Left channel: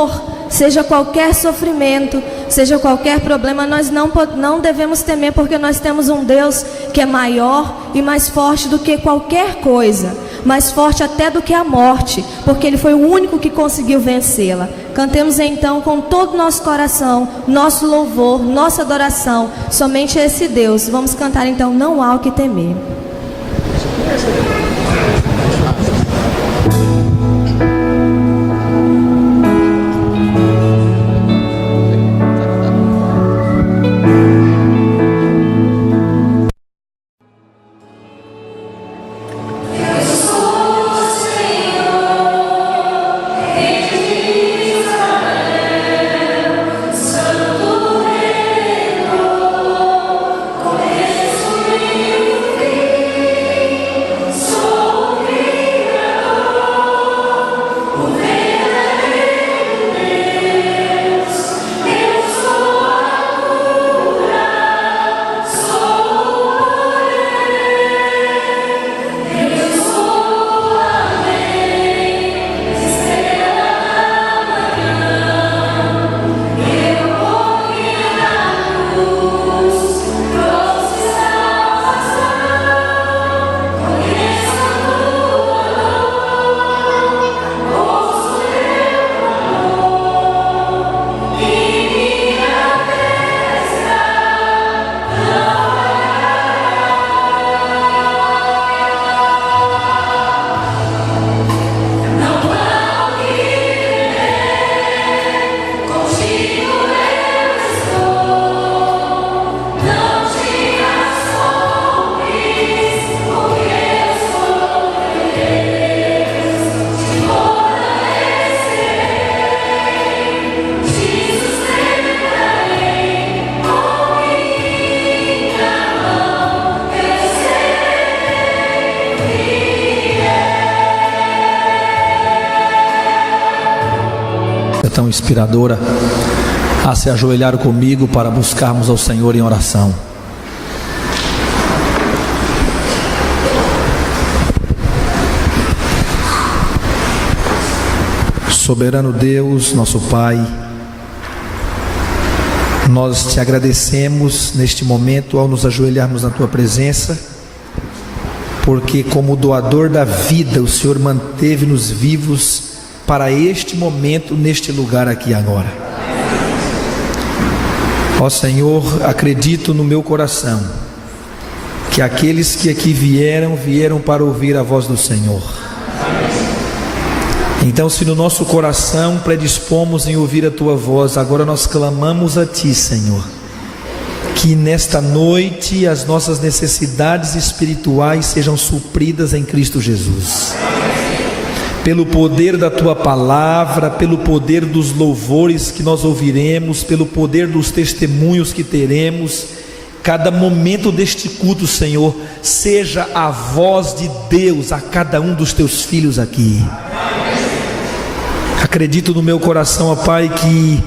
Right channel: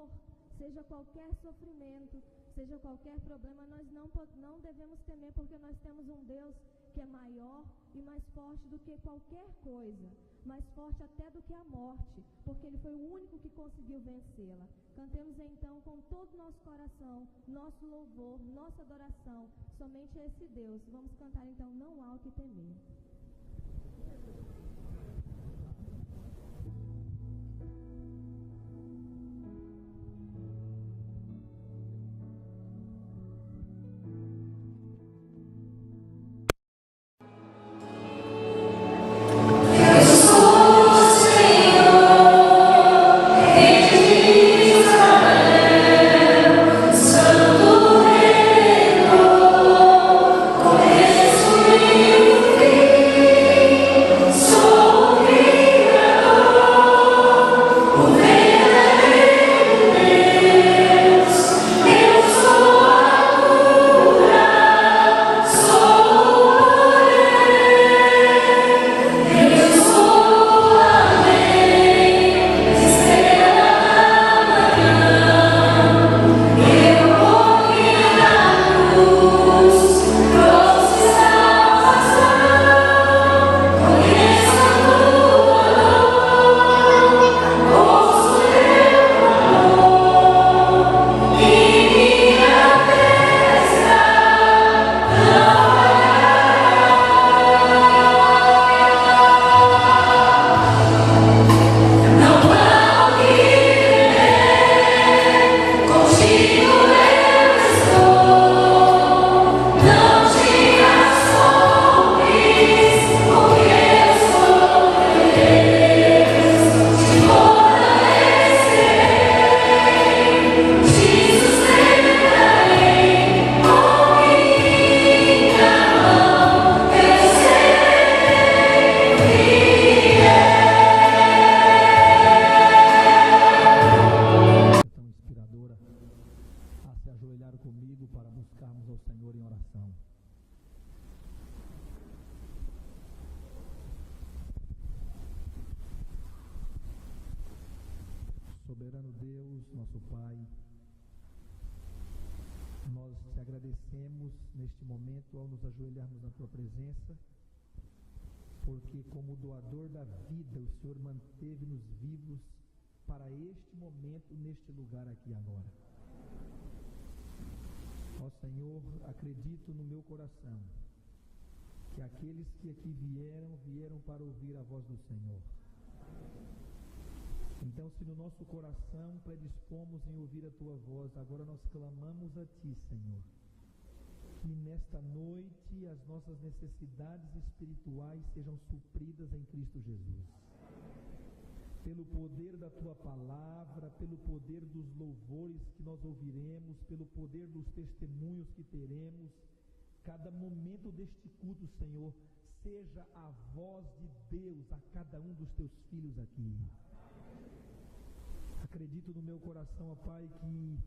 dor, seja qualquer sofrimento, seja qualquer problema, nós não devemos temer, porque nós temos um Deus que é maior e mais forte do que qualquer coisa, mais forte até do que a morte, porque Ele foi o único que conseguiu vencê-la. Cantemos então com todo o nosso coração, nosso louvor, nossa adoração, somente a esse Deus. Vamos cantar então, Não Há o que Temer. Inspiradora a se ajoelhar comigo para buscarmos ao Senhor em oração. Soberano Deus, nosso Pai, nós te agradecemos neste momento ao nos ajoelharmos na tua presença, porque como doador da vida o Senhor manteve-nos vivos para este momento, neste lugar aqui agora. Ó Senhor, acredito no meu coração que aqueles que aqui vieram para ouvir a voz do Senhor. Então, se no nosso coração predispomos em ouvir a tua voz, agora nós clamamos a ti, Senhor, que nesta noite as nossas necessidades espirituais sejam supridas em Cristo Jesus. Pelo poder da tua palavra, pelo poder dos louvores que nós ouviremos, pelo poder dos testemunhos que teremos, cada momento deste culto, Senhor, seja a voz de Deus a cada um dos teus filhos aqui. Acredito no meu coração, ó Pai, que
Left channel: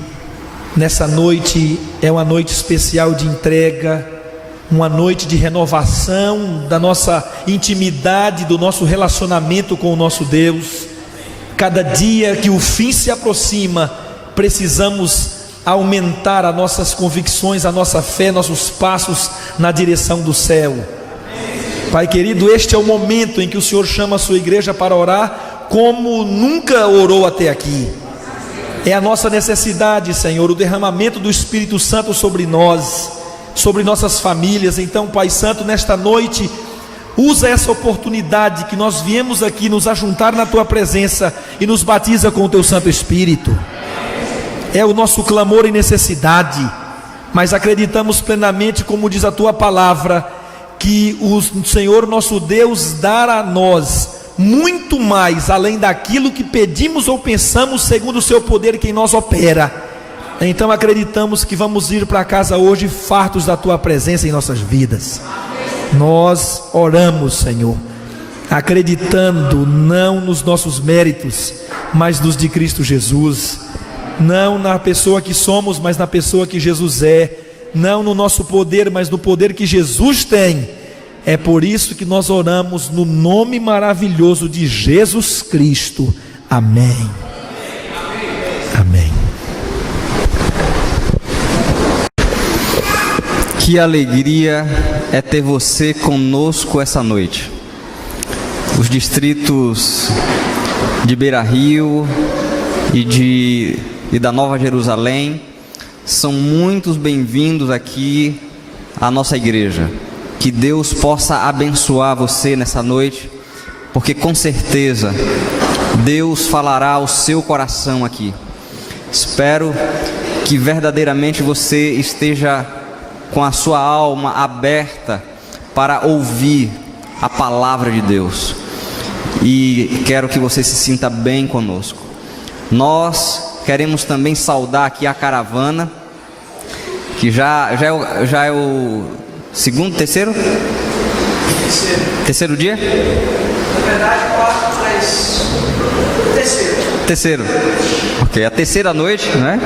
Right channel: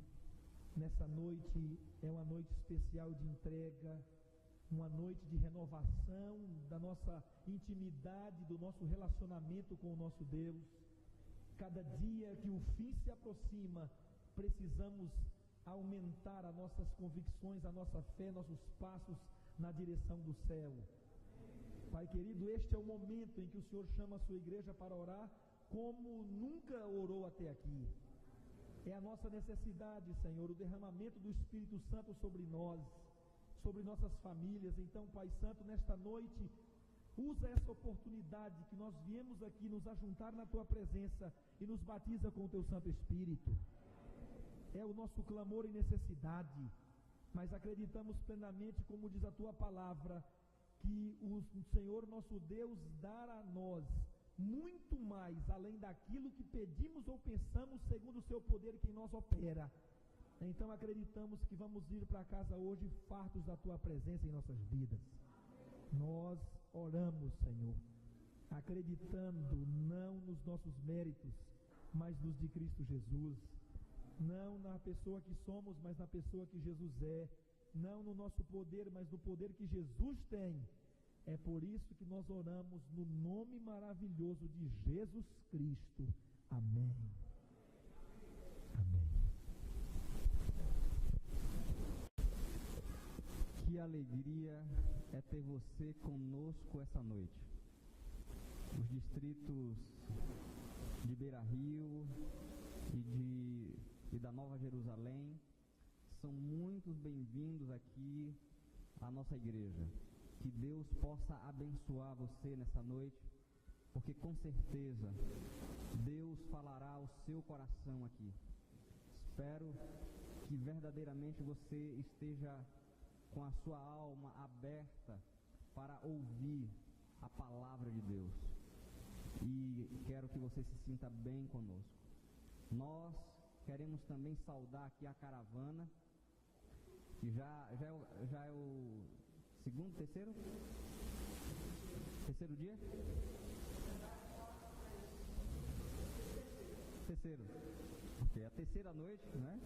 nessa noite é uma noite especial de entrega, uma noite de renovação da nossa intimidade, do nosso relacionamento com o nosso Deus. Cada dia que o fim se aproxima, precisamos aumentar as nossas convicções, a nossa fé, nossos passos na direção do céu. Pai querido, este é o momento em que o Senhor chama a sua igreja para orar como nunca orou até aqui. É a nossa necessidade, Senhor, o derramamento do Espírito Santo sobre nós, sobre nossas famílias. Então, Pai Santo, nesta noite, usa essa oportunidade que nós viemos aqui nos ajuntar na Tua presença e nos batiza com o Teu Santo Espírito. É o nosso clamor e necessidade, mas acreditamos plenamente, como diz a Tua palavra, que o Senhor nosso Deus dará a nós muito mais, além daquilo que pedimos ou pensamos, segundo o Seu poder que em nós opera. Então acreditamos que vamos ir para casa hoje fartos da Tua presença em nossas vidas. Nós oramos, Senhor, acreditando não nos nossos méritos, mas nos de Cristo Jesus, não na pessoa que somos, mas na pessoa que Jesus é, não no nosso poder, mas no poder que Jesus tem. É por isso que nós oramos no nome maravilhoso de Jesus Cristo. Amém. Amém. Que alegria é ter você conosco essa noite. Os distritos de Beira Rio e da Nova Jerusalém são muitos bem-vindos aqui à nossa igreja. Que Deus possa abençoar você nessa noite, porque com certeza Deus falará ao seu coração aqui. Espero que verdadeiramente você esteja com a sua alma aberta para ouvir a palavra de Deus. E quero que você se sinta bem conosco. Nós queremos também saudar aqui a caravana, que já é o segundo, terceiro? Terceiro dia? Na verdade, 4, 3. Terceiro. Ok, a terceira noite, né?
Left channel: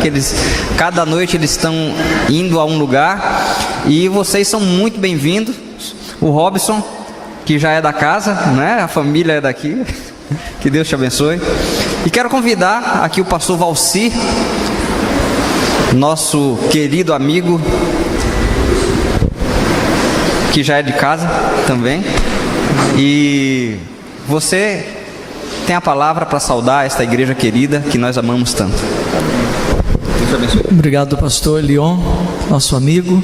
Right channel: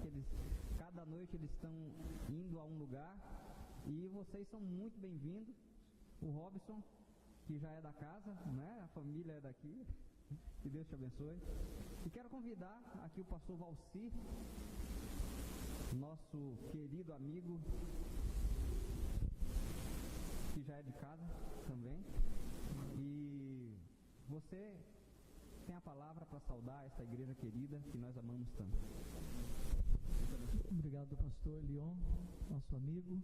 Cada noite eles estão indo a um lugar e vocês são muito bem-vindos. O Robson, que já é da casa, né? A família é daqui. Que Deus te abençoe. E quero convidar aqui o pastor Valcir, nosso querido amigo, que já é de casa também. E você tem a palavra para saudar esta igreja querida que nós amamos tanto. Deus te abençoe. Obrigado, pastor Leon, nosso amigo.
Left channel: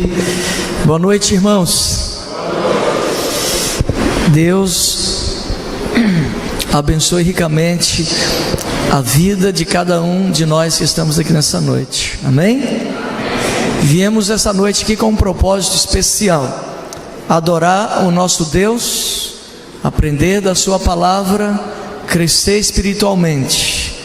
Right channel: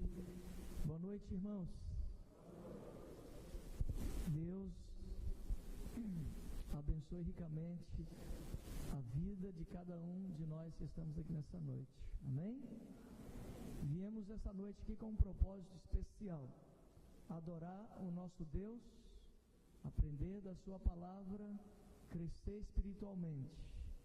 Boa noite, irmãos. Deus abençoe ricamente a vida de cada um de nós que estamos aqui nessa noite. Amém? Viemos essa noite aqui com um propósito especial: adorar o nosso Deus, aprender da sua palavra, crescer espiritualmente.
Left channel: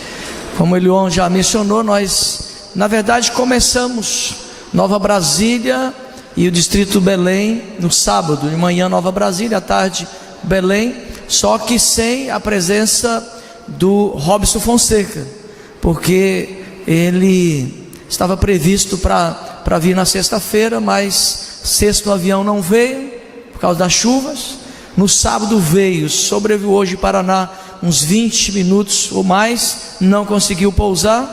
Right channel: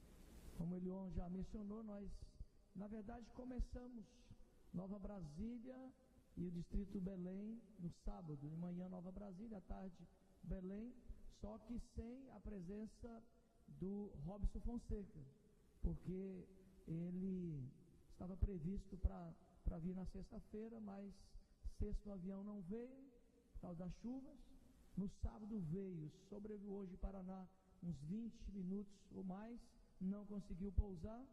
Como o Elion já mencionou, nós na verdade começamos Nova Brasília e o distrito Belém no sábado, de manhã Nova Brasília, à tarde Belém, só que sem a presença do Robson Fonseca, porque ele estava previsto para vir na sexta-feira, mas sexto o avião não veio por causa das chuvas. No sábado veio, sobrevoou hoje Paraná uns 20 minutos ou mais, não conseguiu pousar,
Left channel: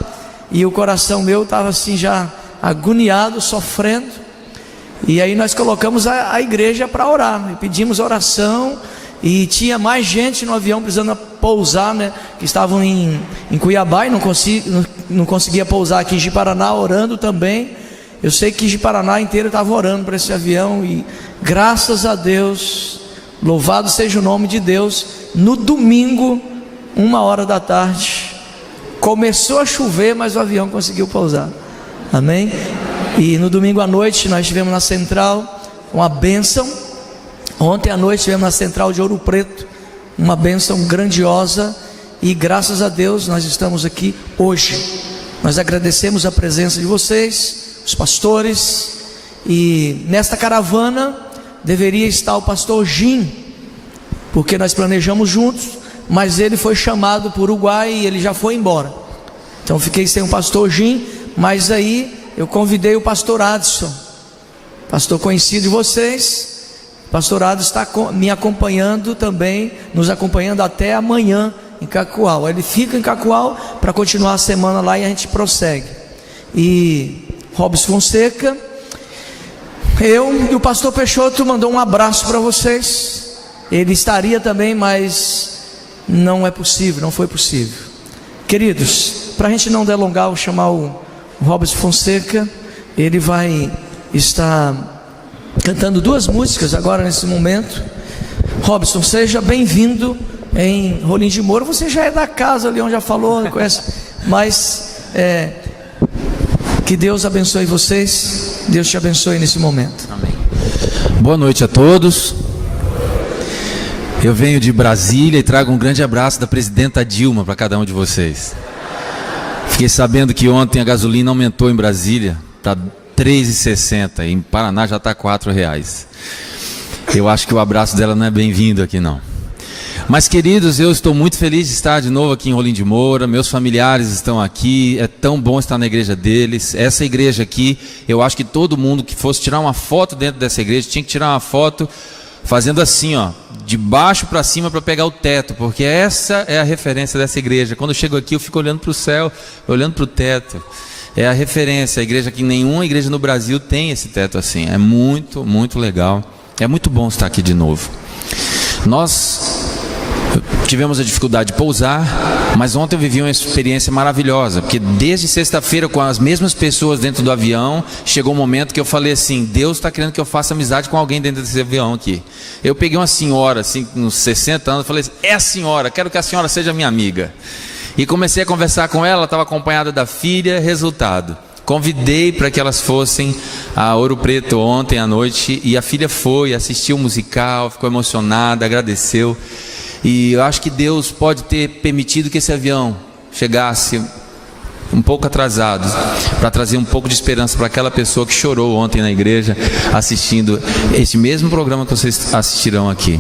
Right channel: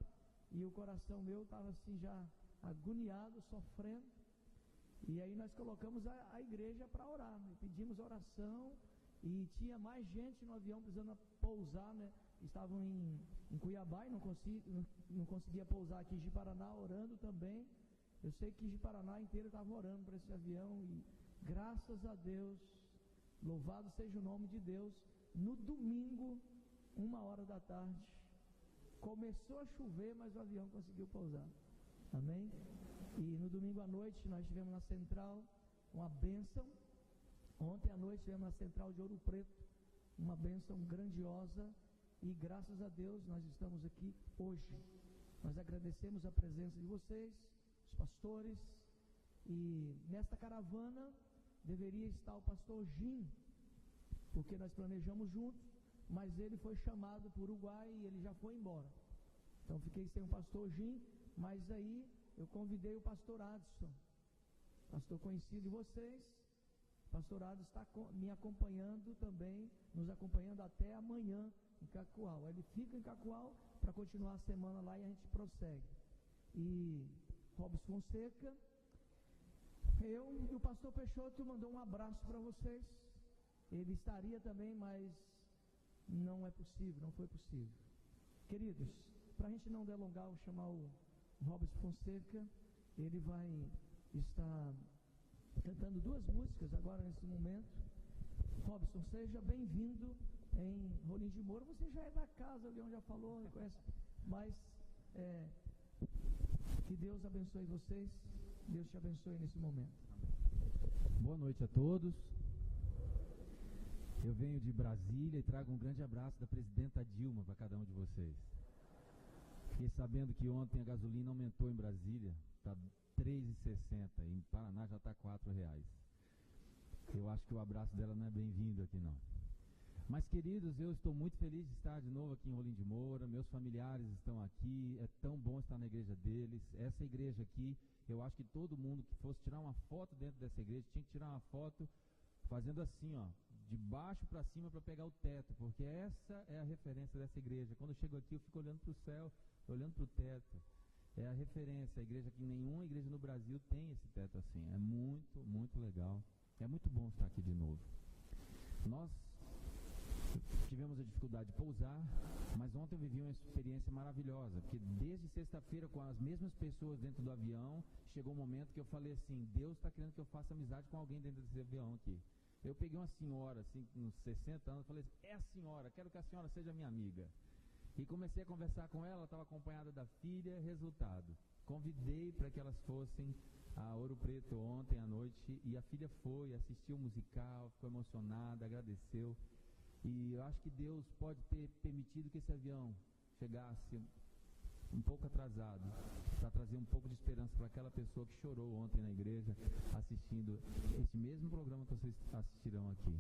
e o coração meu estava assim já agoniado, sofrendo. E aí nós colocamos a igreja para orar, e pedimos oração, e tinha mais gente no avião precisando pousar, né, que estavam em Cuiabá e não conseguia pousar aqui em Ji-Paraná, orando também. Eu sei que Ji-Paraná inteiro estava orando para esse avião, e graças a Deus, louvado seja o nome de Deus, no domingo, 1h da tarde, começou a chover, mas o avião conseguiu pousar. Amém? E no domingo à noite nós estivemos na central, uma bênção. Ontem à noite estivemos na central de Ouro Preto, uma bênção grandiosa. E graças a Deus nós estamos aqui hoje. Nós agradecemos a presença de vocês, os pastores. E nesta caravana deveria estar o pastor Jim, porque nós planejamos juntos, mas ele foi chamado para o Uruguai e ele já foi embora. Então fiquei sem o pastor Jim, mas aí eu convidei o pastor Adson, pastor conhecido de vocês. O pastor Adson está me acompanhando também, nos acompanhando até amanhã em Cacoal. Ele fica em Cacoal para continuar a semana lá e a gente prossegue. E Robson Fonseca, eu e o pastor Peixoto mandou um abraço para vocês. Ele estaria também, mas não é possível, não foi possível. Queridos, para a gente não delongar, vou chamar o Robson Fonseca. Ele vai estar cantando 2 músicas agora nesse momento. Robson, seja bem-vindo em Rolim de Moura. Você já é da casa, o Leon já falou, conhece, mas que Deus abençoe vocês. Deus te abençoe nesse momento. Amém. Boa noite a todos. Eu venho de Brasília e trago um grande abraço da presidenta Dilma para cada um de vocês. Fiquei sabendo que ontem a gasolina aumentou em Brasília para R$ 3,60, em Paraná já está R$ 4,00. Eu acho que o abraço dela não é bem-vindo aqui não. Mas queridos, eu estou muito feliz de estar de novo aqui em Rolim de Moura. Meus familiares estão aqui, é tão bom estar na igreja deles. Essa igreja aqui, eu acho que todo mundo que fosse tirar uma foto dentro dessa igreja tinha que tirar uma foto fazendo assim, ó, de baixo para cima para pegar o teto, porque essa é a referência dessa igreja. Quando eu chego aqui eu fico olhando para o céu, olhando para o teto. é a referência, a igreja que nenhuma igreja no Brasil tem esse teto assim. É muito, muito legal. É muito bom estar aqui de novo. Nós tivemos a dificuldade de pousar, mas ontem eu vivi uma experiência maravilhosa, porque desde sexta-feira, com as mesmas pessoas dentro do avião, chegou um momento que eu falei assim: Deus está querendo que eu faça amizade com alguém dentro desse avião aqui. Eu peguei uma senhora, assim, uns 60 anos, falei assim: é a senhora, quero que a senhora seja minha amiga. E comecei a conversar com ela, estava acompanhada da filha. Resultado, convidei para que elas fossem a Ouro Preto ontem à noite, e a filha foi, assistiu o musical, ficou emocionada, agradeceu. E eu acho que Deus pode ter permitido que esse avião chegasse um pouco atrasado, para trazer um pouco de esperança para aquela pessoa que chorou ontem na igreja, assistindo esse mesmo programa que vocês assistirão aqui.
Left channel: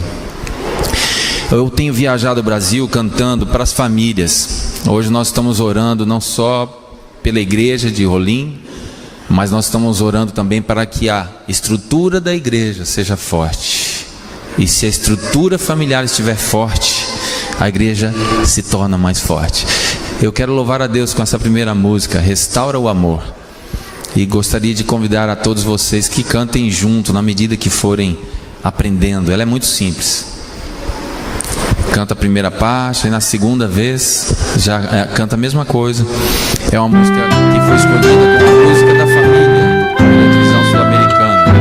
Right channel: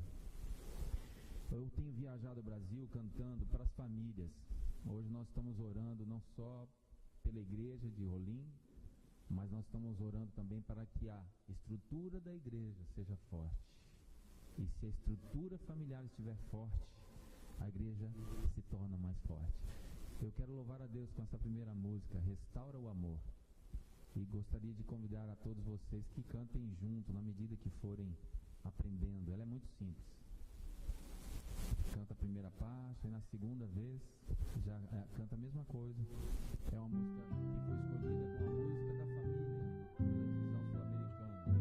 Eu tenho viajado o Brasil cantando para as famílias. Hoje nós estamos orando não só pela igreja de Rolim, mas nós estamos orando também para que a estrutura da igreja seja forte. E se a estrutura familiar estiver forte, a igreja se torna mais forte. Eu quero louvar a Deus com essa primeira música, Restaura o Amor. E gostaria de convidar a todos vocês que cantem junto, na medida que forem aprendendo. Ela é muito simples. Canta a primeira parte, e na segunda vez já canta a mesma coisa. É uma música que foi escolhida como a música da família pela divisão sul-americana,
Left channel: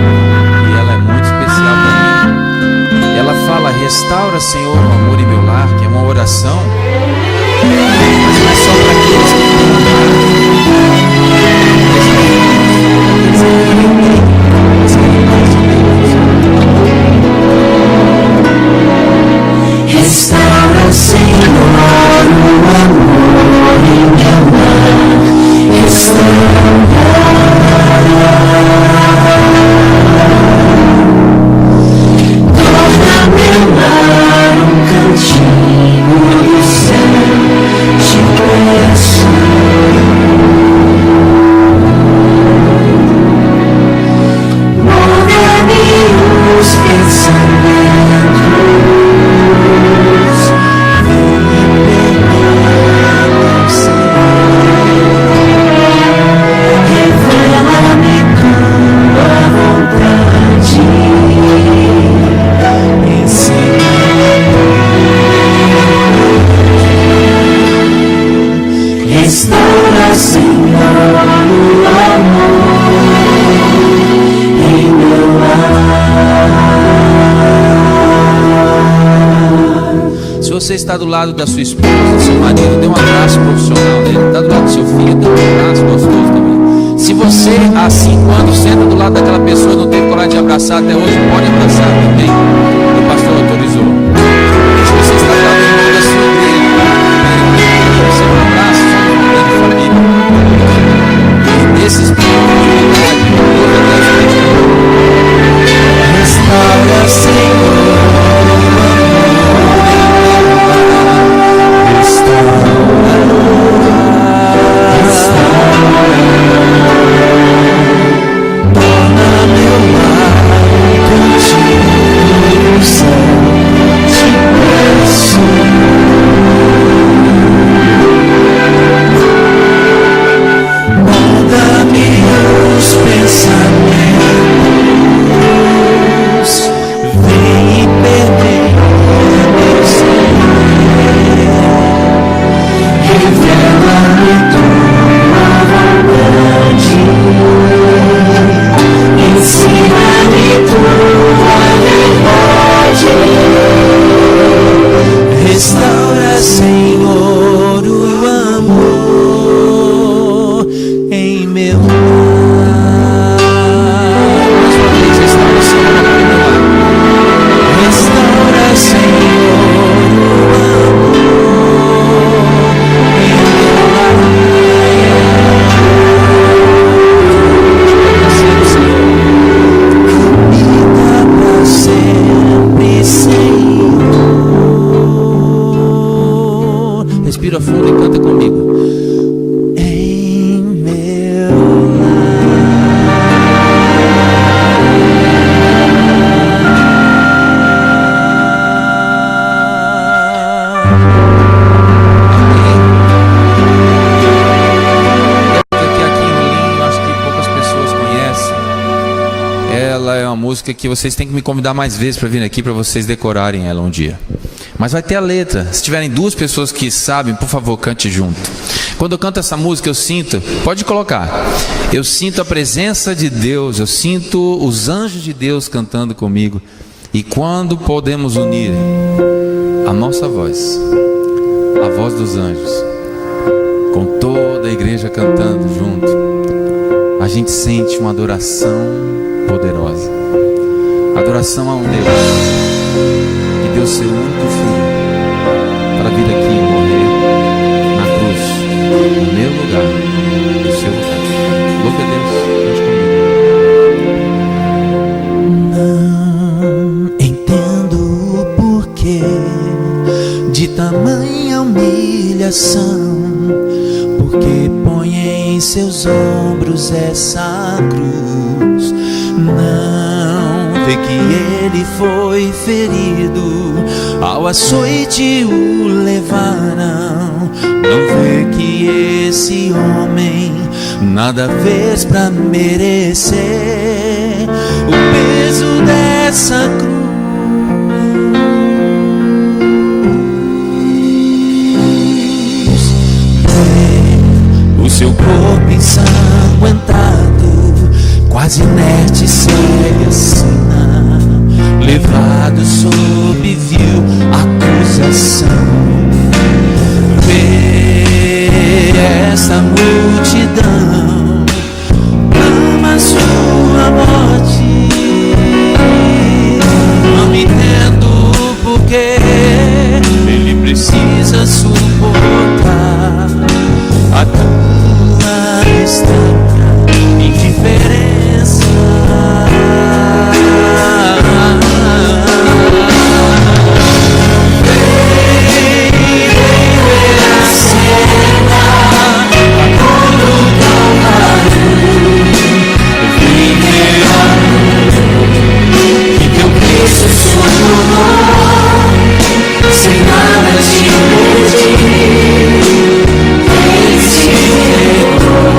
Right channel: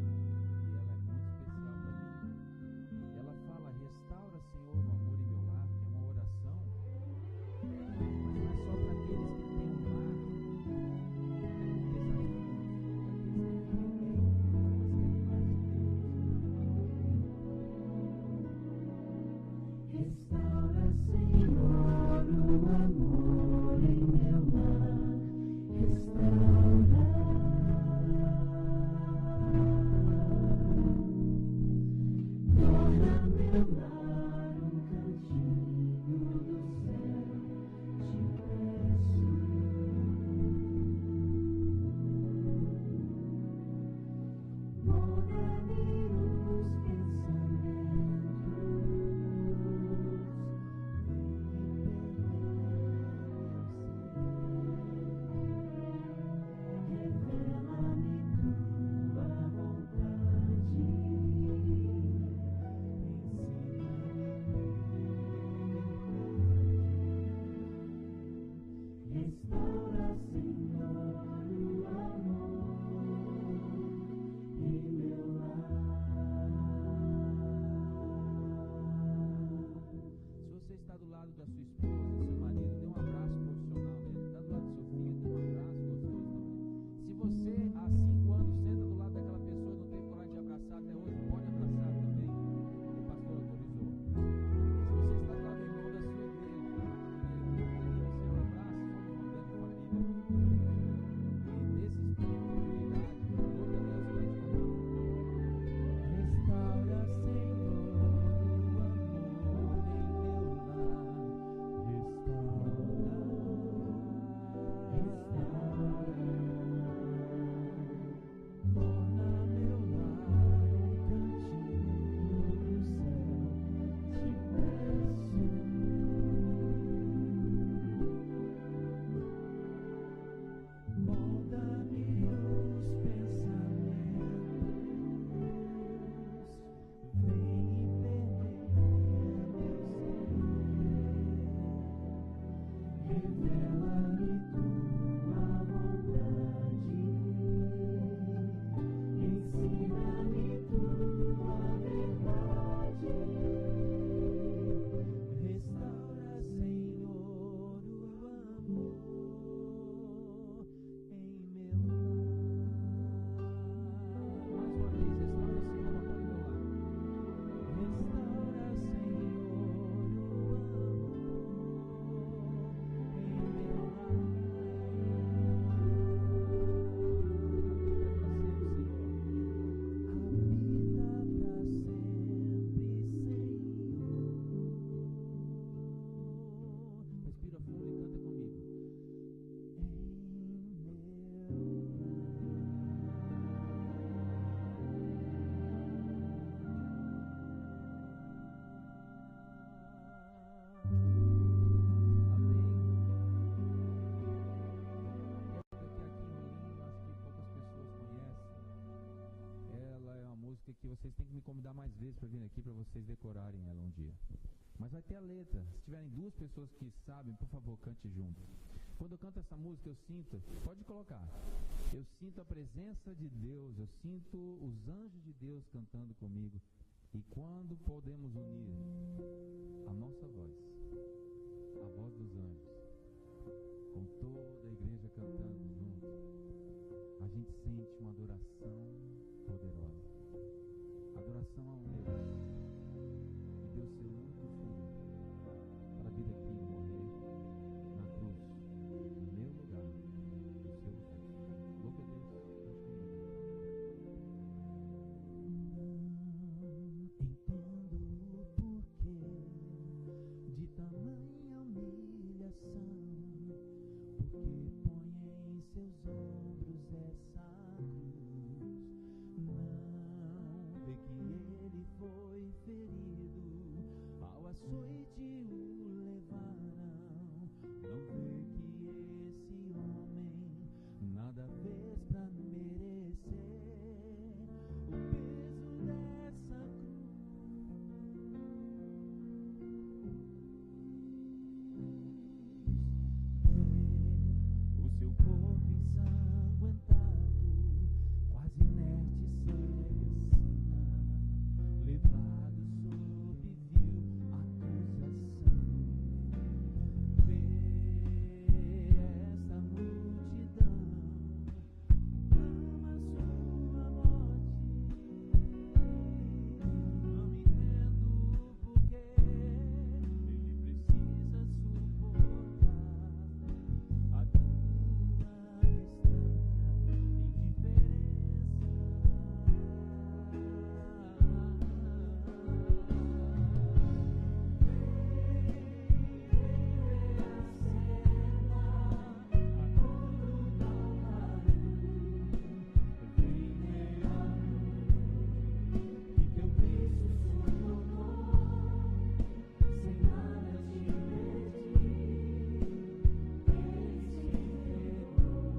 e ela é muito especial para mim. Ela fala: restaura, Senhor, o amor em meu lar, que é uma oração, mas não é só para aqueles que têm um lar. Restaura, Senhor, o amor em meu lar. Restaura. Torna meu lar um cantinho do céu. Te peço. Muda-me os pensamentos. Restaura, Senhor, o amor em meu lar. Se você está do lado da sua esposa, do seu marido, dê um abraço profissional nele. Está do lado do seu filho, dê um abraço gostoso também. Se você, há 5 anos, senta do lado daquela pessoa e não teve coragem de abraçar até hoje, pode abraçar também. O pastor autorizou. Se você está do lado do irmão da sua igreja, você um abraço, sua família. E nesse espírito de unidade, Restaura, Senhor. Torna meu lar um cantinho música que vocês têm que me convidar mais vezes para vir aqui, para vocês decorarem ela um dia. Mas vai ter a letra. Se tiverem duas pessoas que sabem, por favor, cante junto. Quando eu canto essa música, eu sinto, pode colocar, eu sinto a presença de Deus, eu sinto os anjos de Deus cantando comigo. E quando podemos unir a nossa voz, a voz dos anjos, com toda a igreja cantando junto, a gente sente uma adoração poderosa. Adoração a um Deus que deu seu único filho para vir aqui e morrer na cruz, no meu lugar, no seu lugar. Louve a Deus, Não entendo o porquê de tamanha humilhação, porque põe em seus ombros essa cruz. Não vê que ele foi ferido, ao açoite o levaram. Não vê que esse homem nada fez pra merecer o peso dessa cruz. O seu corpo ensanguentado, quase inerte, segue assina, levado sob vil acusação. Vê essa multidão, clama sua morte. Não entendo porque ele precisa suportar a tua estranha indiferença. Sem nada te pedir, ele se entregou.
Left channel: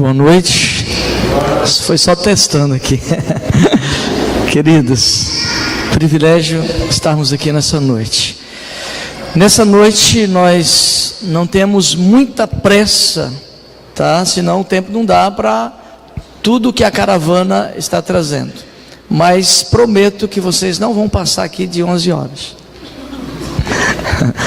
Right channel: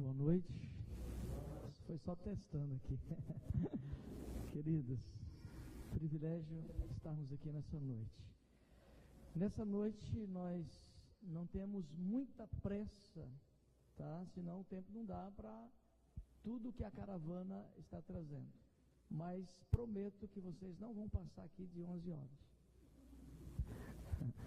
Boa noite. Isso foi só testando aqui. Queridos, privilégio estarmos aqui nessa noite. Nessa noite nós não temos muita pressa, tá? Senão o tempo não dá para tudo que a caravana está trazendo. Mas prometo que vocês não vão passar aqui de 11 horas.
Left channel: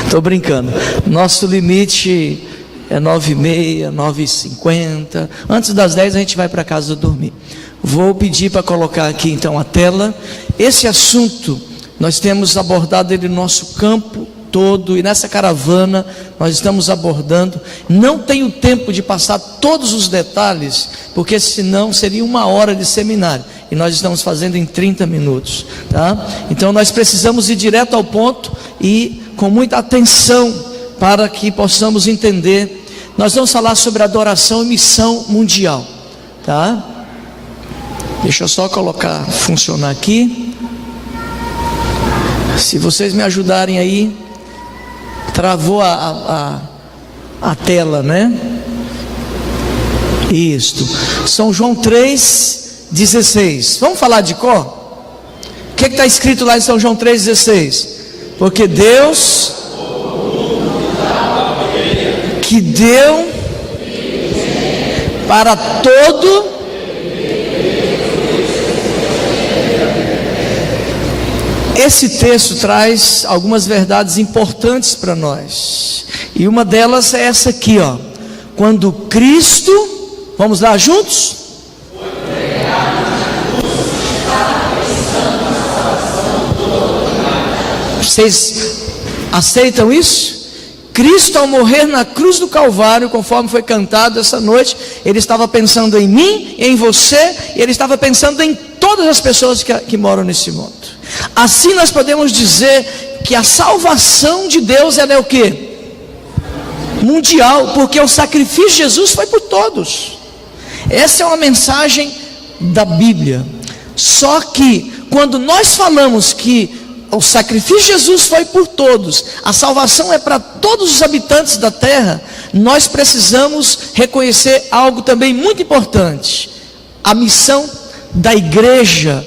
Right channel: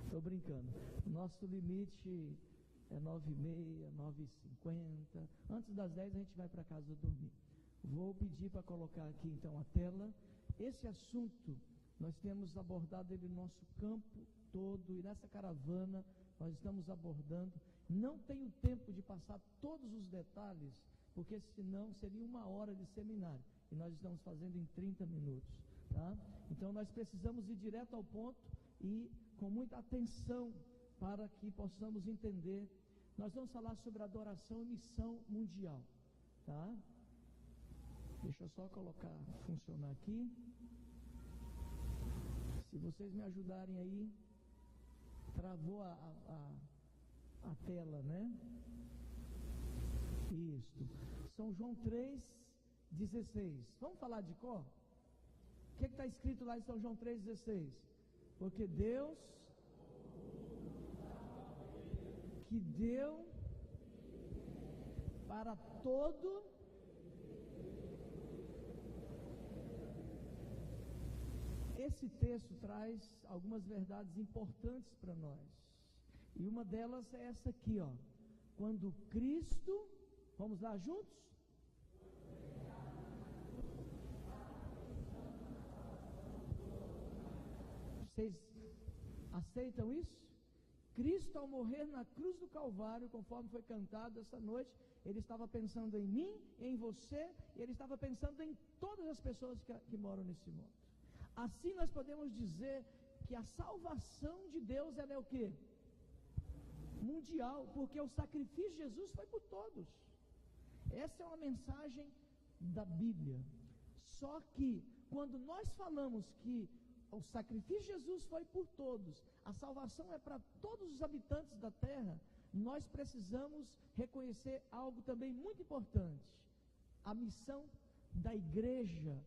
Estou brincando. Nosso limite é 9h30, 9h50. Antes das 10 a gente vai para casa dormir. Vou pedir para colocar aqui então a tela. Esse assunto nós temos abordado ele no nosso campo todo, e nessa caravana nós estamos abordando. Não tenho tempo de passar todos os detalhes, porque senão seria 1 hora de seminário, e nós estamos fazendo em 30 minutos, tá? Então nós precisamos ir direto ao ponto e com muita atenção para que possamos entender. Nós vamos falar sobre adoração e missão mundial, tá? Deixa eu só colocar, funcionar aqui. Se vocês me ajudarem aí. Travou a tela, né? Isto. São João 3,16. Vamos falar de cor? O que está escrito lá em São João 3,16? Porque Deus que deu para todo Esse texto traz algumas verdades importantes para nós, e uma delas é essa aqui, ó. Quando Cristo, vamos lá juntos? Vocês aceitam isso? Cristo, ao morrer na cruz do Calvário, conforme foi cantado essa noite, Ele estava pensando em mim, em você, e Ele estava pensando em todas as pessoas que moram nesse mundo. Assim nós podemos dizer que a salvação de Deus ela é o quê? Mundial, porque o sacrifício de Jesus foi por todos. Essa é uma mensagem da Bíblia. Só que quando nós falamos que o sacrifício de Jesus foi por todos, a salvação é para todos os habitantes da terra, nós precisamos reconhecer algo também muito importante. A missão da igreja,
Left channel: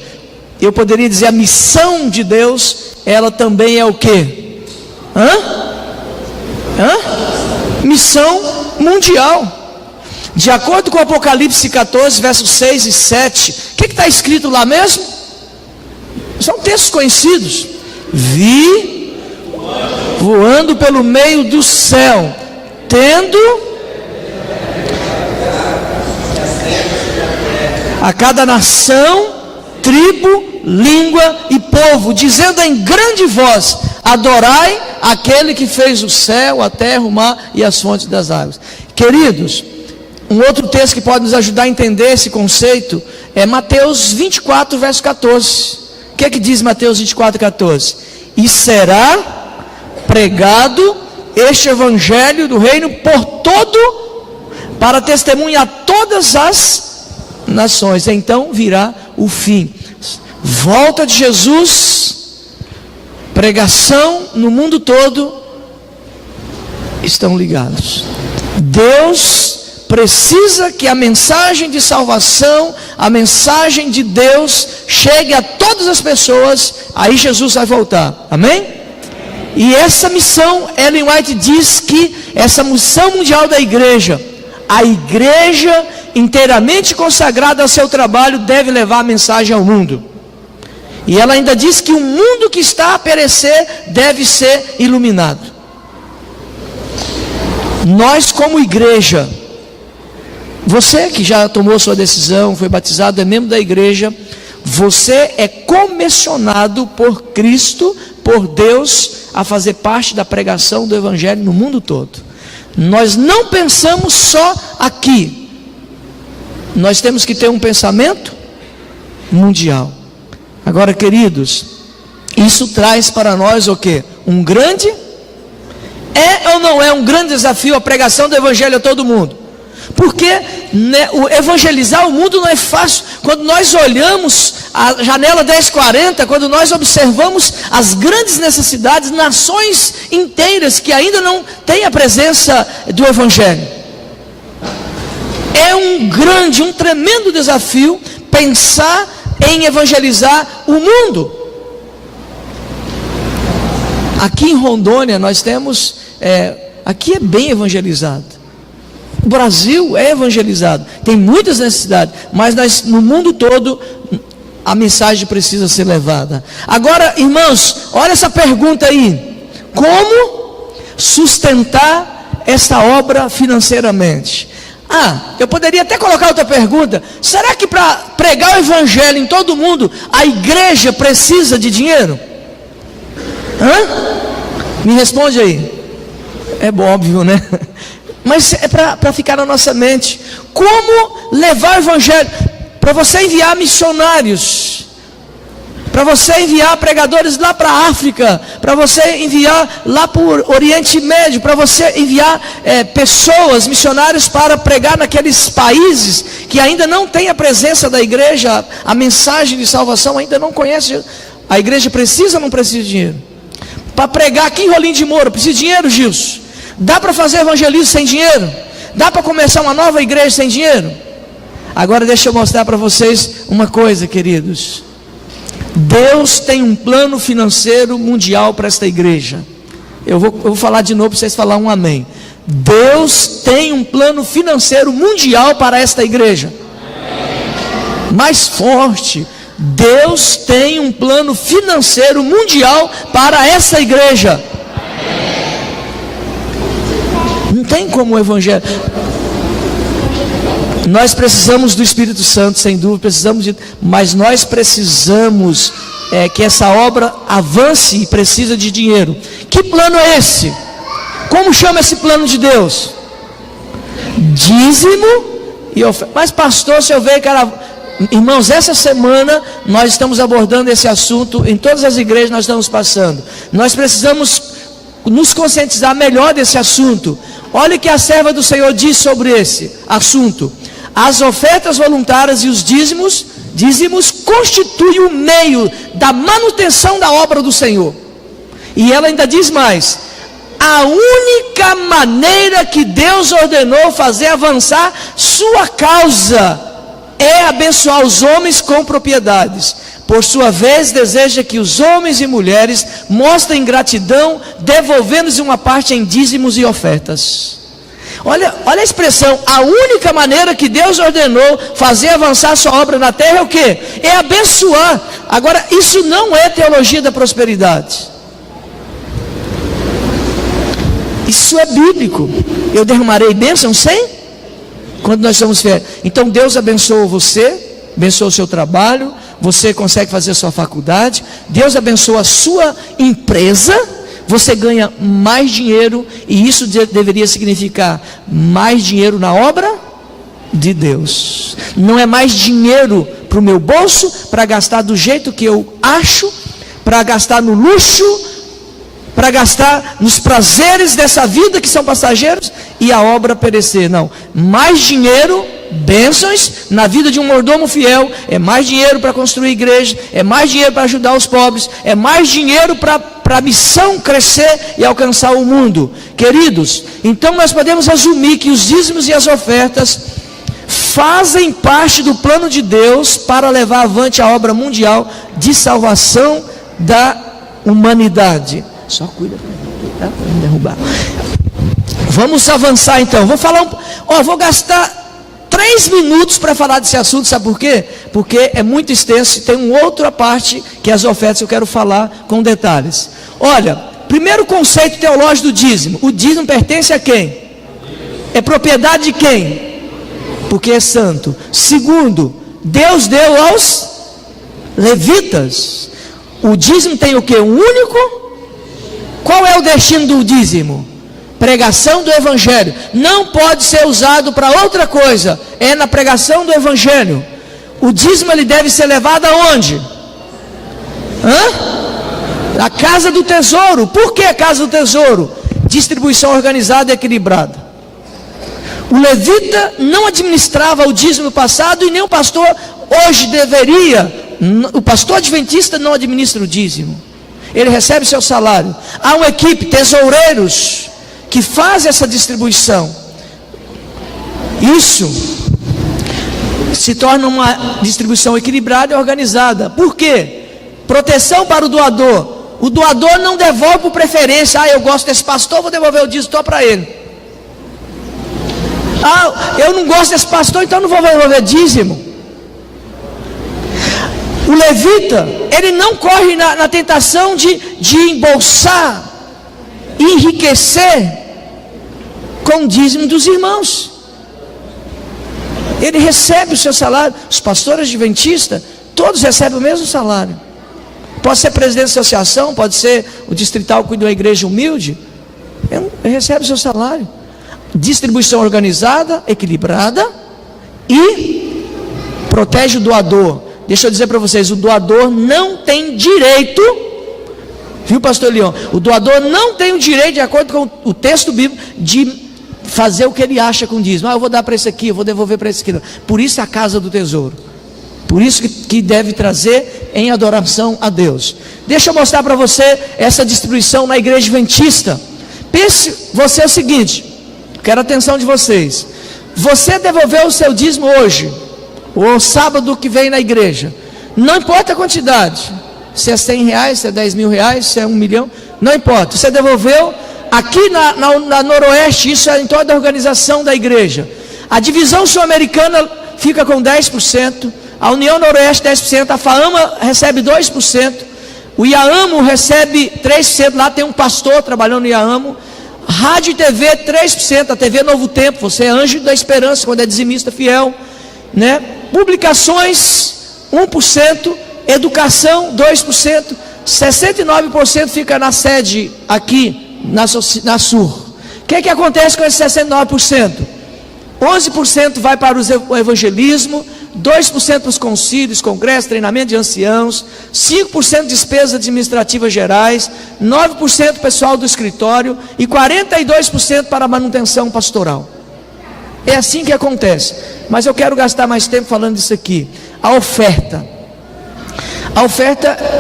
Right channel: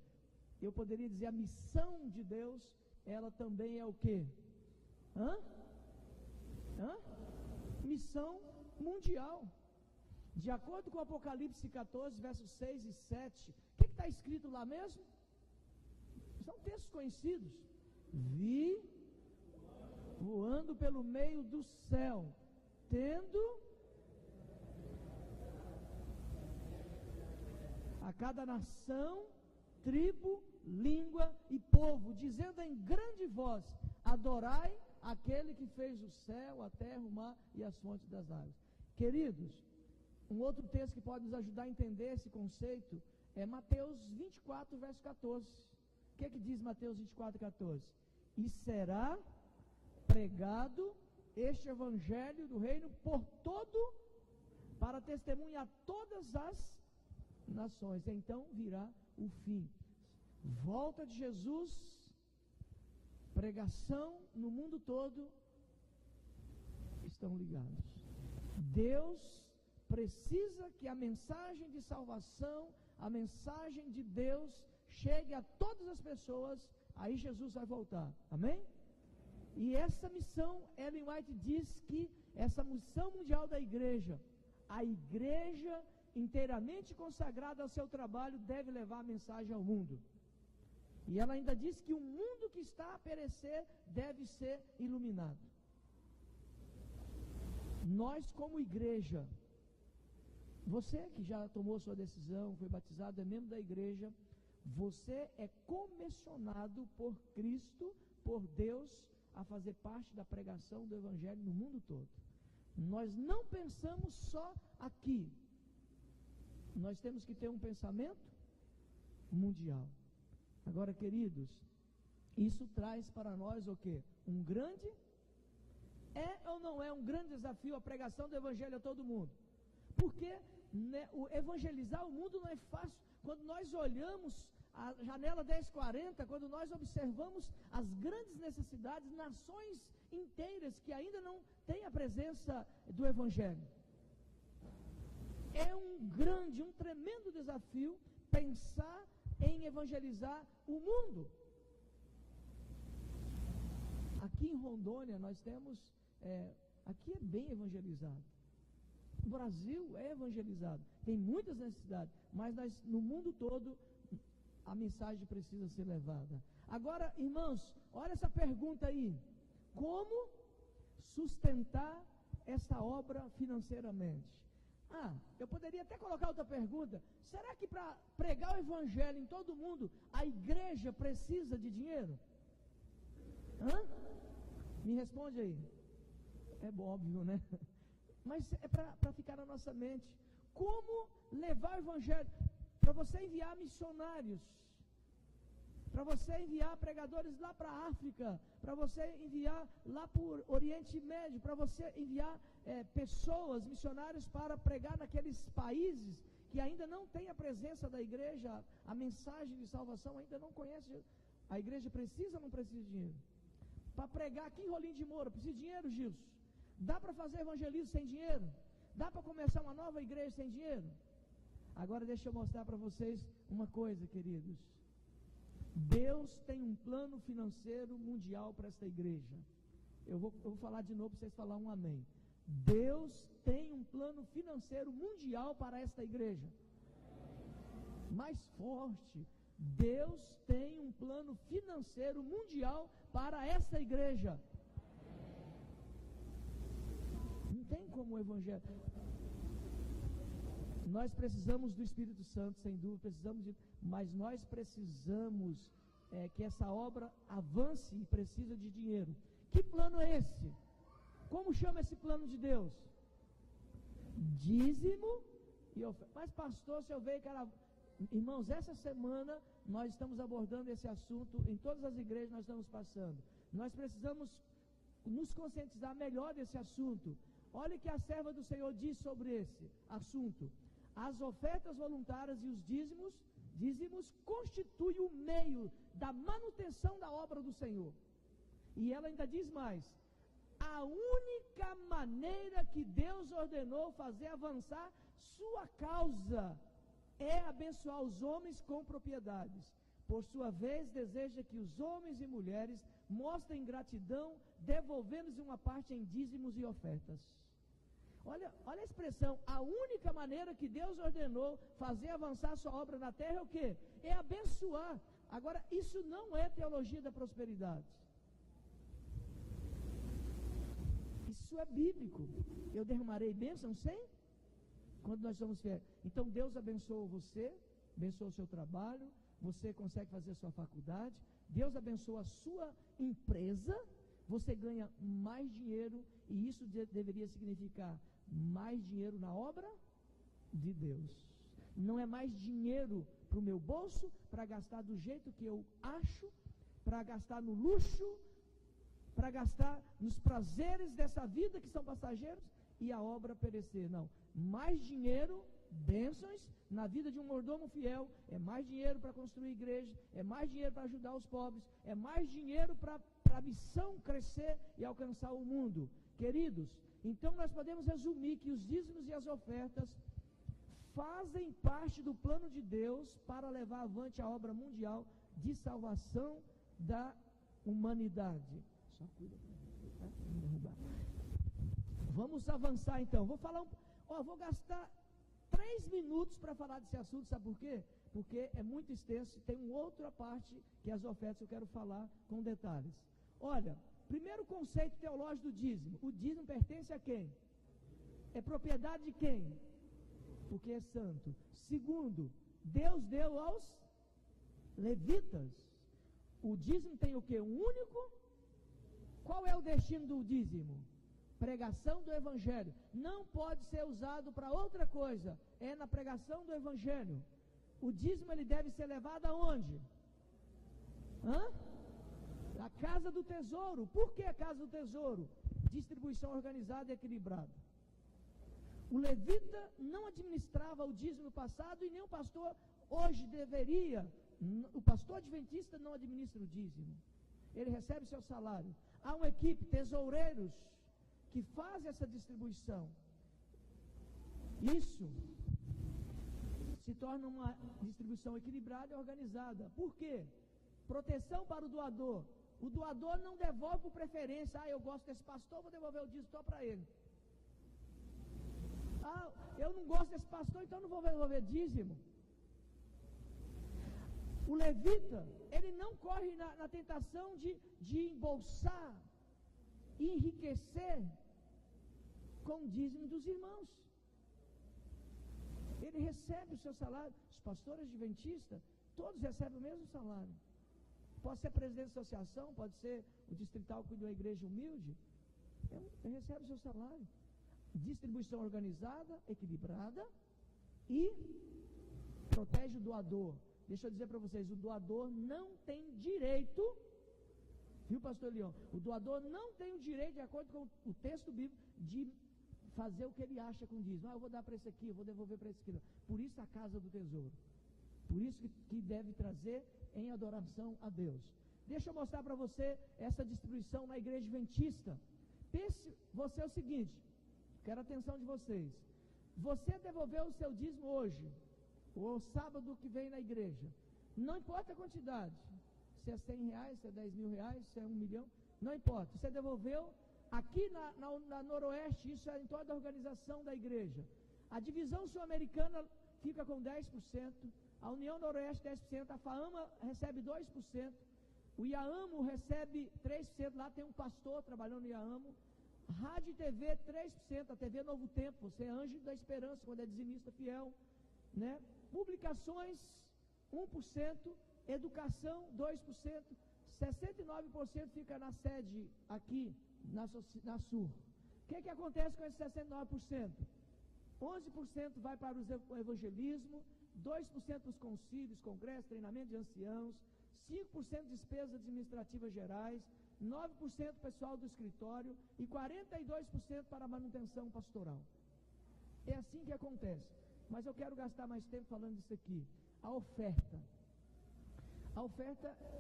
eu poderia dizer a missão de Deus, ela também é o quê? Missão mundial. De acordo com Apocalipse 14, versos 6 e 7, o que está escrito lá mesmo? São textos conhecidos. Vi voando pelo meio do céu, tendo a cada nação, tribo, língua e povo, dizendo em grande voz: adorai aquele que fez o céu, a terra, o mar e as fontes das águas. Queridos, um outro texto que pode nos ajudar a entender esse conceito é Mateus 24, verso 14. O que é que diz Mateus 24, 14? E será pregado este evangelho do reino por todo, para testemunha a todas as nações. Então virá o fim. Volta de Jesus, pregação no mundo todo, estão ligados. Deus precisa que a mensagem de salvação, a mensagem de Deus chegue a todas as pessoas. Aí Jesus vai voltar, amém? E essa missão, Ellen White diz que essa missão mundial da igreja, a igreja inteiramente consagrada ao seu trabalho deve levar a mensagem ao mundo. E ela ainda diz que o mundo que está a perecer deve ser iluminado. Nós como igreja, você que já tomou sua decisão, foi batizado, é membro da igreja, você é comissionado por Cristo, por Deus, a fazer parte da pregação do evangelho no mundo todo. Nós não pensamos só aqui. Nós temos que ter um pensamento mundial. Agora, queridos, isso traz para nós o quê? Um grande, é ou não é um grande desafio a pregação do evangelho a todo mundo? Porque evangelizar o mundo não é fácil. Quando nós olhamos a janela 1040, quando nós observamos as grandes necessidades, nações inteiras que ainda não têm a presença do evangelho, É um tremendo desafio pensar em evangelizar o mundo. Aqui em Rondônia nós temos, aqui é bem evangelizado. O Brasil é evangelizado, tem muitas necessidades, mas no mundo todo a mensagem precisa ser levada. Agora, irmãos, olha essa pergunta aí: como sustentar esta obra financeiramente? Eu poderia até colocar outra pergunta: será que para pregar o evangelho em todo mundo, a igreja precisa de dinheiro? Me responde aí. É óbvio, né? Mas é para ficar na nossa mente. Como levar o evangelho? Para você enviar missionários, para você enviar pregadores lá para a África, para você enviar lá para o Oriente Médio, para você enviar pessoas, missionários para pregar naqueles países que ainda não tem a presença da igreja, a mensagem de salvação ainda não conhece. A igreja precisa ou não precisa de dinheiro? Para pregar aqui em Rolim de Moura, precisa de dinheiro, Gilson? Dá para fazer evangelismo sem dinheiro? Dá para começar uma nova igreja sem dinheiro? Agora deixa eu mostrar para vocês uma coisa, queridos. Deus tem um plano financeiro mundial para esta igreja. Eu vou falar de novo para vocês falarem um amém. Deus tem um plano financeiro mundial para esta igreja. Mais forte. Deus tem um plano financeiro mundial para essa igreja. Não tem como o evangelho. Nós precisamos do Espírito Santo, sem dúvida, mas nós precisamos que essa obra avance e precisa de dinheiro. Que plano é esse? Como chama esse plano de Deus? Dízimo e oferta. Mas pastor, se eu ver, irmãos, essa semana nós estamos abordando esse assunto em todas as igrejas, nós estamos passando. Nós precisamos nos conscientizar melhor desse assunto. Olha o que a serva do Senhor diz sobre esse assunto: as ofertas voluntárias e os dízimos constituem o meio da manutenção da obra do Senhor. E ela ainda diz mais: a única maneira que Deus ordenou fazer avançar sua causa é abençoar os homens com propriedades. Por sua vez, deseja que os homens e mulheres mostrem gratidão, devolvendo-lhes uma parte em dízimos e ofertas. Olha a expressão: a única maneira que Deus ordenou fazer avançar sua obra na terra é o quê? É abençoar. Agora, isso não é teologia da prosperidade. Isso é bíblico. Eu derramarei bênção sem? Quando nós somos fiéis. Então Deus abençoa você, abençoa o seu trabalho, você consegue fazer a sua faculdade, Deus abençoa a sua empresa, você ganha mais dinheiro, e isso deveria significar mais dinheiro na obra de Deus. Não é mais dinheiro para o meu bolso, para gastar do jeito que eu acho, para gastar no luxo, para gastar nos prazeres dessa vida que são passageiros e a obra perecer. Não, mais dinheiro, bênçãos na vida de um mordomo fiel, é mais dinheiro para construir igreja, é mais dinheiro para ajudar os pobres, é mais dinheiro para a missão crescer e alcançar o mundo. Queridos, então nós podemos assumir que os dízimos e as ofertas fazem parte do plano de Deus para levar avante a obra mundial de salvação da humanidade. Só cuida para não derrubar. Vamos avançar então. Vou gastar 3 minutos para falar desse assunto. Sabe por quê? Porque é muito extenso. Tem uma outra parte que é as ofertas, eu quero falar com detalhes. Olha, primeiro conceito teológico do dízimo: o dízimo pertence a quem? É propriedade de quem? Porque é santo. Segundo, Deus deu aos levitas. O dízimo tem o quê? Um único. Qual é o destino do dízimo? Pregação do evangelho. Não pode ser usado para outra coisa. É na pregação do evangelho. O dízimo ele deve ser levado aonde? A casa do tesouro. Por que a casa do tesouro? Distribuição organizada e equilibrada. O levita não administrava o dízimo no passado, e nem o pastor hoje deveria. O pastor adventista não administra o dízimo. Ele recebe seu salário. Há uma equipe, tesoureiros, que faz essa distribuição. Isso se torna uma distribuição equilibrada e organizada. Por quê? Proteção para o doador. O doador não devolve por preferência. Eu gosto desse pastor, vou devolver o dízimo para ele. Eu não gosto desse pastor, então não vou devolver dízimo. O levita, ele não corre na tentação de embolsar, enriquecer com o dízimo dos irmãos. Ele recebe o seu salário. Os pastores adventistas, todos recebem o mesmo salário. Pode ser presidente da associação, pode ser o distrital que cuida de uma igreja humilde. Ele recebe o seu salário. Distribuição organizada, equilibrada e protege o doador. Deixa eu dizer para vocês, o doador não tem direito, viu, pastor Leão? O doador não tem o direito, de acordo com o texto bíblico, de fazer o que ele acha com o dízimo. Eu vou dar para esse aqui, eu vou devolver para esse aqui. Por isso a casa do tesouro. Por isso que deve trazer em adoração a Deus. Deixa eu mostrar para você essa distribuição na igreja adventista. Pense você o seguinte, quero a atenção de vocês. Você devolveu o seu dízimo hoje, ou sábado que vem na igreja, não importa a quantidade, se é 100 reais, se é 10 mil reais, se é 1 milhão, não importa, você devolveu. Aqui na Noroeste, isso é em toda a organização da igreja. A divisão sul-americana fica com 10%, a União Noroeste 10%, a FAAMA recebe 2%, o IAAMO recebe 3%, lá tem um pastor trabalhando no IAAMO, rádio e TV 3%, a TV Novo Tempo, você é anjo da esperança quando é dizimista fiel, né? Publicações 1%, educação 2%, 69% fica na sede aqui na Sur. O que acontece com esse 69%? 11% vai para o evangelismo, 2% para os concílios, congressos, treinamento de anciãos, 5% despesas administrativas gerais, 9% pessoal do escritório e 42% para a manutenção pastoral. É assim que acontece. Mas eu quero gastar mais tempo falando disso aqui. A oferta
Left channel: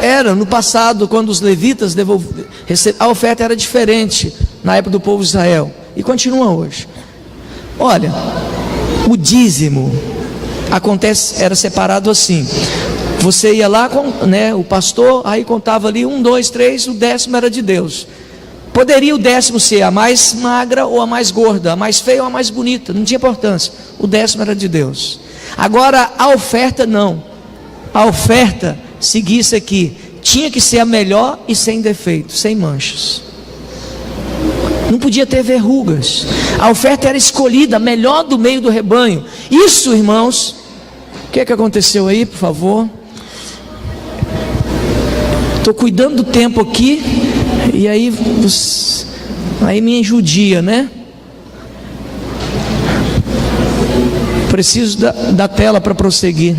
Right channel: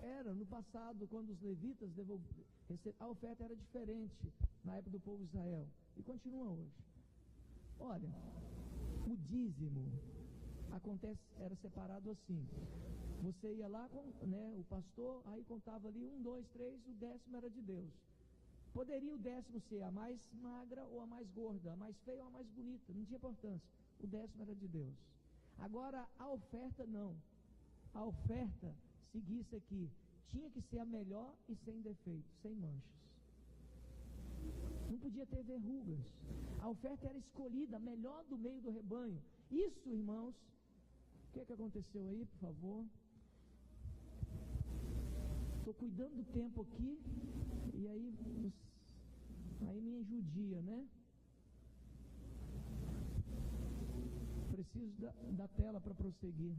era, no passado, quando os levitas a oferta era diferente na época do povo de Israel, e continua hoje. Olha, o dízimo era separado assim. Você ia lá, o pastor, aí contava ali 1, 2, 3, o 10º era de Deus. Poderia o 10º ser a mais magra ou a mais gorda, a mais feia ou a mais bonita, não tinha importância. O 10º era de Deus. Agora a oferta não. A oferta seguia isso aqui. Tinha que ser a melhor e sem defeito, sem manchas. Não podia ter verrugas. A oferta era escolhida, a melhor do meio do rebanho. Isso, irmãos, o que aconteceu aí, por favor? Estou cuidando do tempo aqui. E aí me judia, né? Preciso da tela para prosseguir.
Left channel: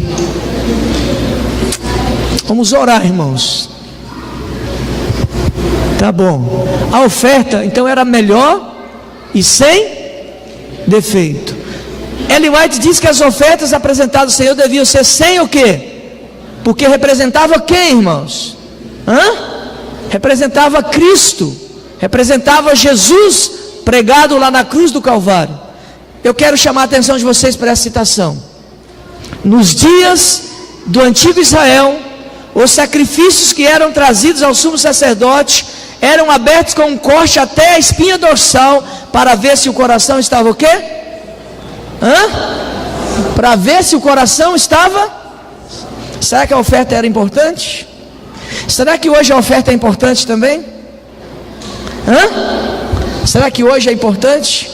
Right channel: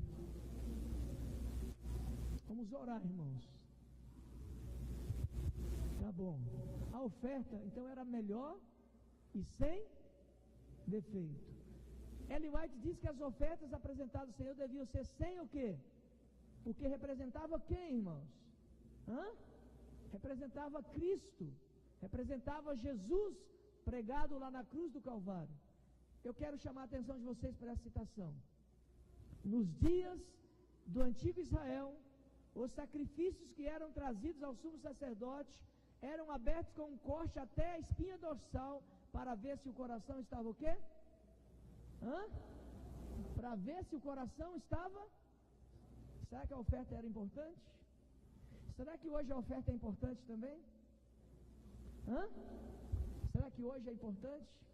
Vamos orar, irmãos. Tá bom. A oferta então era melhor e sem defeito. Ellen White diz que as ofertas apresentadas ao Senhor deviam ser sem o quê? Porque representava quem, irmãos? Representava Cristo, representava Jesus pregado lá na cruz do Calvário. Eu quero chamar a atenção de vocês para essa citação. Nos dias do antigo Israel, os sacrifícios que eram trazidos ao sumo sacerdote eram abertos com um corte até a espinha dorsal, para ver se o coração estava o quê? Para ver se o coração estava. Será que a oferta era importante? Será que hoje a oferta é importante também? Será que hoje é importante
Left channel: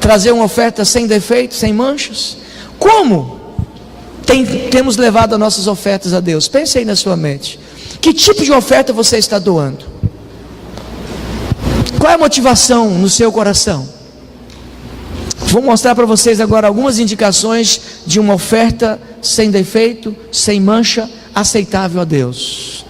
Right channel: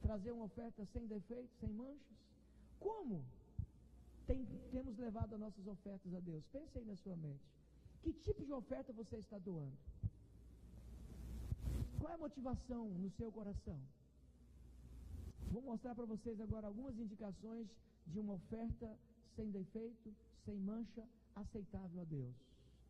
trazer uma oferta sem defeito, sem manchas? Como temos levado as nossas ofertas a Deus? Pense aí na sua mente. Que tipo de oferta você está doando? Qual é a motivação no seu coração? Vou mostrar para vocês agora algumas indicações de uma oferta sem defeito, sem mancha, aceitável a Deus.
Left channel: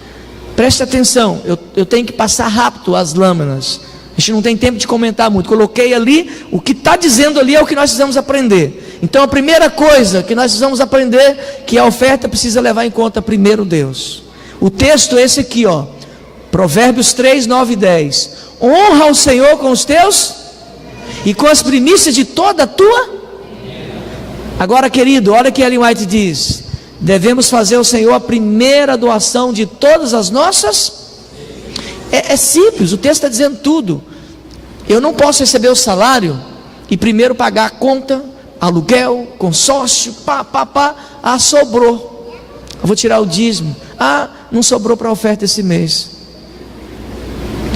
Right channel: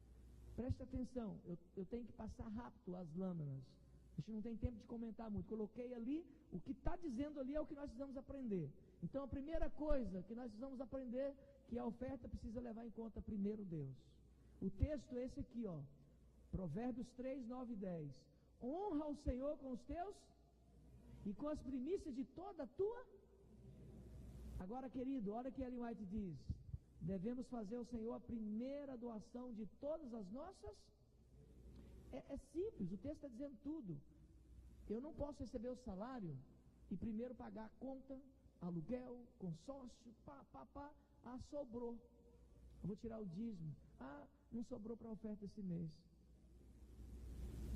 Preste atenção, eu tenho que passar rápido as lâminas. A gente não tem tempo de comentar muito. Coloquei ali, o que está dizendo ali é o que nós precisamos aprender. Então a primeira coisa que nós precisamos aprender, que a oferta precisa levar em conta primeiro Deus. O texto é esse aqui, ó. Provérbios 3, 9 e 10. Honra o Senhor com os teus e com as primícias de toda a tua. Agora, querido, olha o que Ellen White diz: devemos fazer ao Senhor a primeira doação de todas as nossas. É simples, o texto está dizendo tudo. Eu não posso receber o salário e primeiro pagar a conta, aluguel, consórcio, sobrou. Eu vou tirar o dízimo. Não sobrou para a oferta esse mês.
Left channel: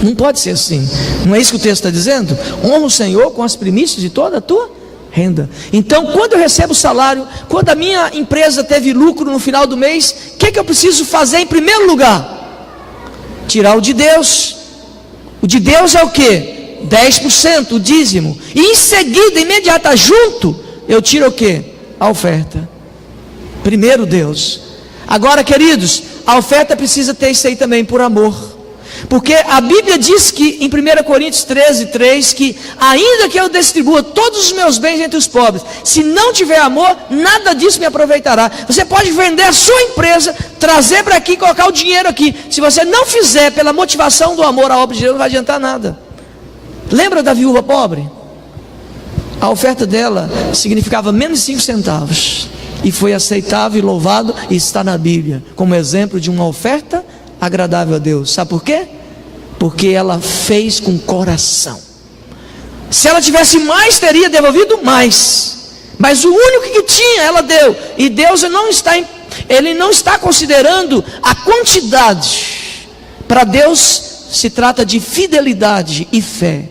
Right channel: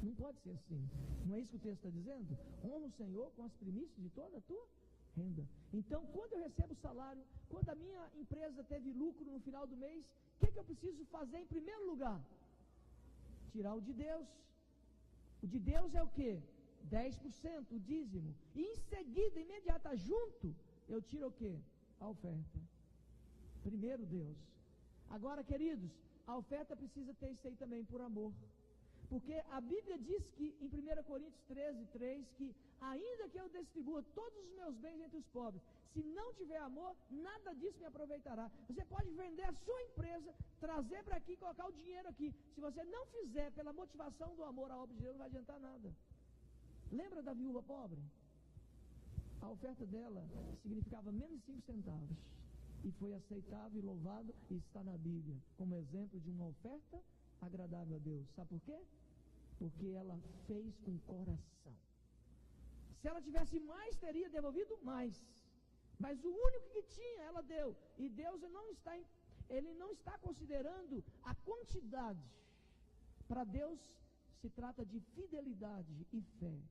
Não pode ser assim. Não é isso que o texto está dizendo? Honra o Senhor com as primícias de toda a tua renda. Então, quando eu recebo o salário, quando a minha empresa teve lucro no final do mês, o que eu preciso fazer em primeiro lugar? Tirar o de Deus. O de Deus é o quê? 10%, o dízimo. E em seguida, imediata, junto, eu tiro o quê? A oferta. Primeiro Deus. Agora, queridos, a oferta precisa ter isso aí também, por amor. Porque a Bíblia diz que em 1 Coríntios 13:3, que ainda que eu distribua todos os meus bens entre os pobres, se não tiver amor, nada disso me aproveitará. Você pode vender a sua empresa, trazer para aqui, colocar o dinheiro aqui. Se você não fizer pela motivação do amor, a obra de Deus não vai adiantar nada. Lembra da viúva pobre? A oferta dela significava menos de 5 centavos. E foi aceitável e louvado, e está na Bíblia como exemplo de uma oferta agradável a Deus. Sabe por quê? Porque ela fez com coração. Se ela tivesse mais, teria devolvido mais. Mas o único que tinha, ela deu. E Deus Ele não está considerando a quantidade. Para Deus se trata de fidelidade e fé.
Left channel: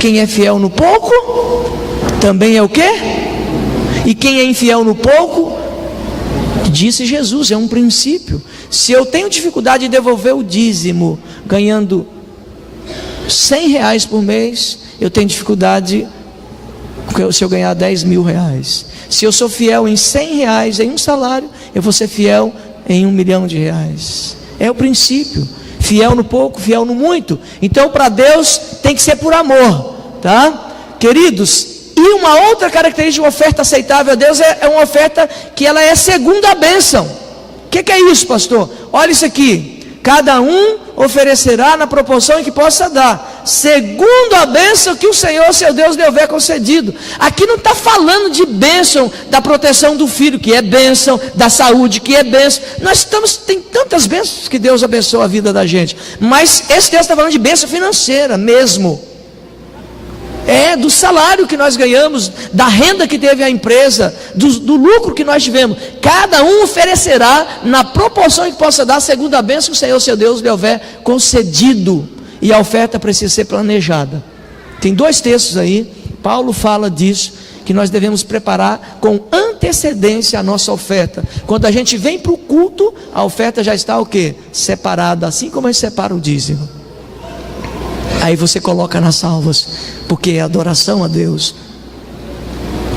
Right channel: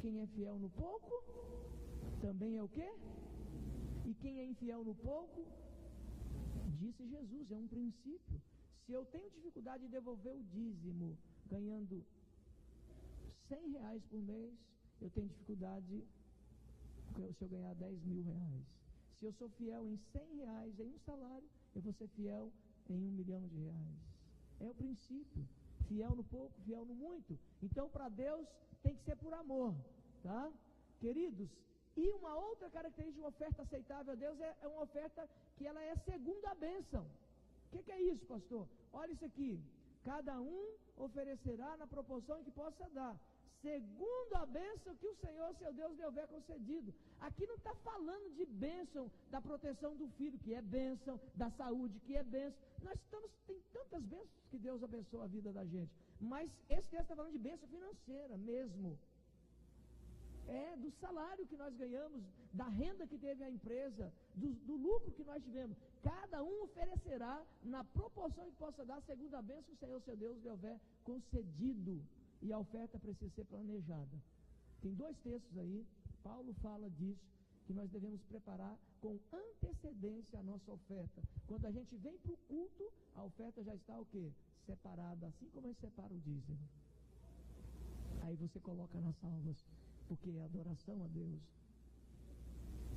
Quem é fiel no pouco, também é o quê? E quem é infiel no pouco, disse Jesus, é um princípio. Se eu tenho dificuldade de devolver o dízimo, ganhando R$100 por mês, eu tenho dificuldade se eu ganhar R$10.000. Se eu sou fiel em R$100 em um salário, eu vou ser fiel em R$1 milhão. É o princípio. Fiel no pouco, fiel no muito. Então, para Deus tem que ser por amor, tá? Queridos, e uma outra característica de uma oferta aceitável a Deus é uma oferta que ela é segundo a bênção. O que é isso, pastor? Olha isso aqui. Cada um oferecerá na proporção em que possa dar, segundo a bênção que o Senhor, seu Deus, lhe houver concedido. Aqui não está falando de bênção da proteção do filho, que é bênção, da saúde, que é bênção. Tem tantas bênçãos que Deus abençoa a vida da gente. Mas esse texto está falando de bênção financeira mesmo. É do salário que nós ganhamos, da renda que teve a empresa, do lucro que nós tivemos. Cada um oferecerá na proporção em que possa dar, segundo a bênção que o Senhor, seu Deus, lhe houver concedido. E a oferta precisa ser planejada. Tem 2 textos aí, Paulo fala disso, que nós devemos preparar com antecedência a nossa oferta. Quando a gente vem para o culto, a oferta já está o quê? Separada, assim como a gente separa o dízimo. Aí você coloca nas salvas, porque é adoração a Deus.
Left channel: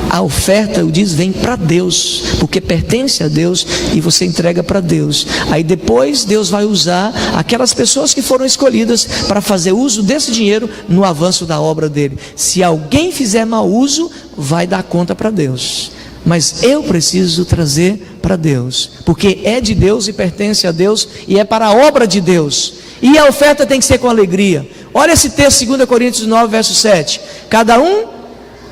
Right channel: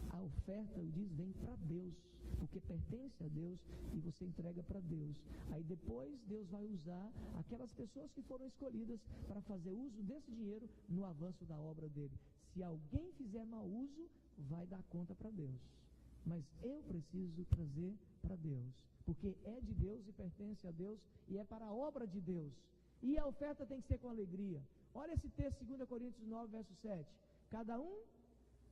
A oferta, eu diz, vem para Deus, porque pertence a Deus e você entrega para Deus. Aí depois Deus vai usar aquelas pessoas que foram escolhidas para fazer uso desse dinheiro no avanço da obra dele. Se alguém fizer mau uso, vai dar conta para Deus. Mas eu preciso trazer para Deus, porque é de Deus e pertence a Deus e é para a obra de Deus. E a oferta tem que ser com alegria. Olha esse texto, 2 Coríntios 9, verso 7. Cada um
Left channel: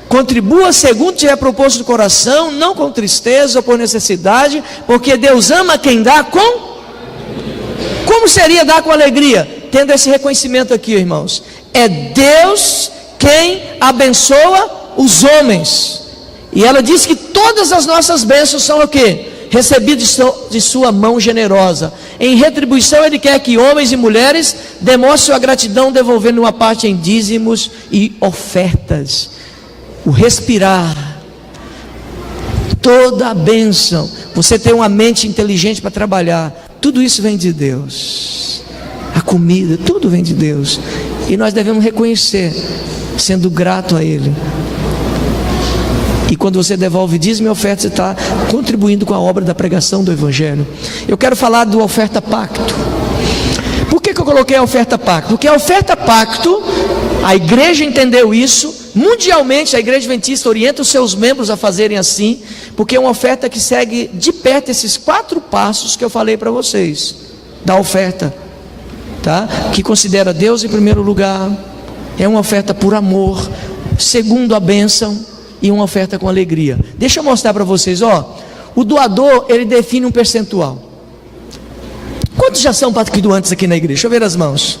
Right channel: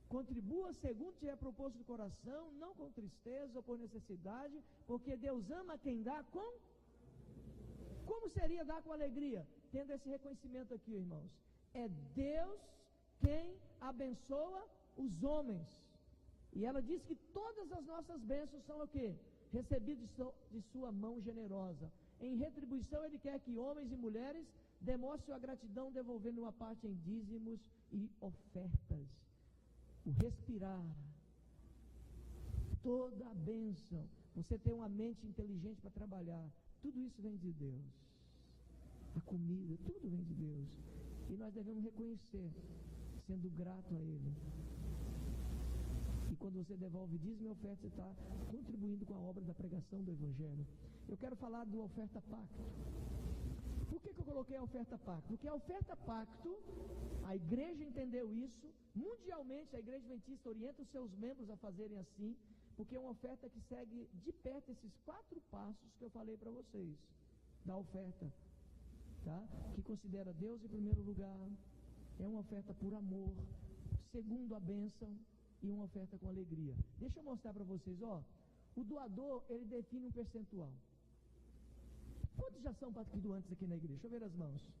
contribua segundo tiver proposto do coração, não com tristeza ou por necessidade, porque Deus ama quem dá com... Como seria dar com alegria? Tendo esse reconhecimento aqui, irmãos. É Deus quem abençoa os homens. E ela diz que todas as nossas bênçãos são o quê? Recebidos de sua mão generosa. Em retribuição ele quer que homens e mulheres demonstrem sua gratidão, devolvendo uma parte em dízimos e ofertas. O respirar, toda a bênção, você ter uma mente inteligente para trabalhar, tudo isso vem de Deus. A comida, tudo vem de Deus. E nós devemos reconhecer, sendo grato a Ele. E quando você devolve dízimo e oferta, você está contribuindo com a obra da pregação do Evangelho. Eu quero falar do oferta pacto. Por que eu coloquei a oferta pacto? Porque a oferta pacto, a igreja entendeu isso. Mundialmente a igreja adventista orienta os seus membros a fazerem assim, porque é uma oferta que segue de perto esses 4 passos que eu falei para vocês, da oferta, tá? Que considera Deus em primeiro lugar, é uma oferta por amor, segundo a bênção, e uma oferta com alegria. Deixa eu mostrar para vocês, ó. O doador, ele define um percentual. Quantos já são pactuantes aqui na igreja? Deixa eu ver as mãos.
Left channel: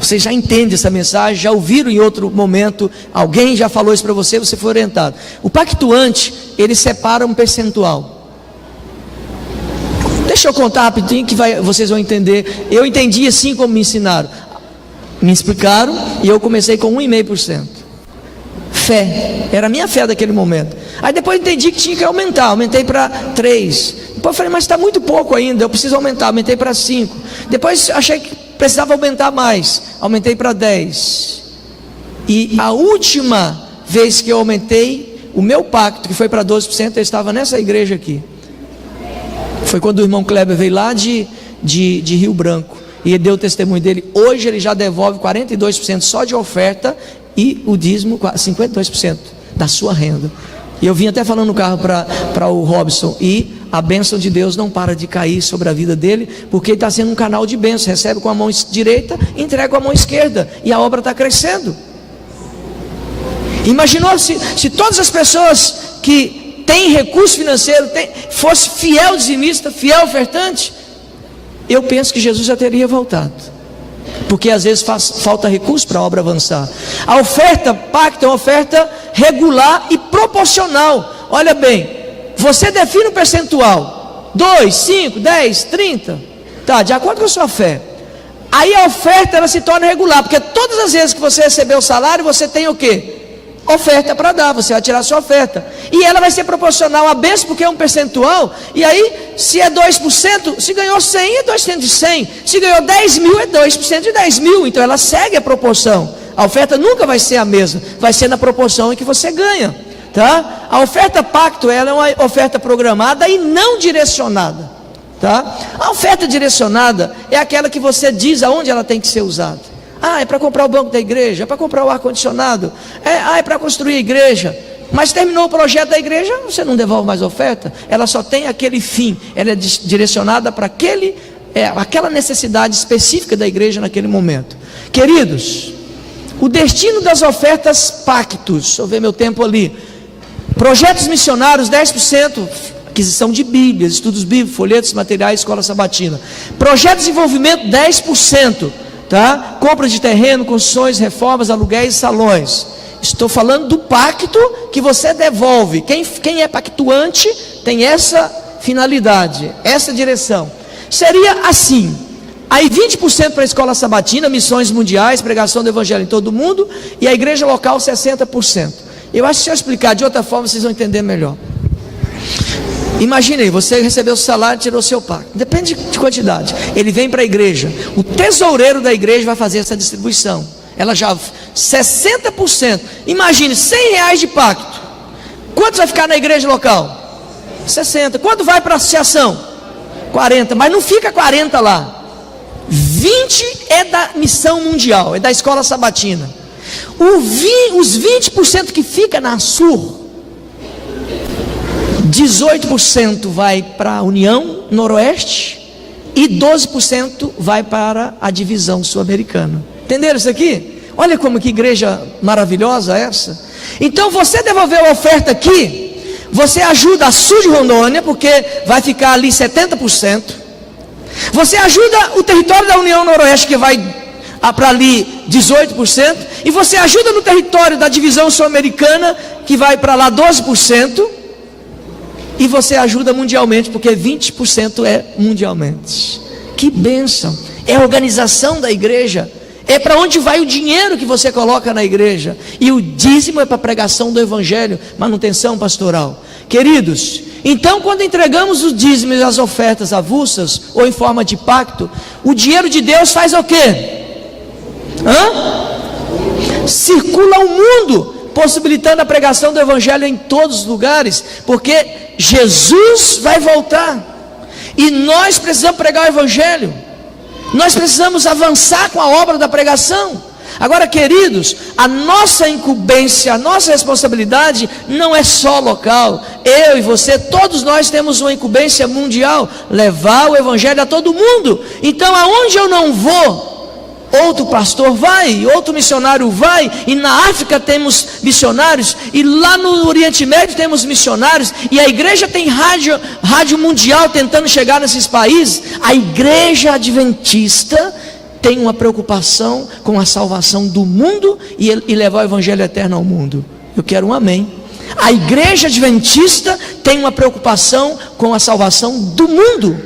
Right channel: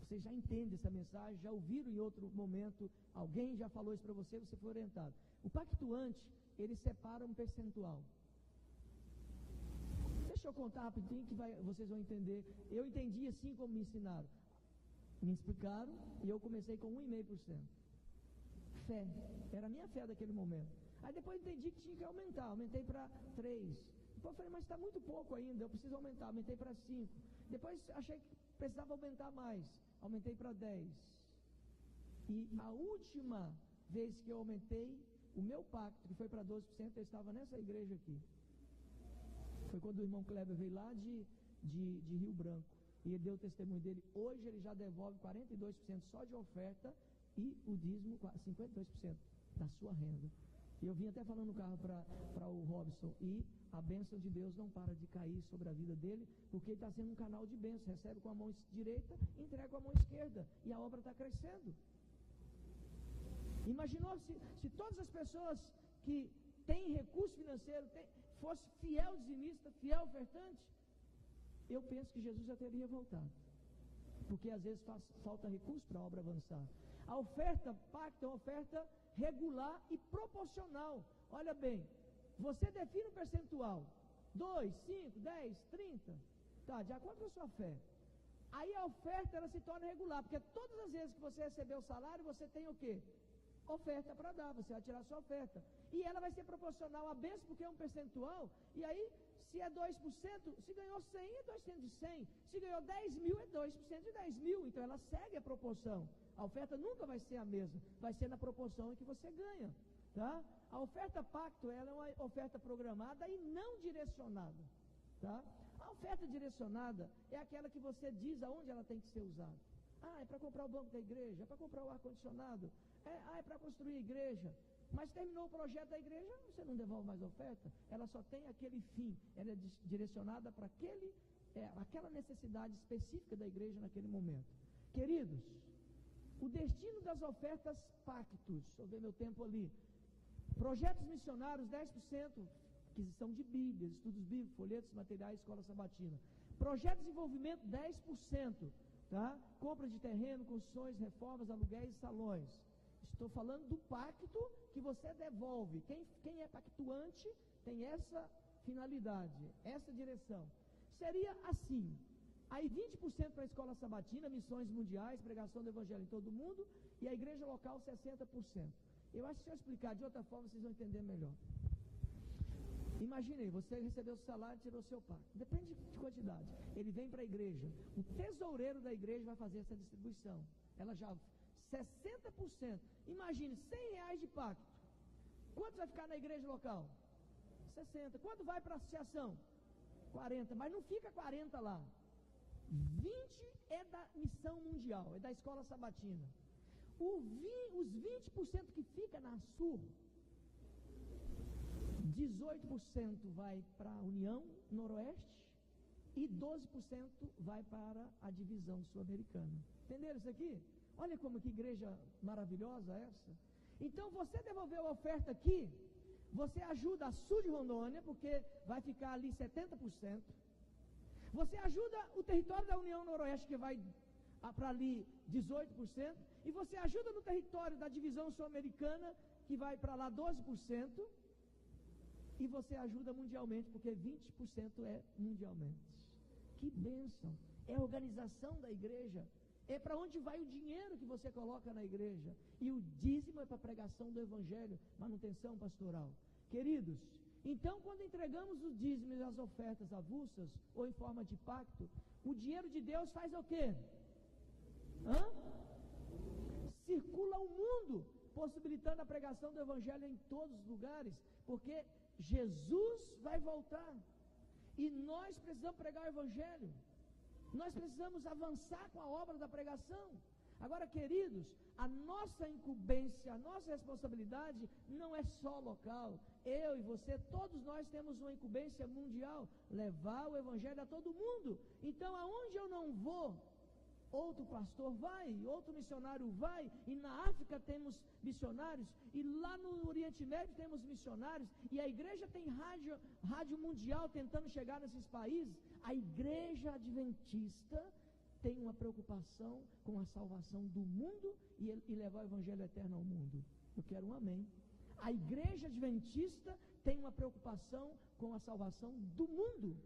Vocês já entendem essa mensagem, já ouviram em outro momento, alguém já falou isso para você, você foi orientado. O pactuante, ele separa um percentual. Deixa eu contar rapidinho que vocês vão entender. Eu entendi assim como me ensinaram. Me explicaram e eu comecei com 1,5%. Fé, era a minha fé daquele momento. Aí depois entendi que tinha que aumentar, aumentei para 3. Depois eu falei, mas está muito pouco ainda, eu preciso aumentar, aumentei para 5. Depois achei que precisava aumentar mais, aumentei para 10. E a última vez que eu aumentei, o meu pacto, que foi para 12%, eu estava nessa igreja aqui. Foi quando o irmão Kleber veio lá de Rio Branco, e ele deu o testemunho dele. Hoje ele já devolve 42% só de oferta, e o dízimo 52% da sua renda. E eu vim até falando no carro para o Robson, e a bênção de Deus não para de cair sobre a vida dele, porque ele está sendo um canal de bênção. Recebe com a mão direita, entrega com a mão esquerda, e a obra está crescendo. Imaginou se todas as pessoas que têm recurso financeiro fosse fiel dizimista, fiel ofertante? Eu penso que Jesus já teria voltado, porque às vezes falta recurso para a obra avançar. A oferta pacto é uma oferta regular e proporcional. Olha bem, você define um percentual, 2, 5, 10, 30, tá, de acordo com a sua fé. Aí a oferta ela se torna regular, porque todas as vezes que você receber o salário, você tem o quê? Oferta para dar, você vai tirar a sua oferta, e ela vai ser proporcional à bênção, porque é um percentual. E aí, se é 2%, se ganhou 100, é 2% de 100, se ganhou 10 mil, é 2% de 10 mil, então ela segue a proporção. A oferta nunca vai ser a mesma, vai ser na proporção em que você ganha, tá? A oferta pacto, ela é uma oferta programada e não direcionada, tá? A oferta direcionada é aquela que você diz aonde ela tem que ser usada. Ah, é para comprar o banco da igreja, é para comprar o ar-condicionado, é para construir a igreja. Mas terminou o projeto da igreja, você não devolve mais oferta. Ela só tem aquele fim, ela é direcionada para aquela necessidade específica da igreja naquele momento. Queridos, o destino das ofertas pactos, deixa eu ver meu tempo ali. Projetos missionários, 10%, aquisição de bíblias, estudos bíblicos, folhetos, materiais, escola sabatina. Projeto de desenvolvimento, 10%. Tá? Compra de terreno, construções, reformas, aluguéis, salões. Estou falando do pacto que você devolve. Quem é pactuante tem essa finalidade, essa direção. Seria assim: aí 20% para a escola sabatina, missões mundiais, pregação do evangelho em todo mundo, e a igreja local 60%. Eu acho que se eu explicar de outra forma, vocês vão entender melhor. Imagine aí, você recebeu o salário e tirou o seu pacto. Depende de quantidade. Ele vem para a igreja. O tesoureiro da igreja vai fazer essa distribuição. Ela já 60%. Imagine, R$100 de pacto. Quanto vai ficar na igreja local? 60. Quanto vai para a associação? 40. Mas não fica 40 lá. 20 é da missão mundial, é da escola sabatina. Os 20% que fica na Sur, 18% vai para a União Noroeste e 12% vai para a divisão sul-americana. Entenderam isso aqui? Olha como que igreja maravilhosa essa. Então você devolveu a oferta aqui, você ajuda a Sul de Rondônia, porque vai ficar ali 70%. Você ajuda o território da União Noroeste, que vai para ali 18%. E você ajuda no território da divisão sul-americana, que vai para lá 12%. E você ajuda mundialmente, porque 20% é mundialmente. Que bênção! É a organização da igreja. É para onde vai o dinheiro que você coloca na igreja. E o dízimo é para a pregação do evangelho, manutenção pastoral. Queridos, então quando entregamos os dízimos e as ofertas avulsas, ou em forma de pacto, o dinheiro de Deus faz o quê? Circula o mundo, possibilitando a pregação do evangelho em todos os lugares, porque Jesus vai voltar, e nós precisamos pregar o evangelho, nós precisamos avançar com a obra da pregação. Agora, queridos, a nossa incumbência, a nossa responsabilidade não é só local. Eu e você, todos nós temos uma incumbência mundial, levar o evangelho a todo mundo. Então, aonde eu não vou, outro pastor vai, outro missionário vai, e na África temos missionários, e lá no Oriente Médio temos missionários, e a igreja tem rádio mundial tentando chegar nesses países. A igreja adventista tem uma preocupação com a salvação do mundo e levar o evangelho eterno ao mundo. Eu quero um amém. A igreja adventista tem uma preocupação com a salvação do mundo.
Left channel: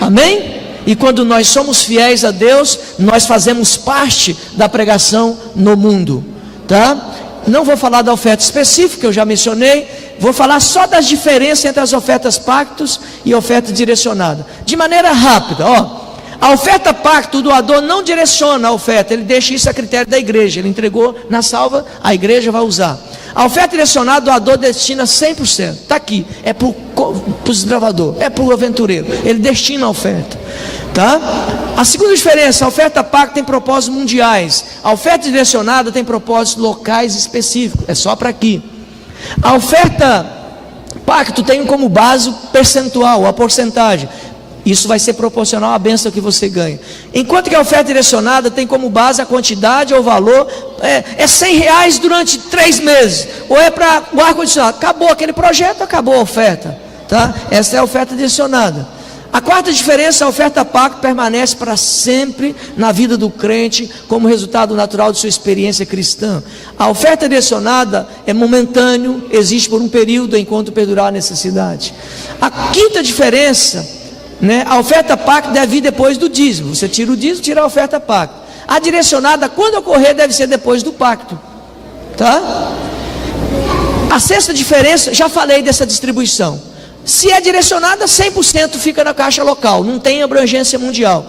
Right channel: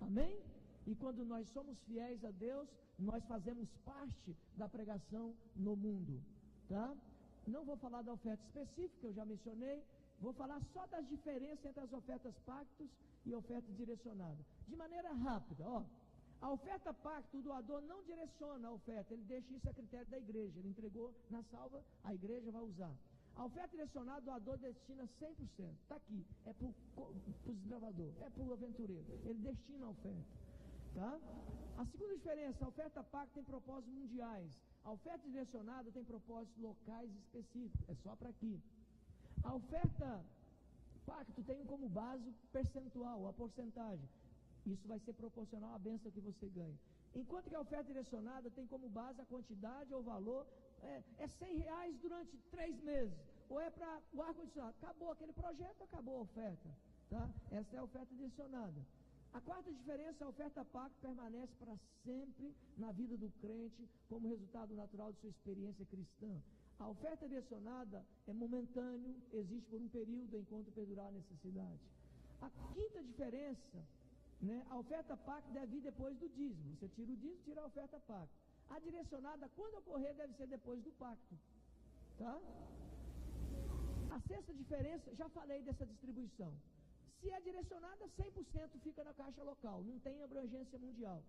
Amém? E quando nós somos fiéis a Deus, nós fazemos parte da pregação no mundo, tá? Não vou falar da oferta específica, eu já mencionei. Vou falar só das diferenças entre as ofertas pactos e oferta direcionada, de maneira rápida. A oferta pacto, o doador não direciona a oferta, ele deixa isso a critério da igreja. Ele entregou na salva, a igreja vai usar. A oferta direcionada, o doador destina 100%. Está aqui, é para o desbravador, é para o aventureiro, ele destina a oferta. Tá? A segunda diferença: a oferta pacto tem propósitos mundiais, a oferta direcionada tem propósitos locais específicos, é só para aqui. A oferta pacto tem como base o percentual, a porcentagem. Isso vai ser proporcional à bênção que você ganha. Enquanto que a oferta direcionada tem como base a quantidade ou valor. É R$100 durante 3 meses, ou é para o ar-condicionado. Acabou aquele projeto, acabou a oferta, tá? Essa é a oferta direcionada. A quarta diferença: a oferta pacto permanece para sempre na vida do crente, como resultado natural de sua experiência cristã. A oferta direcionada é momentâneo, existe por um período enquanto perdurar a necessidade. A quinta diferença, a oferta pacto deve vir depois do dízimo. Você tira o dízimo, tira a oferta pacto. A direcionada, quando ocorrer, deve ser depois do pacto, tá? A sexta diferença, já falei dessa distribuição. Se é direcionada, 100% fica na caixa local, não tem abrangência mundial.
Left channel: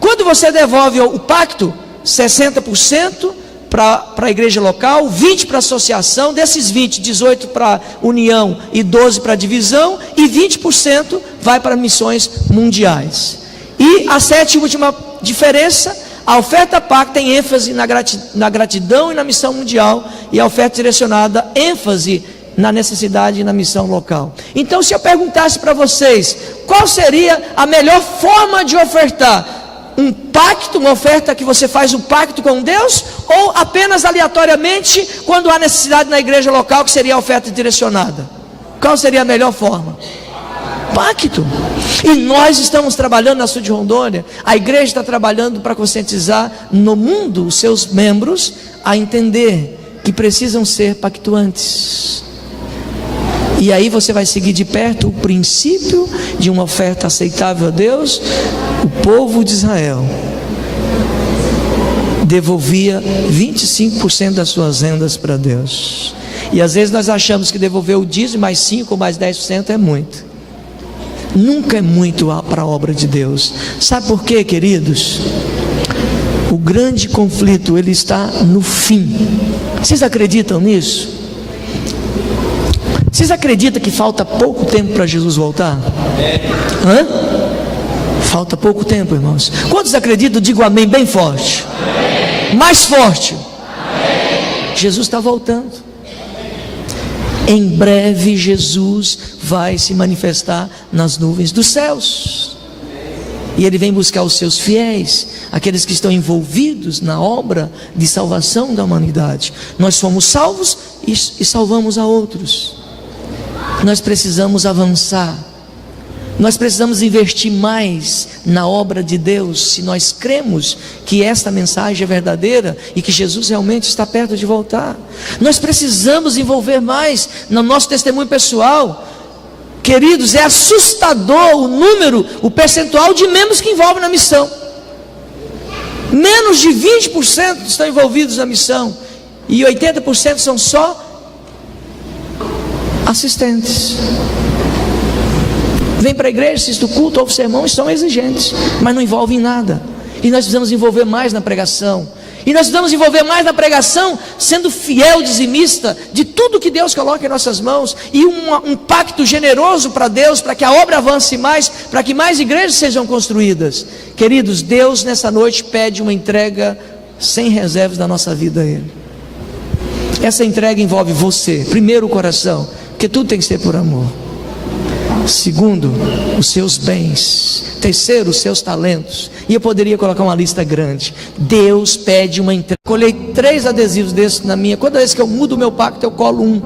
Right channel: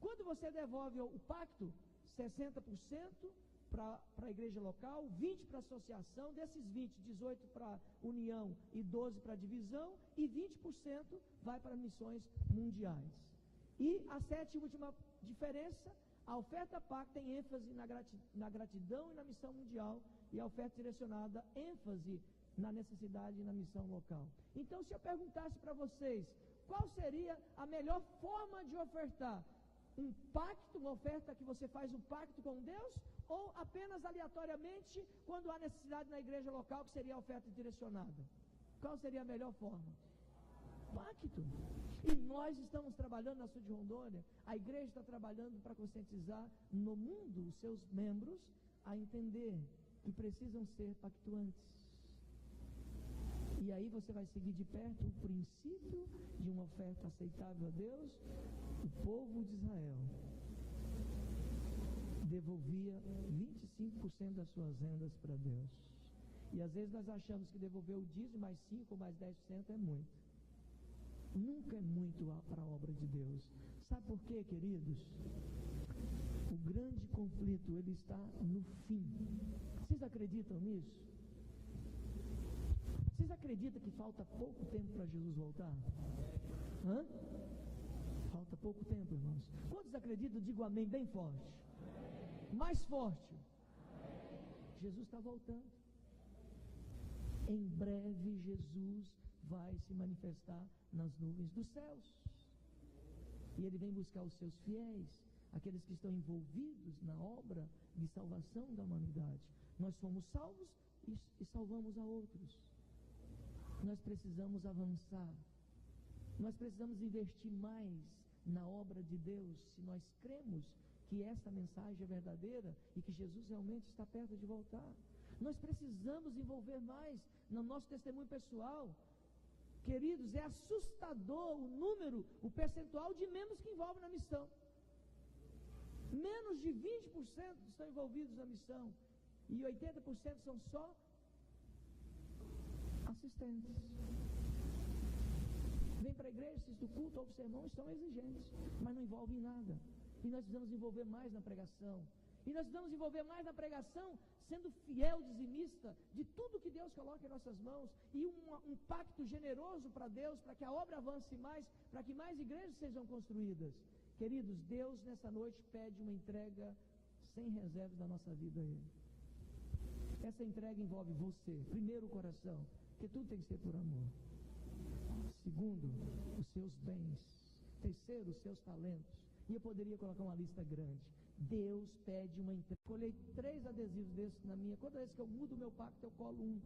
Quando você devolve o pacto, 60% para a igreja local, 20% para a associação, desses 20%, 18% para união e 12% para divisão, e 20% vai para missões mundiais. E a sétima e última diferença: a oferta pacto tem ênfase na gratidão e na missão mundial, e a oferta direcionada, ênfase na necessidade e na missão local. Então, se eu perguntasse para vocês, qual seria a melhor forma de ofertar? Um pacto, uma oferta que você faz um pacto com Deus, ou apenas aleatoriamente, quando há necessidade na igreja local, que seria a oferta direcionada? Qual seria a melhor forma? Pacto. E nós estamos trabalhando na sul de Rondônia, a igreja está trabalhando para conscientizar no mundo os seus membros a entender que precisam ser pactuantes. E aí você vai seguir de perto o princípio de uma oferta aceitável a Deus. O povo de Israel devolvia 25% das suas rendas para Deus. E às vezes nós achamos que devolver o dízimo mais 5% ou mais 10% é muito. Nunca é muito para a obra de Deus. Sabe por quê, queridos? O grande conflito, ele está no fim. Vocês acreditam nisso? Vocês acreditam que falta pouco tempo para Jesus voltar? Falta pouco tempo, irmãos. Quantos acreditam? Digo amém bem forte. Amém. Mais forte. Amém. Jesus está voltando. Em breve Jesus vai se manifestar nas nuvens dos céus. E Ele vem buscar os seus fiéis, aqueles que estão envolvidos na obra de salvação da humanidade. Nós fomos salvos e salvamos a outros. Nós precisamos avançar. Nós precisamos investir mais na obra de Deus, se nós cremos que esta mensagem é verdadeira e que Jesus realmente está perto de voltar. Nós precisamos envolver mais no nosso testemunho pessoal. Queridos, é assustador o número, o percentual de membros que envolvem na missão. Menos de 20% estão envolvidos na missão, e 80% são só assistentes. Vem para a igreja, assiste o culto, ouve o sermão e são exigentes, mas não envolvem nada. E nós precisamos envolver mais na pregação. E nós precisamos envolver mais na pregação, sendo fiel, dizimista de tudo que Deus coloca em nossas mãos, e um pacto generoso para Deus, para que a obra avance mais, para que mais igrejas sejam construídas. Queridos, Deus nessa noite pede uma entrega sem reservas da nossa vida a Ele. Essa entrega envolve você, primeiro o coração, porque tudo tem que ser por amor. Segundo, os seus bens. terceiro, os seus talentos. E eu poderia colocar uma lista grande. Deus pede uma entrega. Colhei 3 adesivos desses na minha. Toda vez que eu mudo o meu pacto, eu colo um,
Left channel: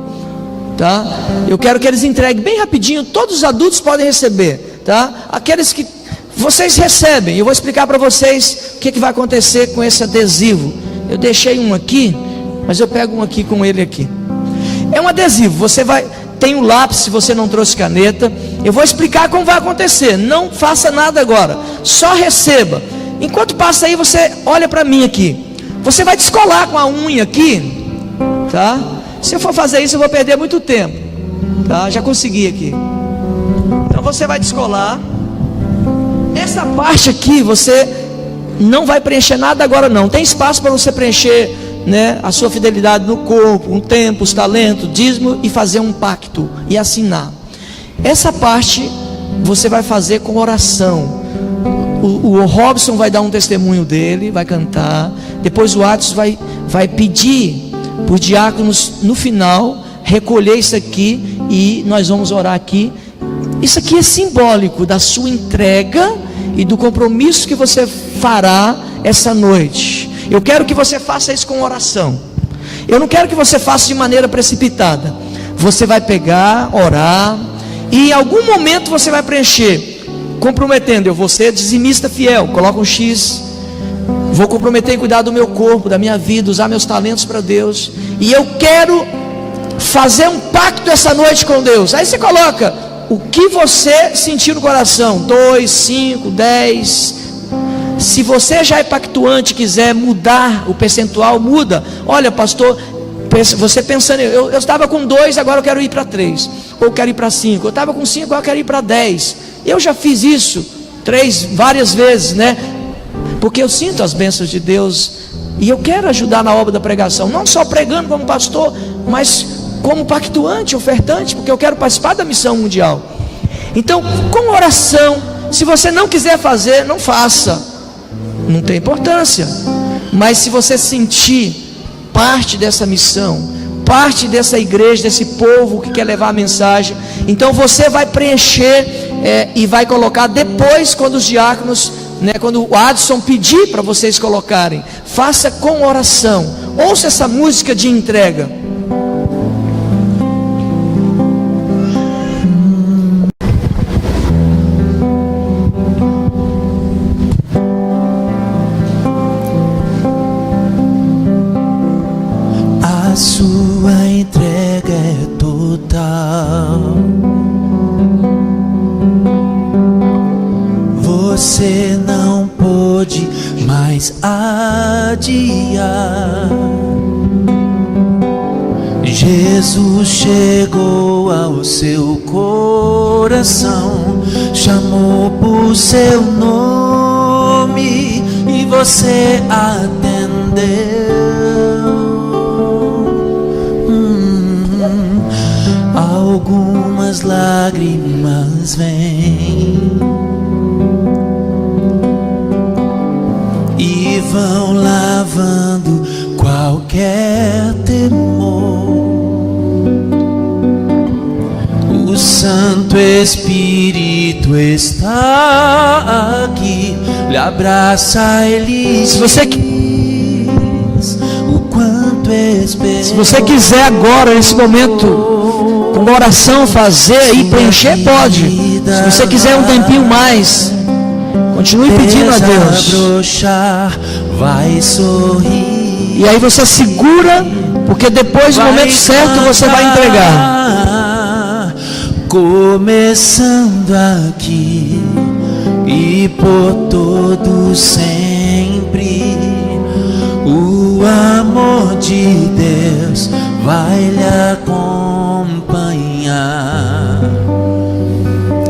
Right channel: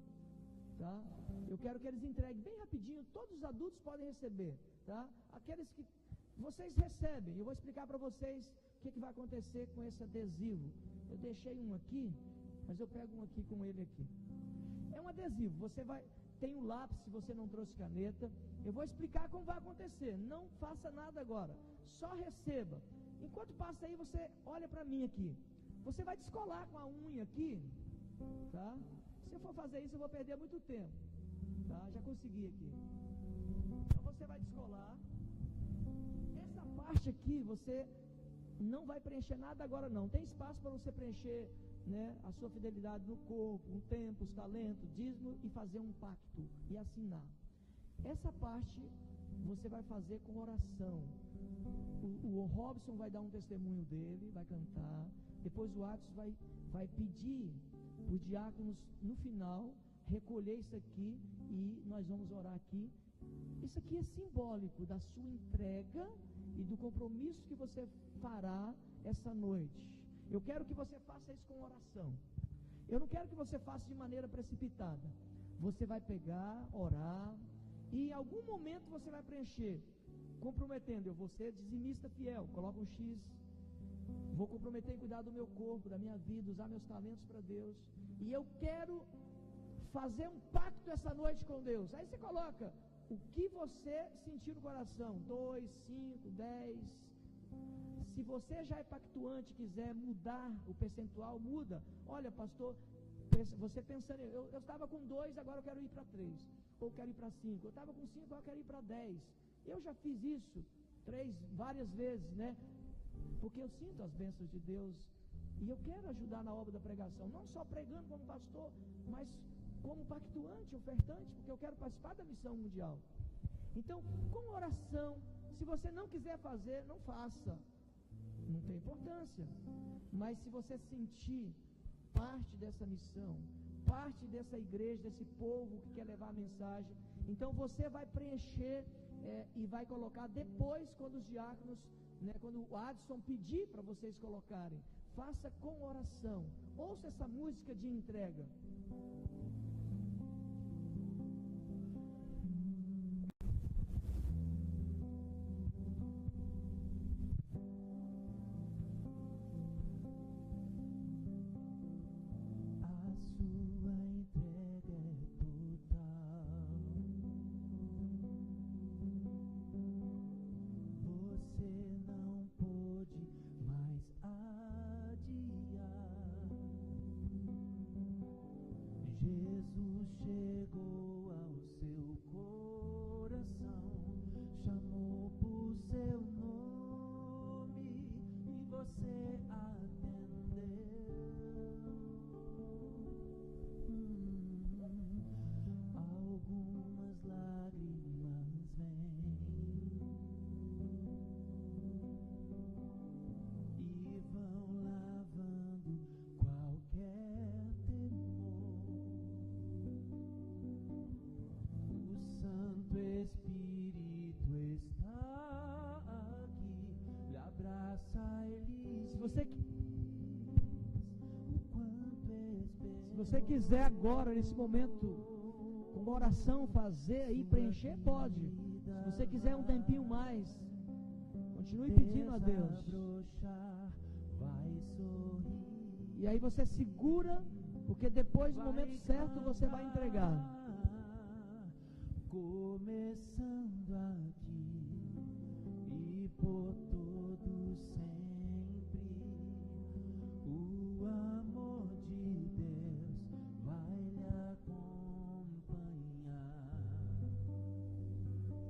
tá? Eu quero que eles entreguem bem rapidinho. Todos os adultos podem receber, tá? Aqueles que vocês recebem, eu vou explicar para vocês o que vai acontecer com esse adesivo. Eu deixei um aqui, mas eu pego um aqui com ele aqui. É um adesivo, você vai... Tem um lápis, se você não trouxe caneta. Eu vou explicar como vai acontecer. Não faça nada agora, só receba. Enquanto passa aí, você olha para mim aqui. Você vai descolar com a unha aqui, tá? Se eu for fazer isso, eu vou perder muito tempo, tá? Já consegui aqui. Então você vai descolar. Essa parte aqui, você não vai preencher nada agora não. Tem espaço para você preencher, né, a sua fidelidade no corpo, um tempo, os talentos, dízimo, e fazer um pacto e assinar. Essa parte você vai fazer com oração. O Robson vai dar um testemunho dele, vai cantar. Depois o Atos vai pedir por diáconos no final recolher isso aqui, e nós vamos orar aqui. Isso aqui é simbólico da sua entrega e do compromisso que você fará essa noite. Eu quero que você faça isso com oração. Eu não quero que você faça de maneira precipitada. Você vai pegar, orar, e em algum momento você vai preencher, comprometendo: eu vou ser dizimista fiel, coloca um X. Vou comprometer em cuidar do meu corpo, da minha vida, usar meus talentos para Deus. E eu quero fazer um pacto essa noite com Deus. Aí você coloca o que você sentir no coração: 2, 5, 10. Se você já é pactuante e quiser mudar o percentual, muda. Olha, pastor, você pensando, eu estava com 2, agora eu quero ir para 3, ou quero ir para 5. Eu estava com 5, agora eu quero ir para 10. Eu já fiz isso 3 várias vezes, né? Porque eu sinto as bênçãos de Deus, e eu quero ajudar na obra da pregação, não só pregando como pastor, mas como pactuante, ofertante, porque eu quero participar da missão mundial. Então, com oração, se você não quiser fazer, não faça, não tem importância. Mas se você sentir parte dessa missão, parte dessa igreja, desse povo que quer levar a mensagem, então você vai preencher e vai colocar depois, quando os diáconos, né, quando o Adson pedir para vocês colocarem, faça com oração. Ouça essa música de entrega. A sua entrega é total. Você não pode mais adiar. Jesus chegou ao seu coração, chamou por seu nome e você atendeu. Algumas lágrimas vêm e vão lavando qualquer temor. O Santo Espírito está aqui, lhe abraça e lhe diz o quanto espera. Se você quiser agora, nesse momento, com oração fazer e preencher, pode. Se você quiser um tempinho mais, continue pedindo a Deus. Vai sorrir. E aí você segura, porque depois do momento certo você vai entregar. Começando aqui e por todo sempre, o amor de Deus vai lhe acompanhar.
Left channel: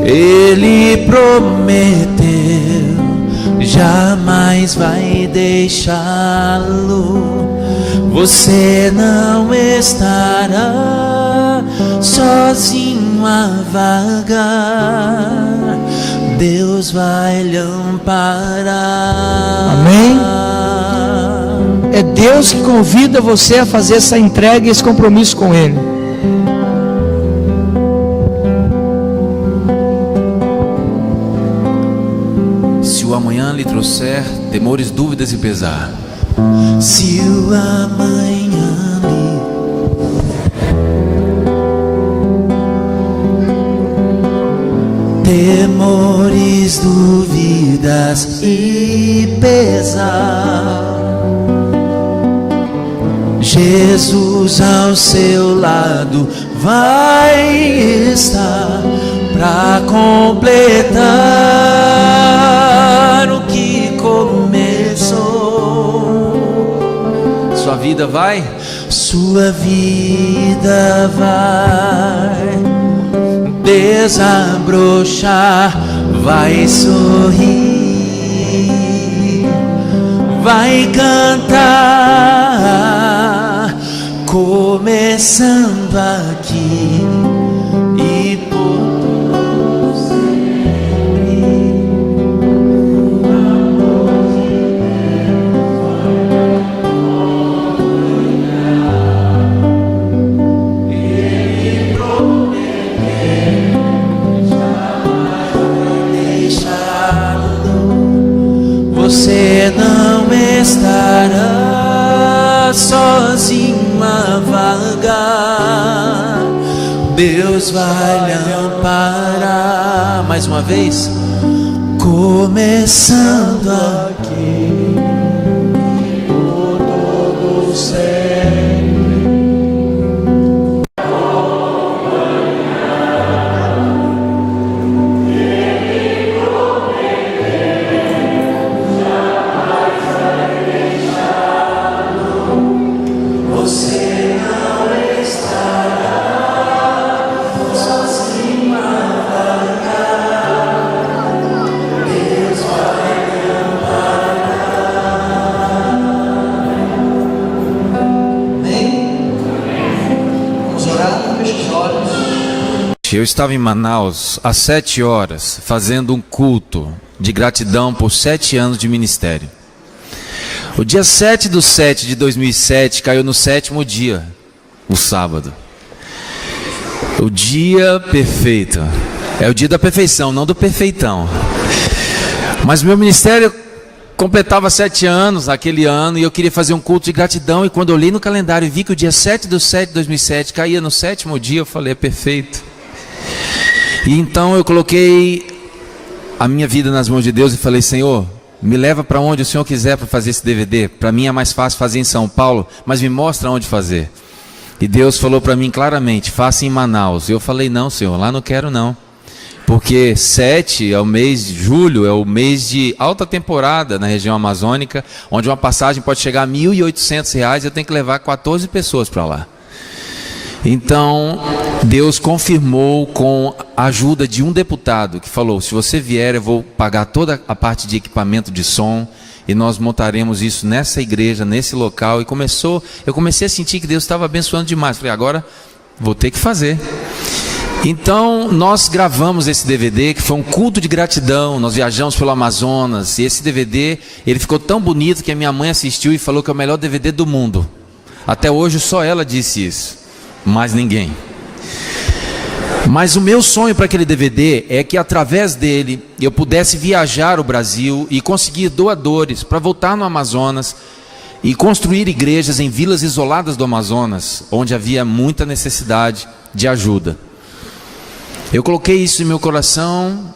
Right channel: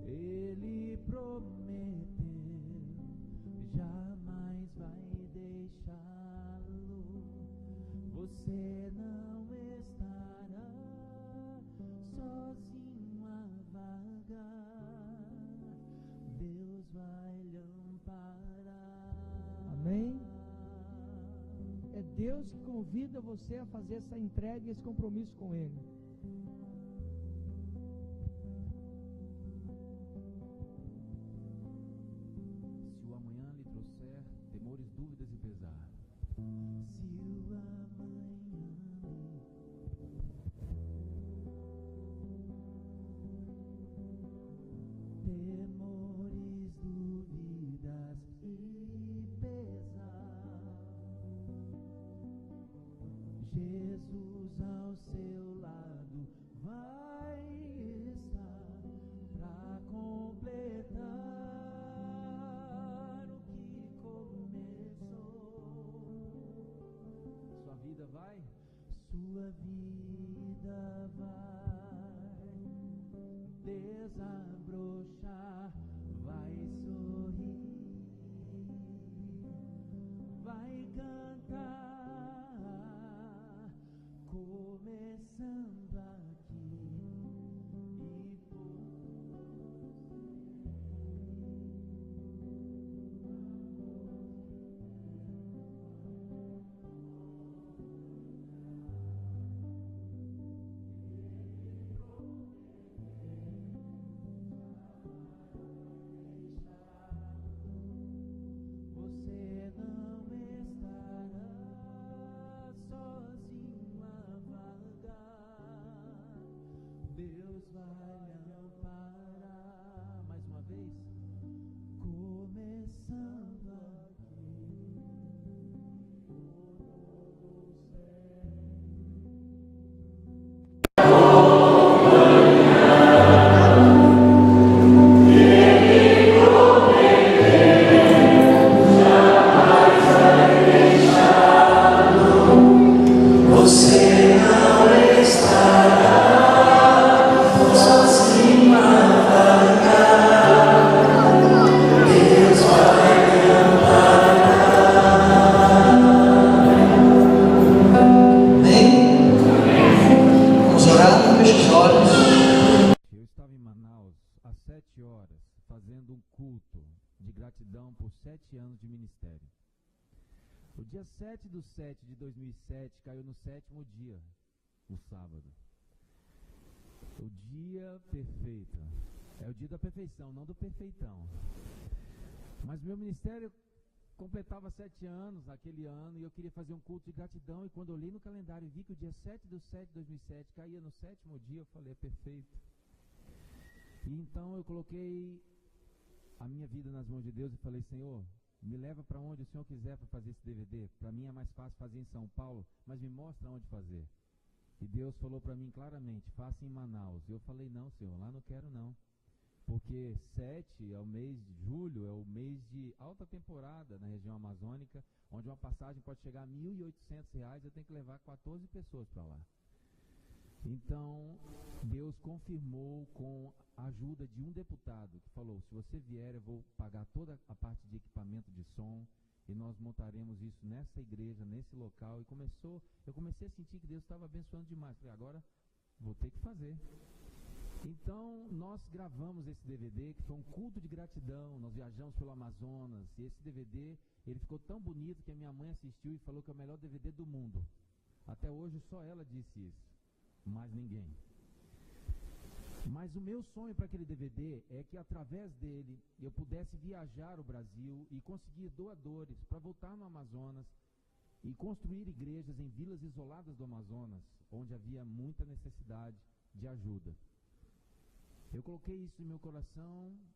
Ele prometeu, jamais vai deixá-lo. Você não estará sozinho a vagar. Deus vai lhe amparar. Amém? É Deus que convida você a fazer essa entrega e esse compromisso com Ele. trouxer temores, dúvidas e pesar. Se o amanhã temores, dúvidas e pesar, Jesus ao seu lado vai estar para completar o que começou. Sua vida vai? Sua vida vai desabrochar, vai sorrir, vai cantar, começando aqui e por todo sempre. O amor de Deus Ele prometeu jamais deixá-lo. Você não estará sozinho a vagar. Deus vai lhe amparar. Mais uma vez, começando aqui por todo sempre. Você não estará sozinho a vagar. Deus vai lhe amparar. Amém? Vamos orar, feche os olhos. Eu estava em Manaus às 7 horas, fazendo um culto de gratidão por 7 anos de ministério. O dia 7/7/2007 caiu no 7º dia, o sábado. O dia perfeito. É o dia da perfeição, não do perfeitão. Mas meu ministério completava 7 anos aquele ano e eu queria fazer um culto de gratidão. E quando eu olhei no calendário e vi que o dia 7/7/2007 caía no 7º dia, eu falei, é perfeito. E então eu coloquei a minha vida nas mãos de Deus e falei, Senhor, me leva para onde o Senhor quiser para fazer esse DVD. Para mim é mais fácil fazer em São Paulo, mas me mostra onde fazer. E Deus falou para mim claramente, faça em Manaus. E eu falei, não, Senhor, lá não quero não. Porque 7 é o mês de julho, é o mês de alta temporada na região amazônica, onde uma passagem pode chegar a R$ 1.800 e eu tenho que levar 14 pessoas para lá. Então, Deus confirmou com a ajuda de um deputado que falou, se você vier eu vou pagar toda a parte de equipamento de som e nós montaremos isso nessa igreja, nesse local. E eu comecei a sentir que Deus estava abençoando demais. Falei, agora vou ter que fazer. Então, nós gravamos esse DVD, que foi um culto de gratidão. Nós viajamos pelo Amazonas e esse DVD, ele ficou tão bonito que a minha mãe assistiu e falou que é o melhor DVD do mundo. Até hoje só ela disse isso. Mais ninguém. Mas o meu sonho para aquele DVD é que através dele eu pudesse viajar o Brasil e conseguir doadores para voltar no Amazonas e construir igrejas em vilas isoladas do Amazonas, onde havia muita necessidade de ajuda. Eu coloquei isso em meu coração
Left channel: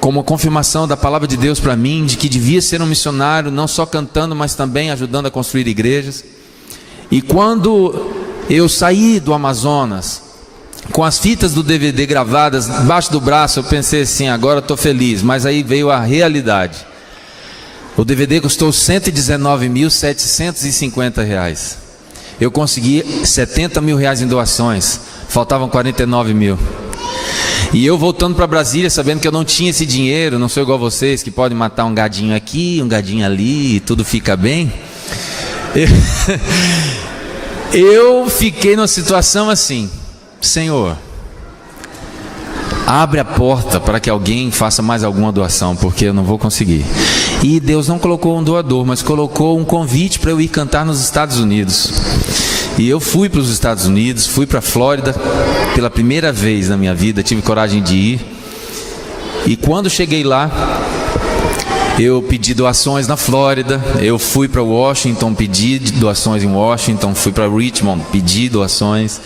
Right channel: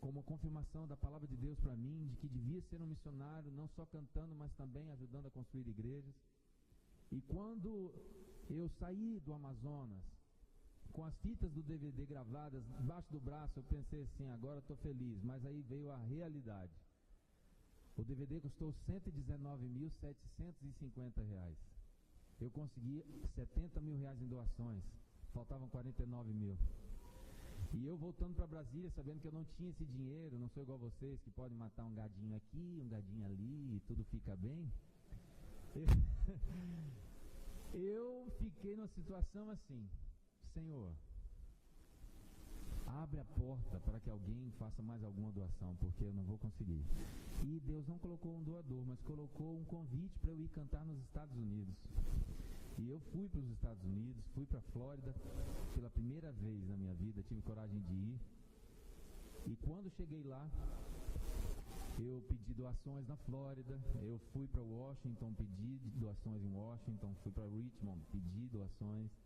como uma confirmação da palavra de Deus para mim, de que devia ser um missionário, não só cantando, mas também ajudando a construir igrejas. E quando eu saí do Amazonas, com as fitas do DVD gravadas embaixo do braço, eu pensei assim, agora estou feliz. Mas aí veio a realidade. O DVD custou R$ 119.750. Eu consegui R$ 70 mil em doações, faltavam 49 mil. E eu voltando para Brasília, sabendo que eu não tinha esse dinheiro, não sou igual vocês, que podem matar um gadinho aqui, um gadinho ali, e tudo fica bem. Eu fiquei numa situação assim, Senhor, abre a porta para que alguém faça mais alguma doação, porque eu não vou conseguir. E Deus não colocou um doador, mas colocou um convite para eu ir cantar nos Estados Unidos. E eu fui para os Estados Unidos, fui para a Flórida pela primeira vez na minha vida, tive coragem de ir. E quando cheguei lá, Eu pedi doações na Flórida, eu fui para Washington, pedi doações em Washington, fui para Richmond, pedi doações,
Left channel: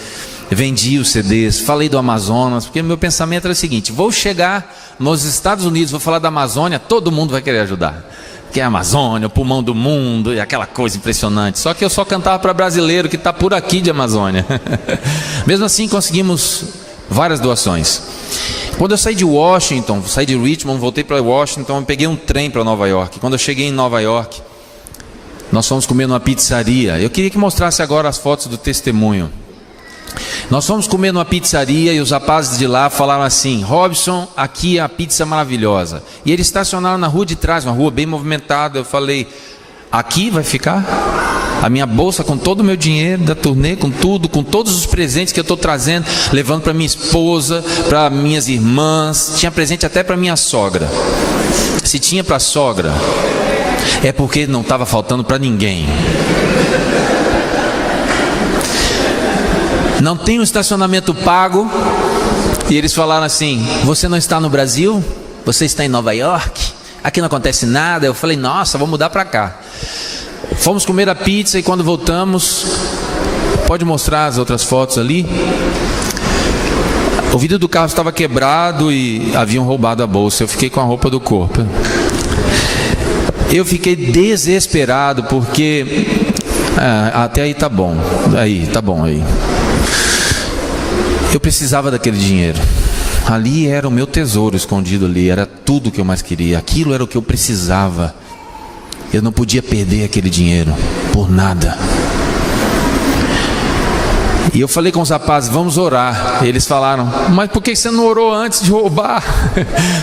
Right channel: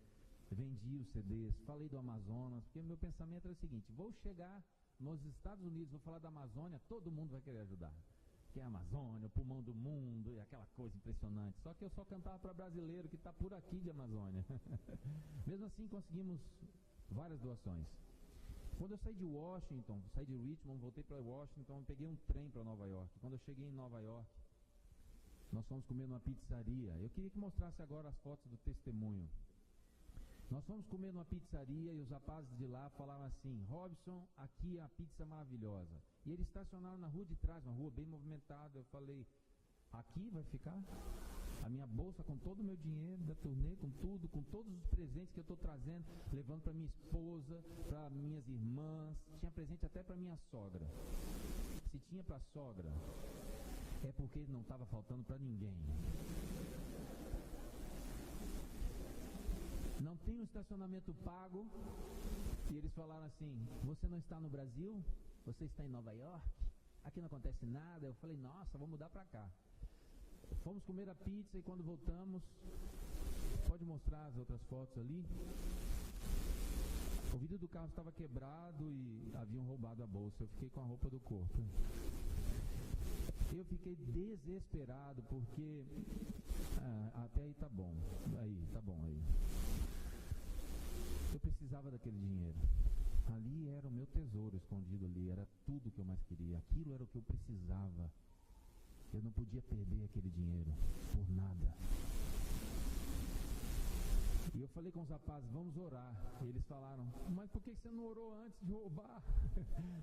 vendi os CDs, falei do Amazonas, porque meu pensamento era o seguinte: vou chegar nos Estados Unidos, vou falar da Amazônia, todo mundo vai querer ajudar, que é a Amazônia, o pulmão do mundo, e aquela coisa impressionante. Só que eu só cantava para brasileiro que está por aqui de Amazônia. Mesmo assim conseguimos várias doações. Quando eu saí de Washington, saí de Richmond, voltei para Washington, eu peguei um trem para Nova York. Quando eu cheguei em Nova York, nós fomos comer numa pizzaria. Eu queria que mostrasse agora as fotos do testemunho. Nós fomos comer numa pizzaria e os rapazes de lá falaram assim: Robson, aqui é a pizza maravilhosa. E eles estacionaram na rua de trás, uma rua bem movimentada. Eu falei: aqui vai ficar? A minha bolsa com todo o meu dinheiro da turnê, com tudo, com todos os presentes que eu estou trazendo, levando para minha esposa, para minhas irmãs, tinha presente até para minha sogra. Se tinha para a sogra, é porque não estava faltando para ninguém. Não tem um estacionamento pago. E eles falaram assim: você não está no Brasil? Você está em Nova York? Aqui não acontece nada. Eu falei: nossa, vou mudar para cá. Fomos comer a pizza e quando voltamos, pode mostrar as outras fotos ali, o vidro do carro estava quebrado e haviam roubado a bolsa. Eu fiquei com a roupa do corpo. Eu fiquei desesperado porque até aí tá bom. Aí, tá bom aí. Eu precisava daquele dinheiro. Ali era o meu tesouro escondido ali, era tudo que eu mais queria. Aquilo era o que eu precisava. Eu não podia perder aquele dinheiro por nada. E eu falei com os rapazes: vamos orar. Eles falaram: mas por que você não orou antes de roubar?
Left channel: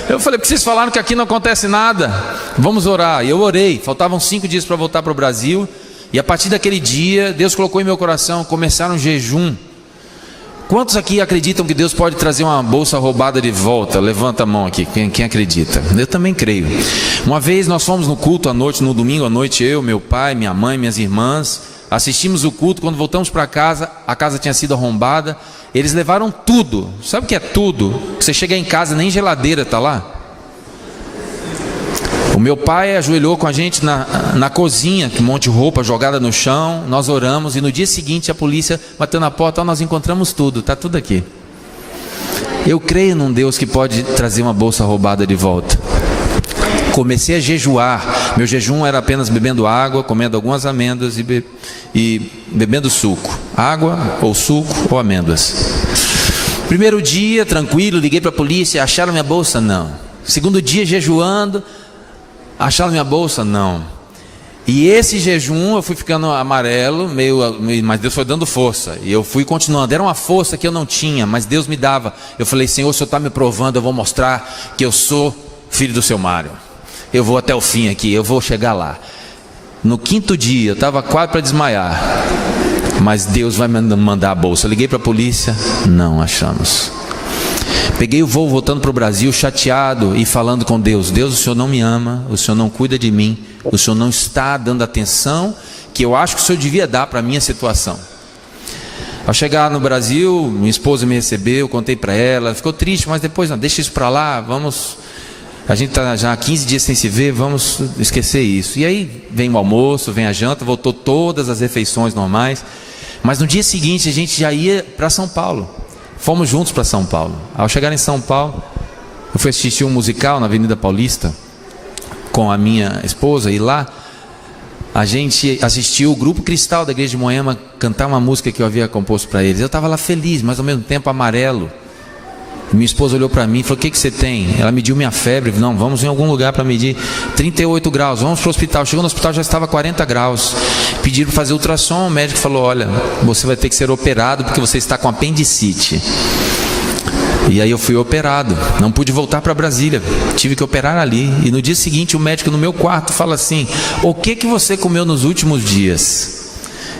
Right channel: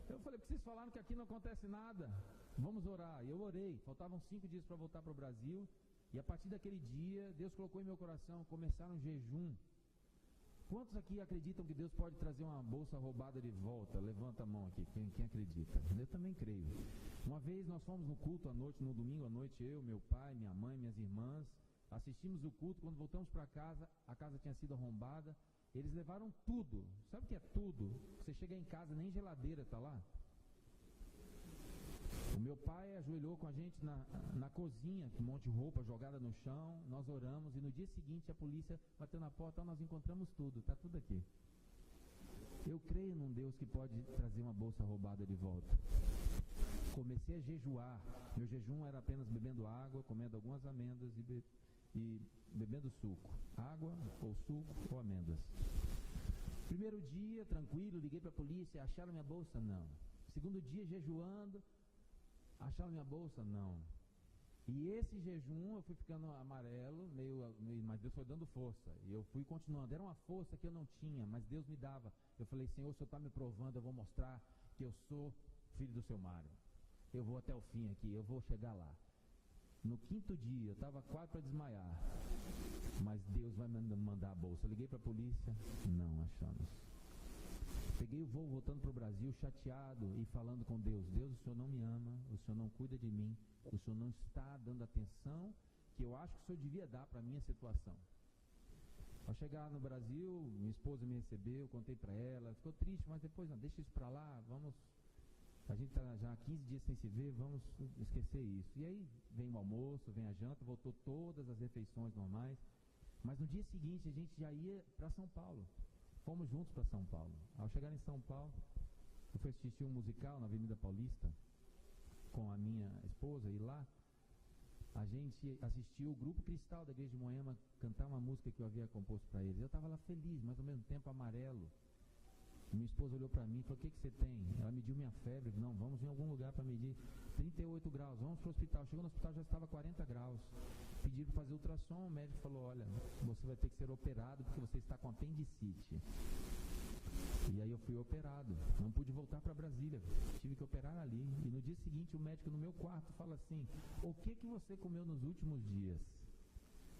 Eu falei: porque vocês falaram que aqui não acontece nada. Vamos orar. E eu orei. Faltavam 5 dias para voltar para o Brasil. E a partir daquele dia, Deus colocou em meu coração começar um jejum. Quantos aqui acreditam que Deus pode trazer uma bolsa roubada de volta? Levanta a mão aqui, quem acredita. Eu também creio. Uma vez nós fomos no culto à noite, no domingo à noite, eu, meu pai, minha mãe, minhas irmãs, assistimos o culto. Quando voltamos para casa, a casa tinha sido arrombada. Eles levaram tudo. Sabe o que é tudo? Você chega em casa, nem geladeira está lá. O meu pai ajoelhou com a gente na cozinha, com um monte de roupa jogada no chão. Nós oramos e no dia seguinte a polícia bateu na porta: nós encontramos tudo, está tudo aqui. Eu creio num Deus que pode trazer uma bolsa roubada de volta. Comecei a jejuar. Meu jejum era apenas bebendo água, comendo algumas amêndoas e bebendo suco. Água ou suco ou amêndoas. Primeiro dia, tranquilo, liguei para a polícia: acharam minha bolsa? Não. Segundo dia, jejuando: acharam minha bolsa? Não. E esse jejum eu fui ficando amarelo, mas Deus foi dando força. E eu fui continuando. Era uma força que eu não tinha, mas Deus me dava. Eu falei: Senhor, o Senhor está me provando, eu vou mostrar que eu sou filho do seu Mário. Eu vou até o fim aqui, eu vou chegar lá. No 5º dia, eu estava quase para desmaiar. Mas Deus vai me mandar a bolsa. Eu liguei para a polícia: não achamos. Peguei o voo voltando para o Brasil, chateado e falando com Deus: Deus, o Senhor não me ama, o Senhor não cuida de mim, o Senhor não está dando atenção que eu acho que o Senhor devia dar para a minha situação. Ao chegar no Brasil, minha esposa me recebeu, contei para ela, ficou triste, mas depois: não, deixa isso para lá, vamos, a gente está já há 15 dias sem se ver, vamos esquecer isso. E aí vem o almoço, vem a janta, voltou todas as refeições normais. Mas no dia seguinte a gente já ia para São Paulo. Fomos juntos para São Paulo. Ao chegar em São Paulo, eu fui assistir um musical na Avenida Paulista com a minha esposa, e lá a gente assistiu o Grupo Cristal da Igreja de Moema cantar uma música que eu havia composto para eles. Eu estava lá feliz, mas ao mesmo tempo amarelo. Minha esposa olhou para mim e falou: o que você tem? Ela mediu minha febre. Não, vamos em algum lugar para medir. 38 graus, vamos para o hospital. Chegou no hospital, já estava 40 graus. Pediram para fazer ultrassom. O médico falou: olha, você vai ter que ser operado porque você está com apendicite. E aí eu fui operado. Não pude voltar para Brasília, tive que operar ali. E no dia seguinte o médico no meu quarto fala assim: o que você comeu nos últimos dias?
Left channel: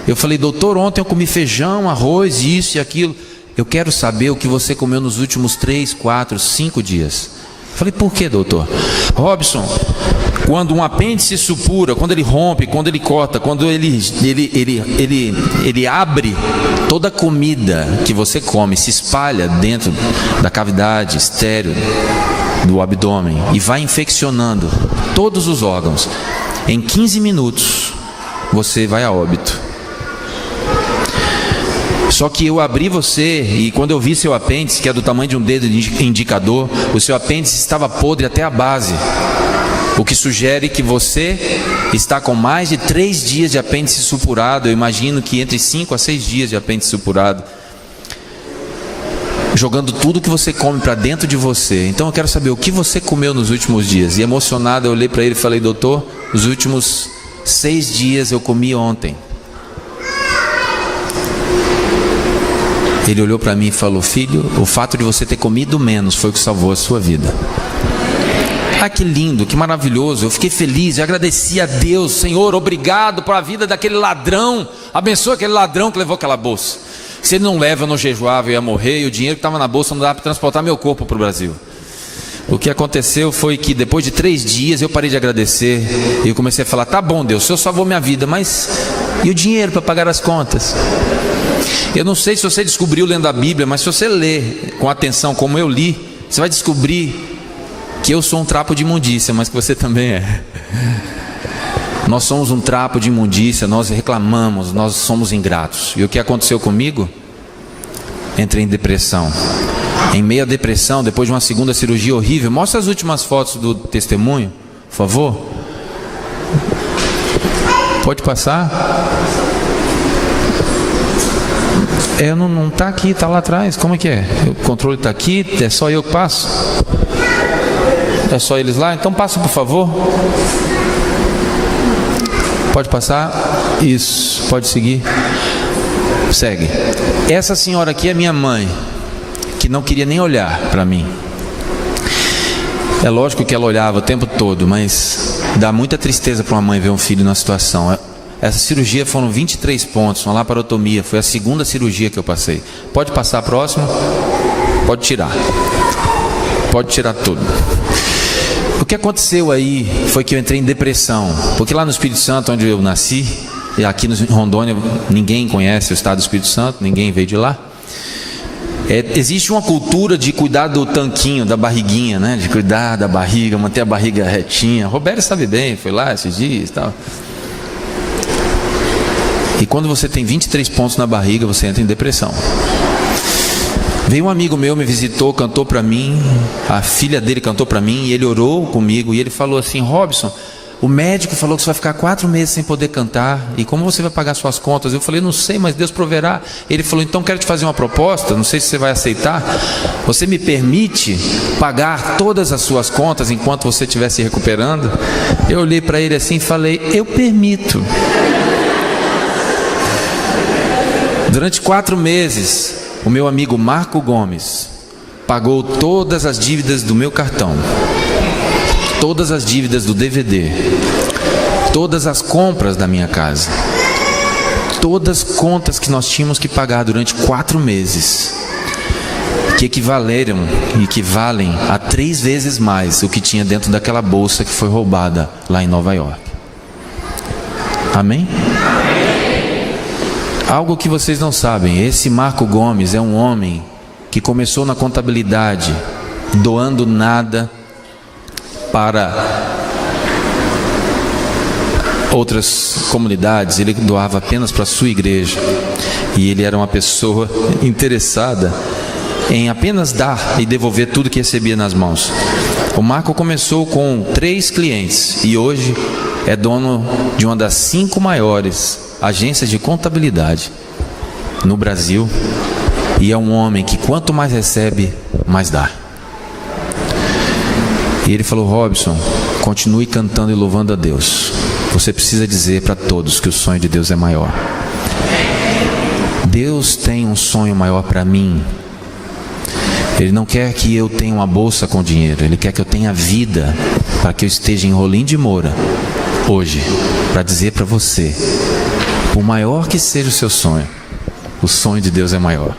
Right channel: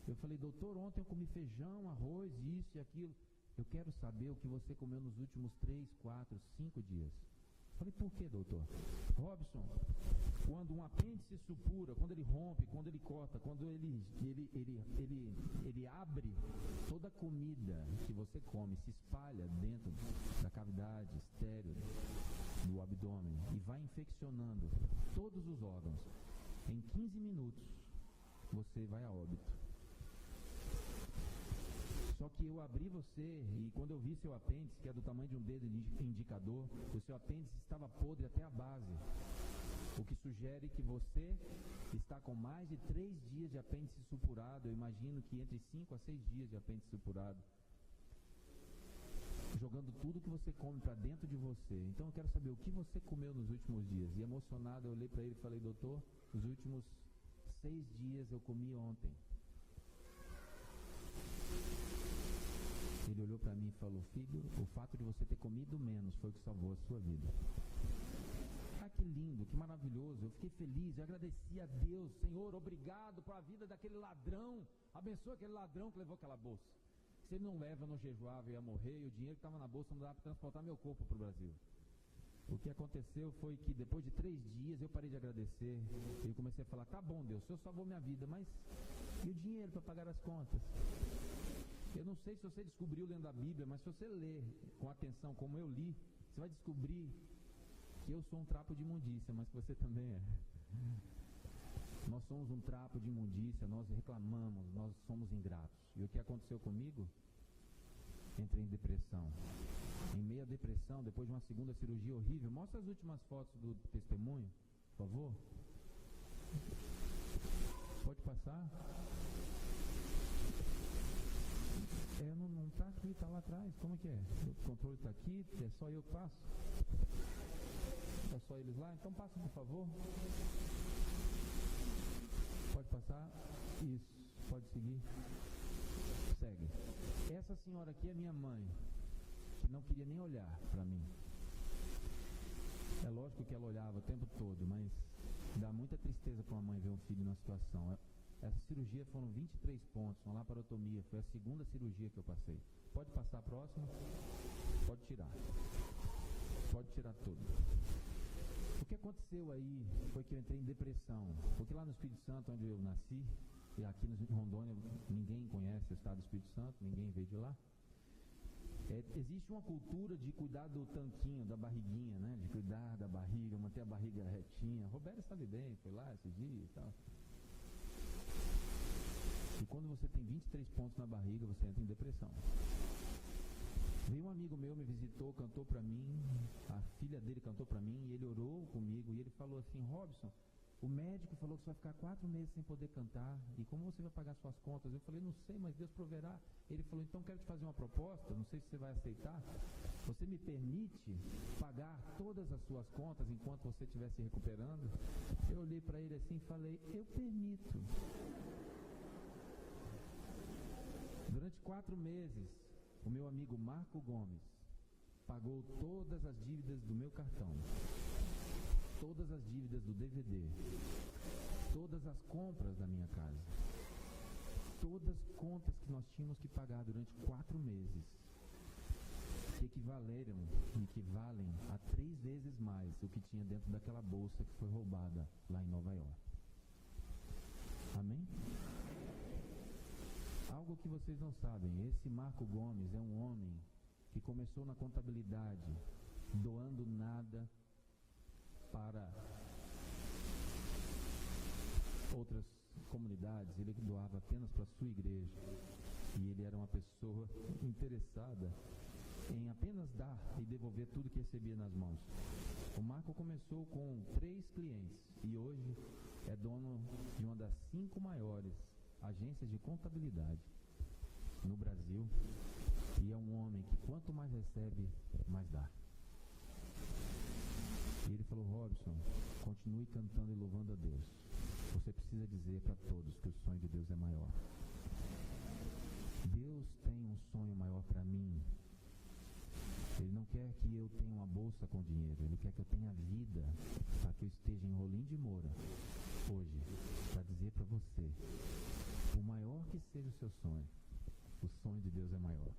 Eu falei: doutor, ontem eu comi feijão, arroz, isso e aquilo. Eu quero saber o que você comeu nos últimos 3, 4, 5 dias. Falei: por que, doutor? Robson, quando um apêndice supura, quando ele rompe, quando ele corta, quando ele abre, toda a comida que você come se espalha dentro da cavidade estéril do abdômen e vai infeccionando todos os órgãos. Em 15 minutos você vai a óbito. Só que eu abri você e quando eu vi seu apêndice, que é do tamanho de um dedo indicador, o seu apêndice estava podre até a base, o que sugere que você está com mais de 3 dias de apêndice supurado. Eu imagino que entre 5 a 6 dias de apêndice supurado, jogando tudo que você come para dentro de você. Então eu quero saber o que você comeu nos últimos dias. E emocionado eu olhei para ele e falei: doutor, os últimos 6 dias eu comi ontem. Ele olhou para mim e falou: filho, o fato de você ter comido menos foi o que salvou a sua vida. Ah, que lindo, que maravilhoso. Eu fiquei feliz, eu agradeci a Deus. Senhor, obrigado por a vida daquele ladrão. Abençoa aquele ladrão que levou aquela bolsa. Se ele não leva, eu não jejuava, eu ia morrer. E o dinheiro que estava na bolsa não dava para transportar meu corpo para o Brasil. O que aconteceu foi que depois de 3 dias eu parei de agradecer. E eu comecei a falar: tá bom, Deus, o Senhor salvou minha vida, mas e o dinheiro para pagar as contas? Eu não sei se você descobriu lendo a Bíblia, mas se você ler com atenção como eu li, você vai descobrir que eu sou um trapo de imundícia, mas que você também é. Nós somos um trapo de imundícia, nós reclamamos, nós somos ingratos. E o que aconteceu comigo? Entrei em depressão. Em meio à depressão, depois de uma segunda cirurgia horrível. Mostra as últimas fotos do testemunho, por favor. Pode passar? Não está aqui, está lá atrás. Como é que é? O controle está aqui, é só eu que passo? É só eles lá? Então passa, por favor. Pode passar? Isso, pode seguir. Segue. Essa senhora aqui é minha mãe, que não queria nem olhar para mim. É lógico que ela olhava o tempo todo, mas dá muita tristeza para uma mãe ver um filho numa situação. Essa cirurgia foram 23 pontos, uma laparotomia. Foi a segunda cirurgia que eu passei. Pode passar a próxima? Pode tirar. Pode tirar tudo. O que aconteceu aí foi que eu entrei em depressão. Porque lá no Espírito Santo, onde eu nasci, e aqui em Rondônia, ninguém conhece o estado do Espírito Santo, ninguém veio de lá. Existe uma cultura de cuidar do tanquinho, da barriguinha, né? De cuidar da barriga, manter a barriga retinha. Roberto sabe bem, foi lá esses dias e tal. E quando você tem 23 pontos na barriga, você entra em depressão. Veio um amigo meu, me visitou, cantou para mim, a filha dele cantou para mim, e ele orou comigo, e ele falou assim: Robson, o médico falou que você vai ficar 4 meses sem poder cantar, e como você vai pagar suas contas? Eu falei: não sei, mas Deus proverá. Ele falou: então quero te fazer uma proposta, não sei se você vai aceitar. Você me permite pagar todas as suas contas enquanto você estiver se recuperando? Eu olhei para ele assim e falei: eu permito. Durante 4 meses, o meu amigo Marco Gomes pagou todas as dívidas do meu cartão, todas as dívidas do DVD, todas as compras da minha casa, todas as contas que nós tínhamos que pagar durante 4 meses, que equivalem a 3 vezes mais o que tinha dentro daquela bolsa que foi roubada lá em Nova York. Amém? Algo que vocês não sabem, esse Marco Gomes é um homem que começou na contabilidade, doando nada para outras comunidades, ele doava apenas para a sua igreja. E ele era uma pessoa interessada em apenas dar e devolver tudo que recebia nas mãos. O Marco começou com 3 clientes e hoje é dono de uma das 5 maiores agências de contabilidade no Brasil, e é um homem que quanto mais recebe, mais dá. E ele falou: Robson, continue cantando e louvando a Deus. Você precisa dizer para todos que o sonho de Deus é maior. Deus tem um sonho maior para mim. Ele não quer que eu tenha uma bolsa com dinheiro, Ele quer que eu tenha vida, para que eu esteja em Rolim de Moura hoje, para dizer para você: por maior que seja o seu sonho, o sonho de Deus é maior.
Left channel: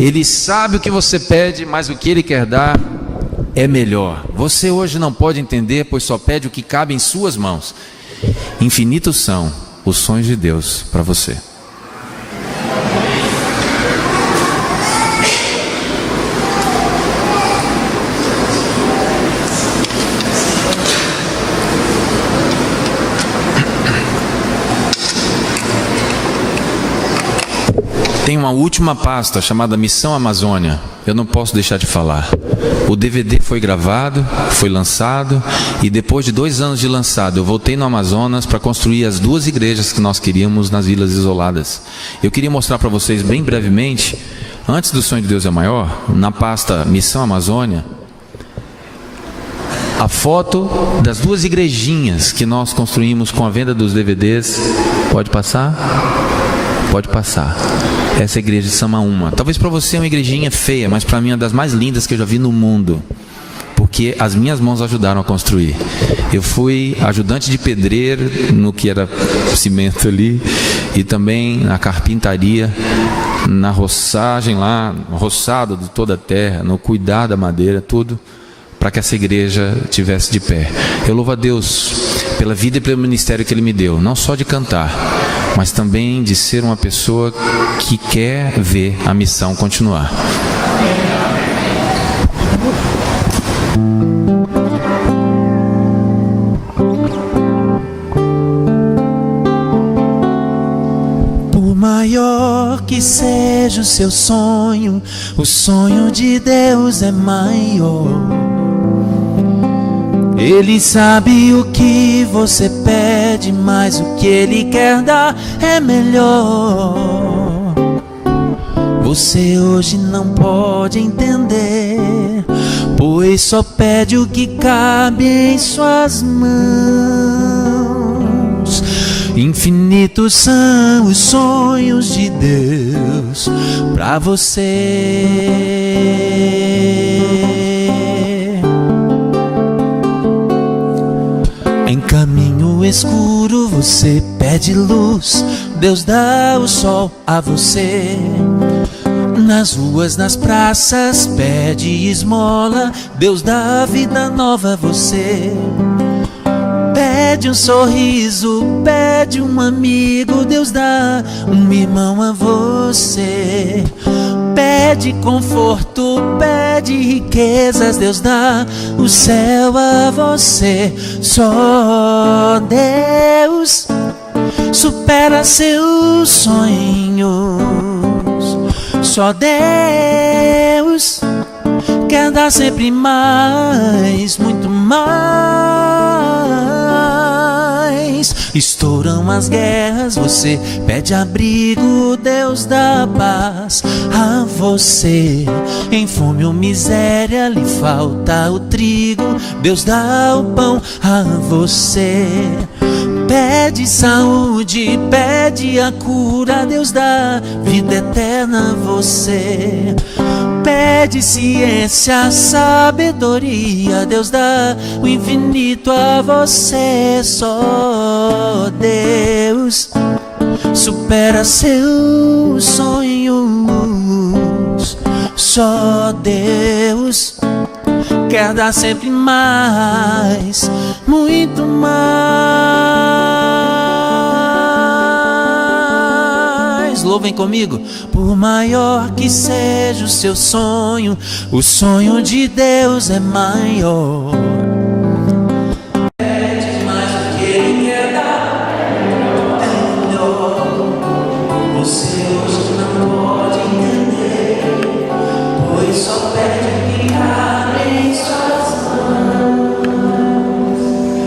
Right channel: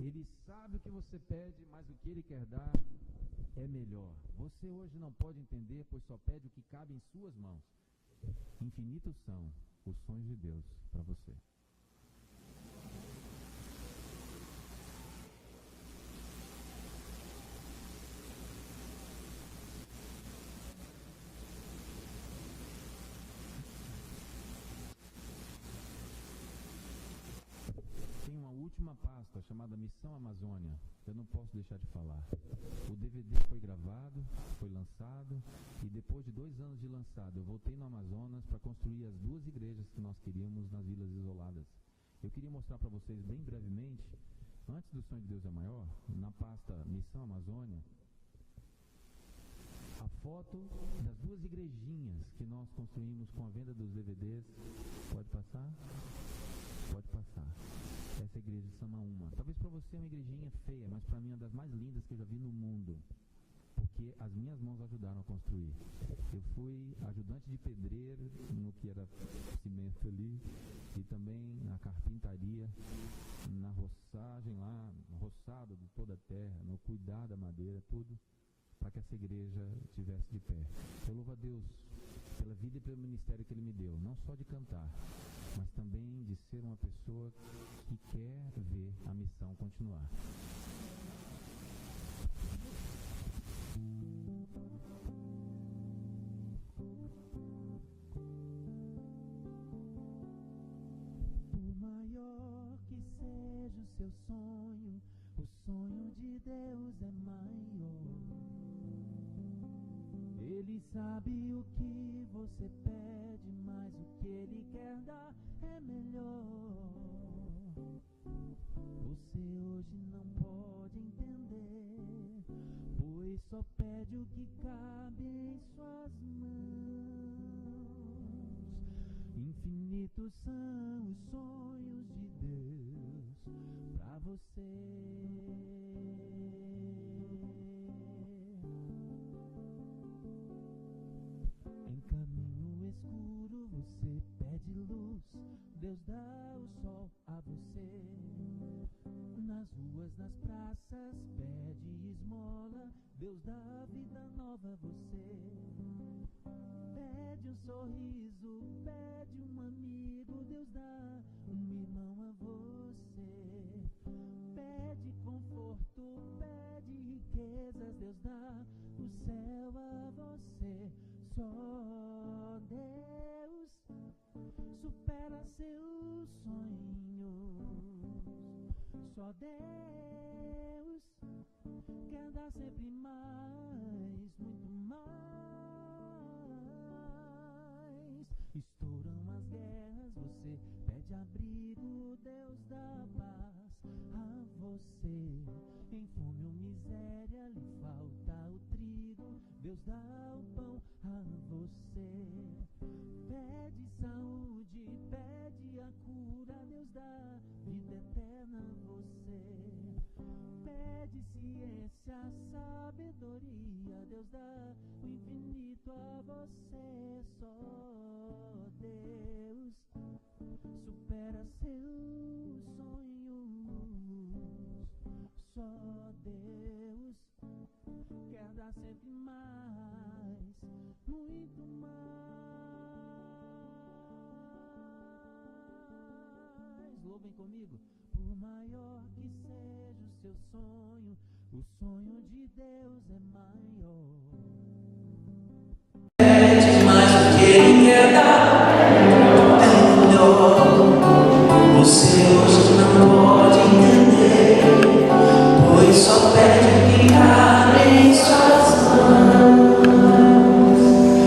Ele sabe o que você pede, mas o que Ele quer dar é melhor. Você hoje não pode entender, pois só pede o que cabe em suas mãos. Infinitos são os sonhos de Deus para você. Tem uma última pasta chamada Missão Amazônia. Eu não posso deixar de falar. O DVD foi gravado, foi lançado, e depois de 2 anos de lançado, eu voltei no Amazonas para construir as 2 igrejas que nós queríamos nas vilas isoladas. Eu queria mostrar para vocês bem brevemente, antes do Sonho de Deus é Maior, na pasta Missão Amazônia, a foto das 2 igrejinhas que nós construímos com a venda dos DVDs. Pode passar? Pode passar. Essa é a igreja de Samaúma. Talvez para você é uma igrejinha feia, mas para mim é uma das mais lindas que eu já vi no mundo, porque as minhas mãos ajudaram a construir. Eu fui ajudante de pedreiro no que era cimento ali, e também na carpintaria, na roçagem lá, no roçado de toda a terra, no cuidar da madeira, tudo, para que essa igreja estivesse de pé. Eu louvo a Deus pela vida e pelo ministério que Ele me deu, não só de cantar, mas também de ser uma pessoa que quer ver a missão continuar. Por maior que seja o seu sonho, o sonho de Deus é maior. Ele sabe o que você pede, mas o que Ele quer dar é melhor. Você hoje não pode entender, pois só pede o que cabe em suas mãos. Infinitos são os sonhos de Deus pra você. Em caminho escuro você pede luz, Deus dá o sol a você. Nas ruas, nas praças, pede esmola, Deus dá vida nova a você. Pede um sorriso, pede um amigo, Deus dá um irmão a você. Pede conforto, pede riquezas, Deus dá o céu a você. Só Deus supera seus sonhos. Só Deus quer dar sempre mais, muito mais. Estouram as guerras, você pede abrigo, Deus dá paz a você. Em fome ou miséria lhe falta o trigo, Deus dá o pão a você. Pede saúde, pede a cura, Deus dá vida eterna a você. Pede ciência, sabedoria, Deus dá o infinito a você. Só Deus supera seus sonhos. Só Deus quer dar sempre mais, muito mais. Louvem comigo. Por maior que seja o seu sonho, o sonho de Deus é maior. Pede mais do que Ele quer dar, é melhor. Você hoje não pode entender, pois só pede o que cabe em suas mãos.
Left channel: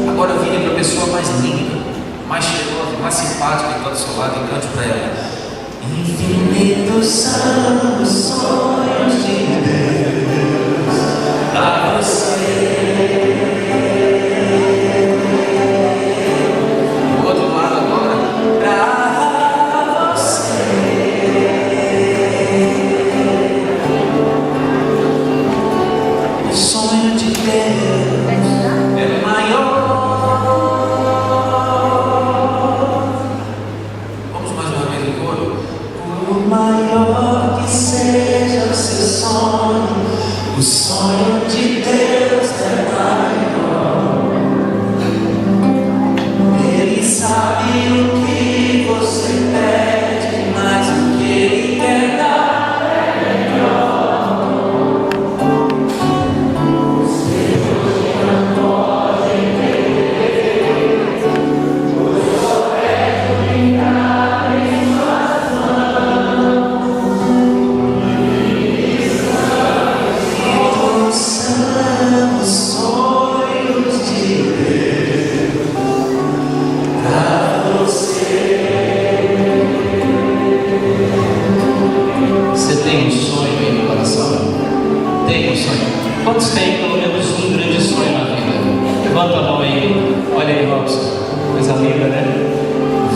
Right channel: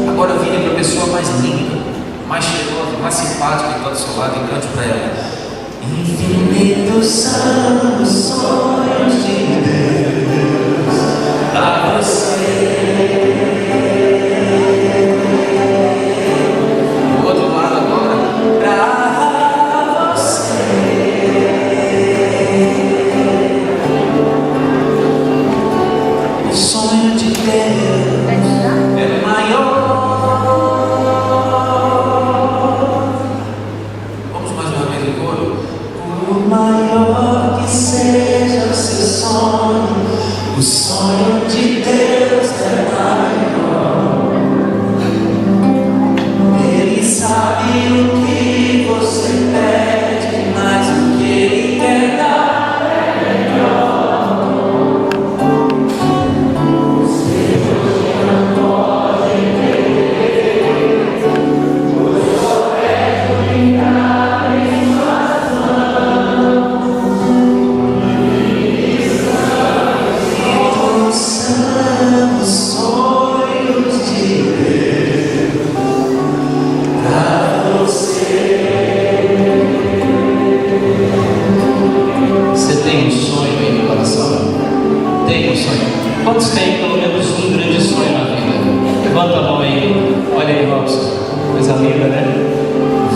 Agora vire para a pessoa mais linda, mais cheirosa, mais simpática que está do seu lado e cante para ela. Infinitos são os sonhos de Deus pra você. Do outro lado agora, pra você. O sonho de Deus é maior. Vamos mais uma vez no coro. Por maior que seja o seu sonho, o sonho de Deus é maior. Ele sabe o que você pede, mas o que Ele quer dar é melhor. Você hoje não pode entender, pois só pede o que cabe em suas mãos. Você tem um sonho aí no coração? Tem um sonho? Quantos têm pelo menos um grande sonho na vida? Levanta a mão aí. Olha aí, Robson. Coisa linda, né?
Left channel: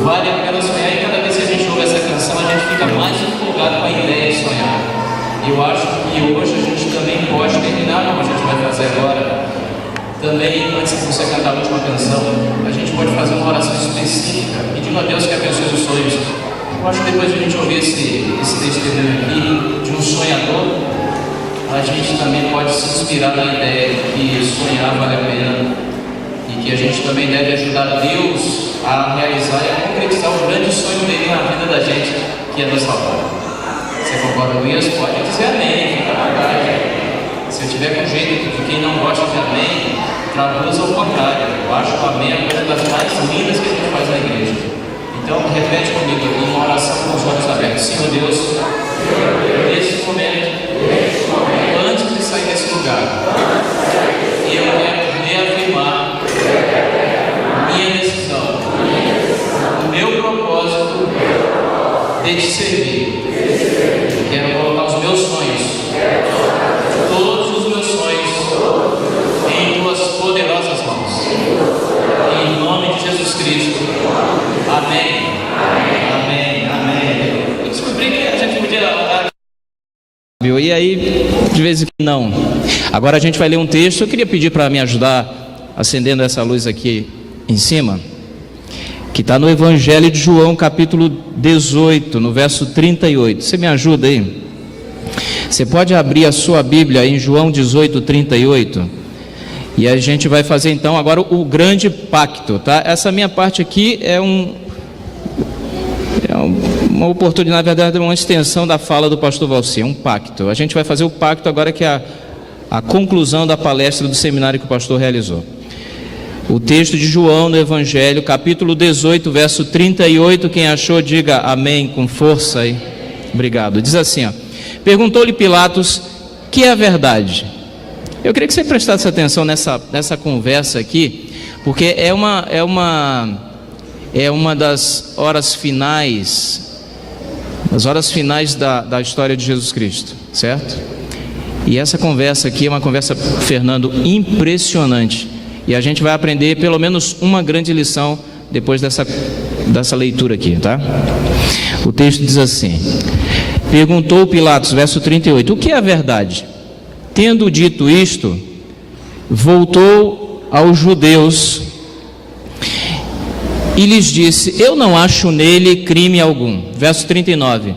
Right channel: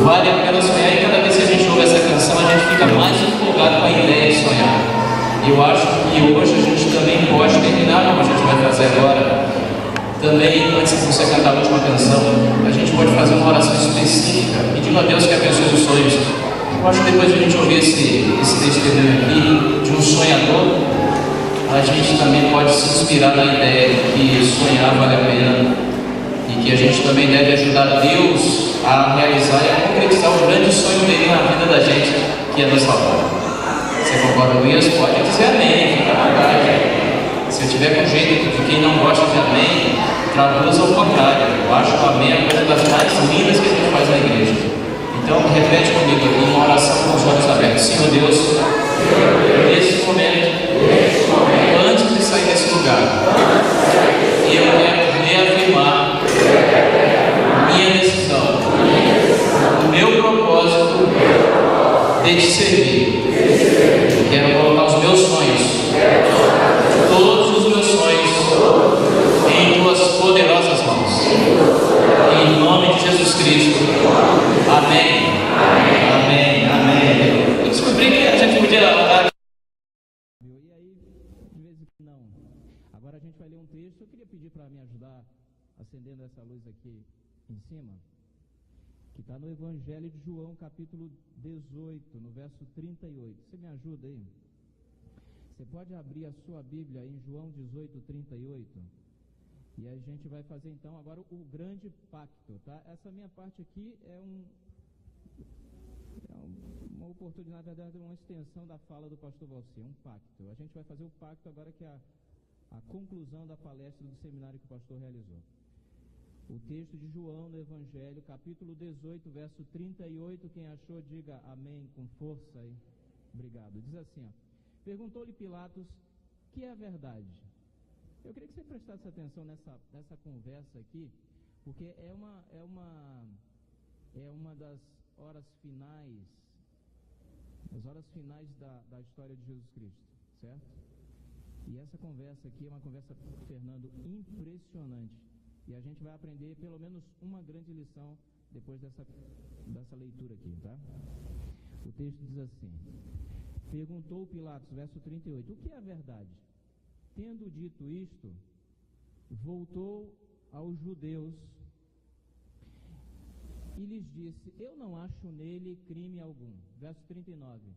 Vale a pena sonhar, e cada vez que a gente ouve essa canção, a gente fica mais empolgado com a ideia de sonhar. Eu acho que hoje a gente também pode terminar, como a gente vai fazer agora. Também, antes de você cantar a última canção, a gente pode fazer uma oração específica, pedindo a Deus que abençoe os sonhos. Eu acho que depois de a gente ouvir esse testemunho aqui, de um sonhador, a gente também pode se inspirar na ideia de que sonhar vale a pena, e que a gente também deve ajudar Deus a realizar e a concretizar o grande sonho dele na vida da gente, que é nos salvar. Você concorda com isso? Pode dizer amém, fica à vontade. Se eu tiver com jeito de quem não gosta de amém, traduza ao contrário. Eu acho que o amém é uma coisa das mais lindas que a gente faz na igreja. Então, repete comigo aqui uma oração com os olhos abertos. Senhor Deus, nesse momento, antes de sair desse lugar, eu quero reafirmar minha decisão, o meu propósito de te servir. Quero colocar os meus sonhos, todos os meus sonhos, em tuas poderosas mãos. Em nome de Jesus Cristo. Amém. Amém. Amém. Eu descobri que a gente podia orar. E aí, de vez em quando não. Agora a gente vai ler um texto. Eu queria pedir para me ajudar acendendo essa luz aqui em cima, que está no Evangelho de João, capítulo 18, no verso 38. Você me ajuda aí? Você pode abrir a sua Bíblia em João 18, 38. E a gente vai fazer então agora o grande pacto, tá? Essa minha parte aqui é uma oportunidade, na verdade, uma extensão da fala do pastor Valci, um pacto. A gente vai fazer o pacto agora, que é a conclusão da palestra do seminário que o pastor realizou. O texto de João no Evangelho, capítulo 18, verso 38, quem achou, diga amém com força aí. Obrigado. Diz assim, ó: perguntou-lhe Pilatos, que é a verdade? Eu queria que você prestasse atenção nessa conversa aqui, porque é uma das horas finais, da história de Jesus Cristo, certo? E essa conversa aqui é uma conversa, Fernando, impressionante. E a gente vai aprender pelo menos uma grande lição depois dessa leitura aqui, tá? O texto diz assim: perguntou Pilatos, verso 38, o que é a verdade? Tendo dito isto, voltou aos judeus e lhes disse: eu não acho nele crime algum. Verso 39,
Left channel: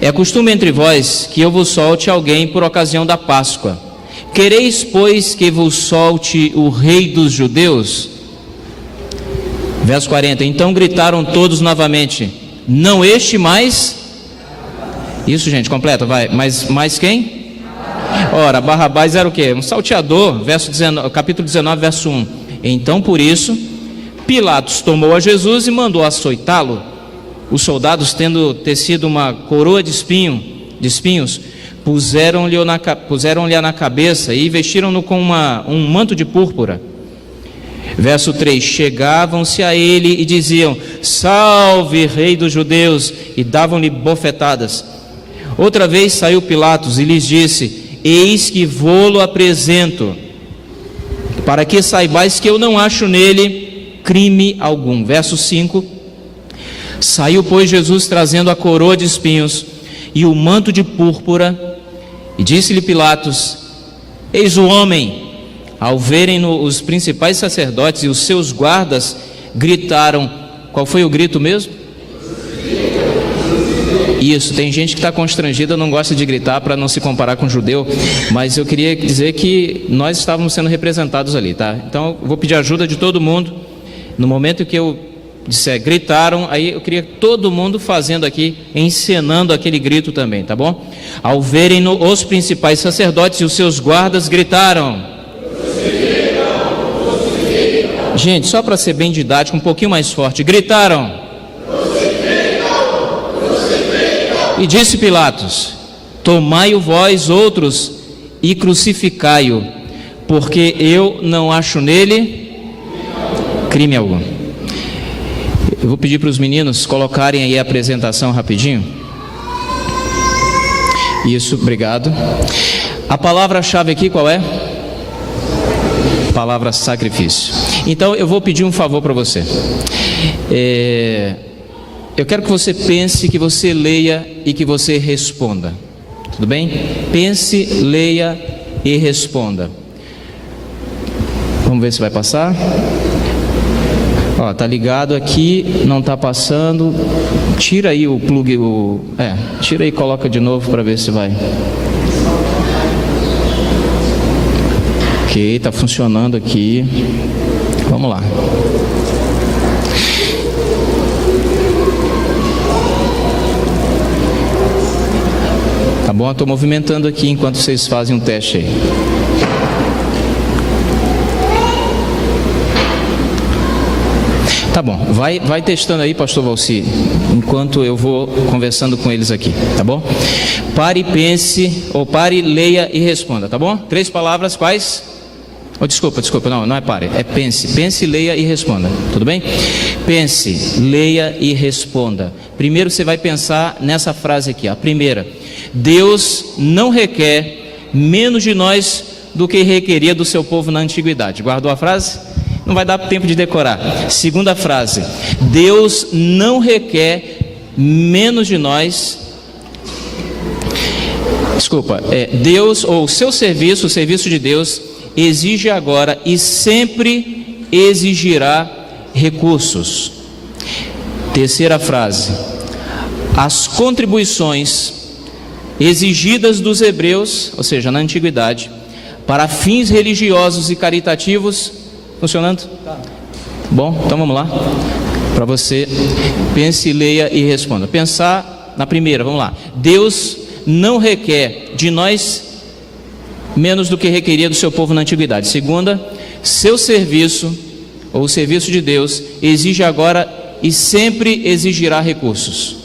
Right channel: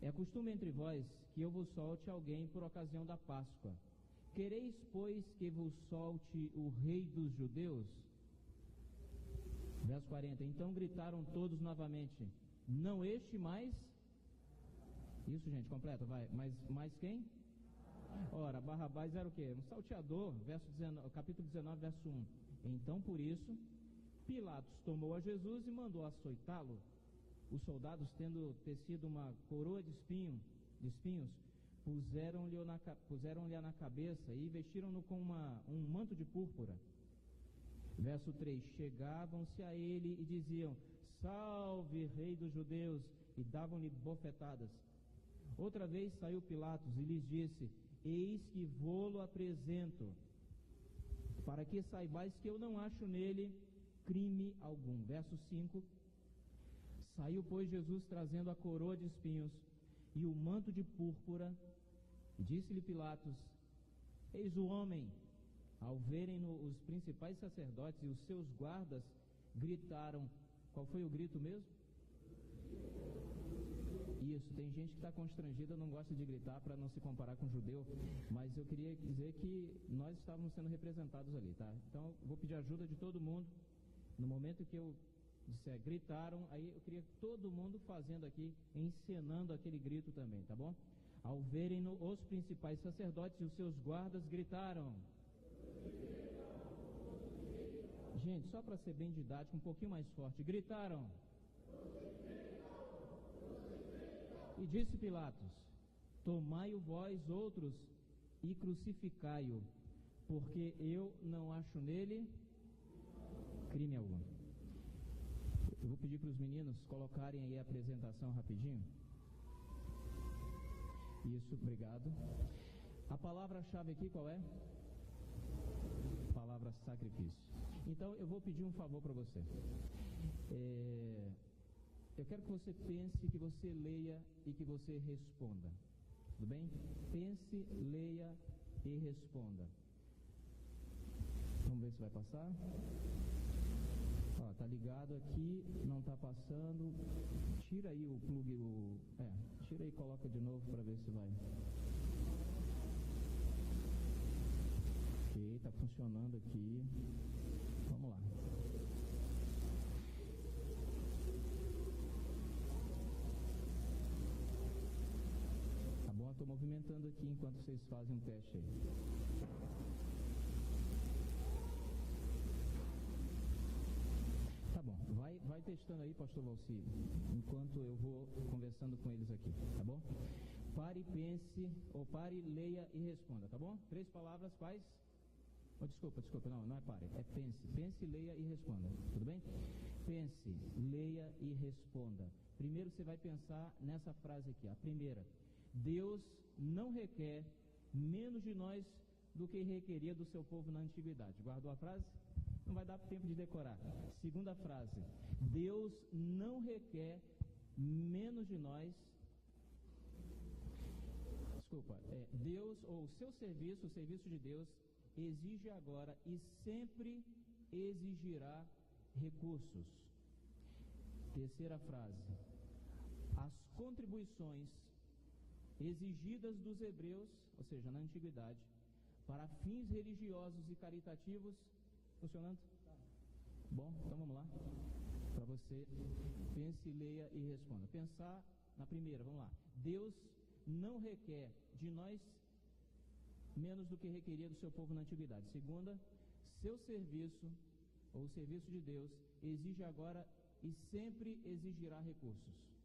é costume entre vós que eu vos solte alguém por ocasião da Páscoa. Quereis, pois, que vos solte o rei dos judeus? Verso 40, então gritaram todos novamente: não este mais? Isso, gente, completa, vai. Mas mais quem? Ora, Barrabás era o quê? Um salteador. Capítulo 19, verso 1. Então, por isso, Pilatos tomou a Jesus e mandou açoitá-lo. Os soldados, tendo tecido uma coroa de espinhos, puseram-lhe na cabeça e vestiram-no com um manto de púrpura. Verso 3, chegavam-se a ele e diziam: salve, rei dos judeus, e davam-lhe bofetadas. Outra vez saiu Pilatos e lhes disse: eis que vô-lo apresento, para que saibais que eu não acho nele crime algum. Verso 5, saiu, pois, Jesus trazendo a coroa de espinhos e o manto de púrpura, e disse-lhe Pilatos: eis o homem. Ao verem-no, os principais sacerdotes e os seus guardas gritaram. Qual foi o grito mesmo? Isso, tem gente que está constrangida, não gosta de gritar para não se comparar com o judeu, mas eu queria dizer que nós estávamos sendo representados ali, tá? Então eu vou pedir ajuda de todo mundo. No momento que eu disser gritaram, aí eu queria todo mundo fazendo aqui, encenando aquele grito também, tá bom? Ao verem-no, os principais sacerdotes e os seus guardas gritaram. Gente, só para ser bem didático, um pouquinho mais forte, gritaram. E disse Pilatos: tomai-o vós outros e crucificai-o, porque eu não acho nele crime algum. Eu vou pedir para os meninos colocarem aí a apresentação rapidinho. Isso, obrigado. A palavra-chave aqui qual é? Palavra sacrifício. Então eu vou pedir um favor para você. Eu quero que você pense, que você leia e que você responda. Tudo bem? Pense, leia e responda. Vamos ver se vai passar. Ó, tá ligado aqui, não tá passando. Tira aí o plug, tira aí e coloca de novo para ver se vai. Ok, tá funcionando aqui. Vamos lá. Tá bom? Estou movimentando aqui enquanto vocês fazem um teste aí. Tá bom, vai testando aí, pastor Valci, enquanto eu vou conversando com eles aqui, tá bom? Pare e pense, ou pare, leia e responda, tá bom? 3 palavras, quais? Oh, desculpa, não é pare, é pense. Pense, leia e responda, tudo bem? Pense, leia e responda. Primeiro você vai pensar nessa frase aqui, a primeira. Deus não requer menos de nós do que requeria do seu povo na antiguidade. Guardou a frase? Não vai dar tempo de decorar. Segunda frase. Deus não requer menos de nós. Deus, ou o seu serviço, o serviço de Deus, exige agora e sempre exigirá recursos. Terceira frase. As contribuições exigidas dos hebreus, ou seja, na antiguidade, para fins religiosos e caritativos, funcionando? Bom, então vamos lá. Para você, pense, leia e responda. Pensar na primeira, vamos lá. Deus não requer de nós menos do que requeria do seu povo na antiguidade. Segunda, seu serviço, ou o serviço de Deus, exige agora e sempre exigirá recursos.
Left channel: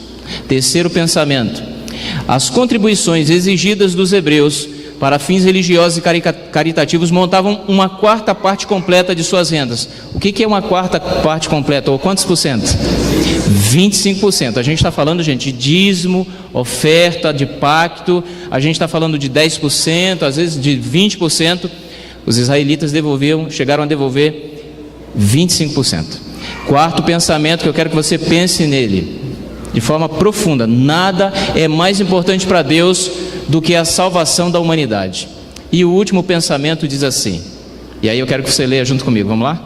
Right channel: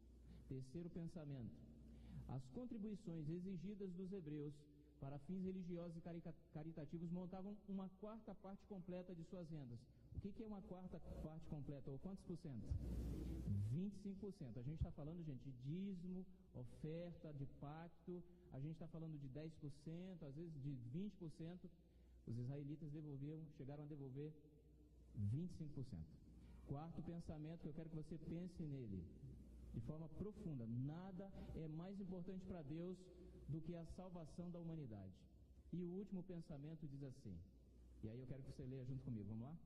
Terceiro pensamento. As contribuições exigidas dos hebreus para fins religiosos e caritativos montavam uma quarta parte completa de suas rendas. O que é uma quarta parte completa? Ou quantos por cento? 25%. A gente está falando, gente, de dízimo, oferta, de pacto. A gente está falando de 10%, às vezes de 20%. Os israelitas chegaram a devolver 25%. Quarto pensamento que eu quero que você pense nele, de forma profunda. Nada é mais importante para Deus do que a salvação da humanidade. E o último pensamento diz assim, e aí eu quero que você leia junto comigo, vamos lá?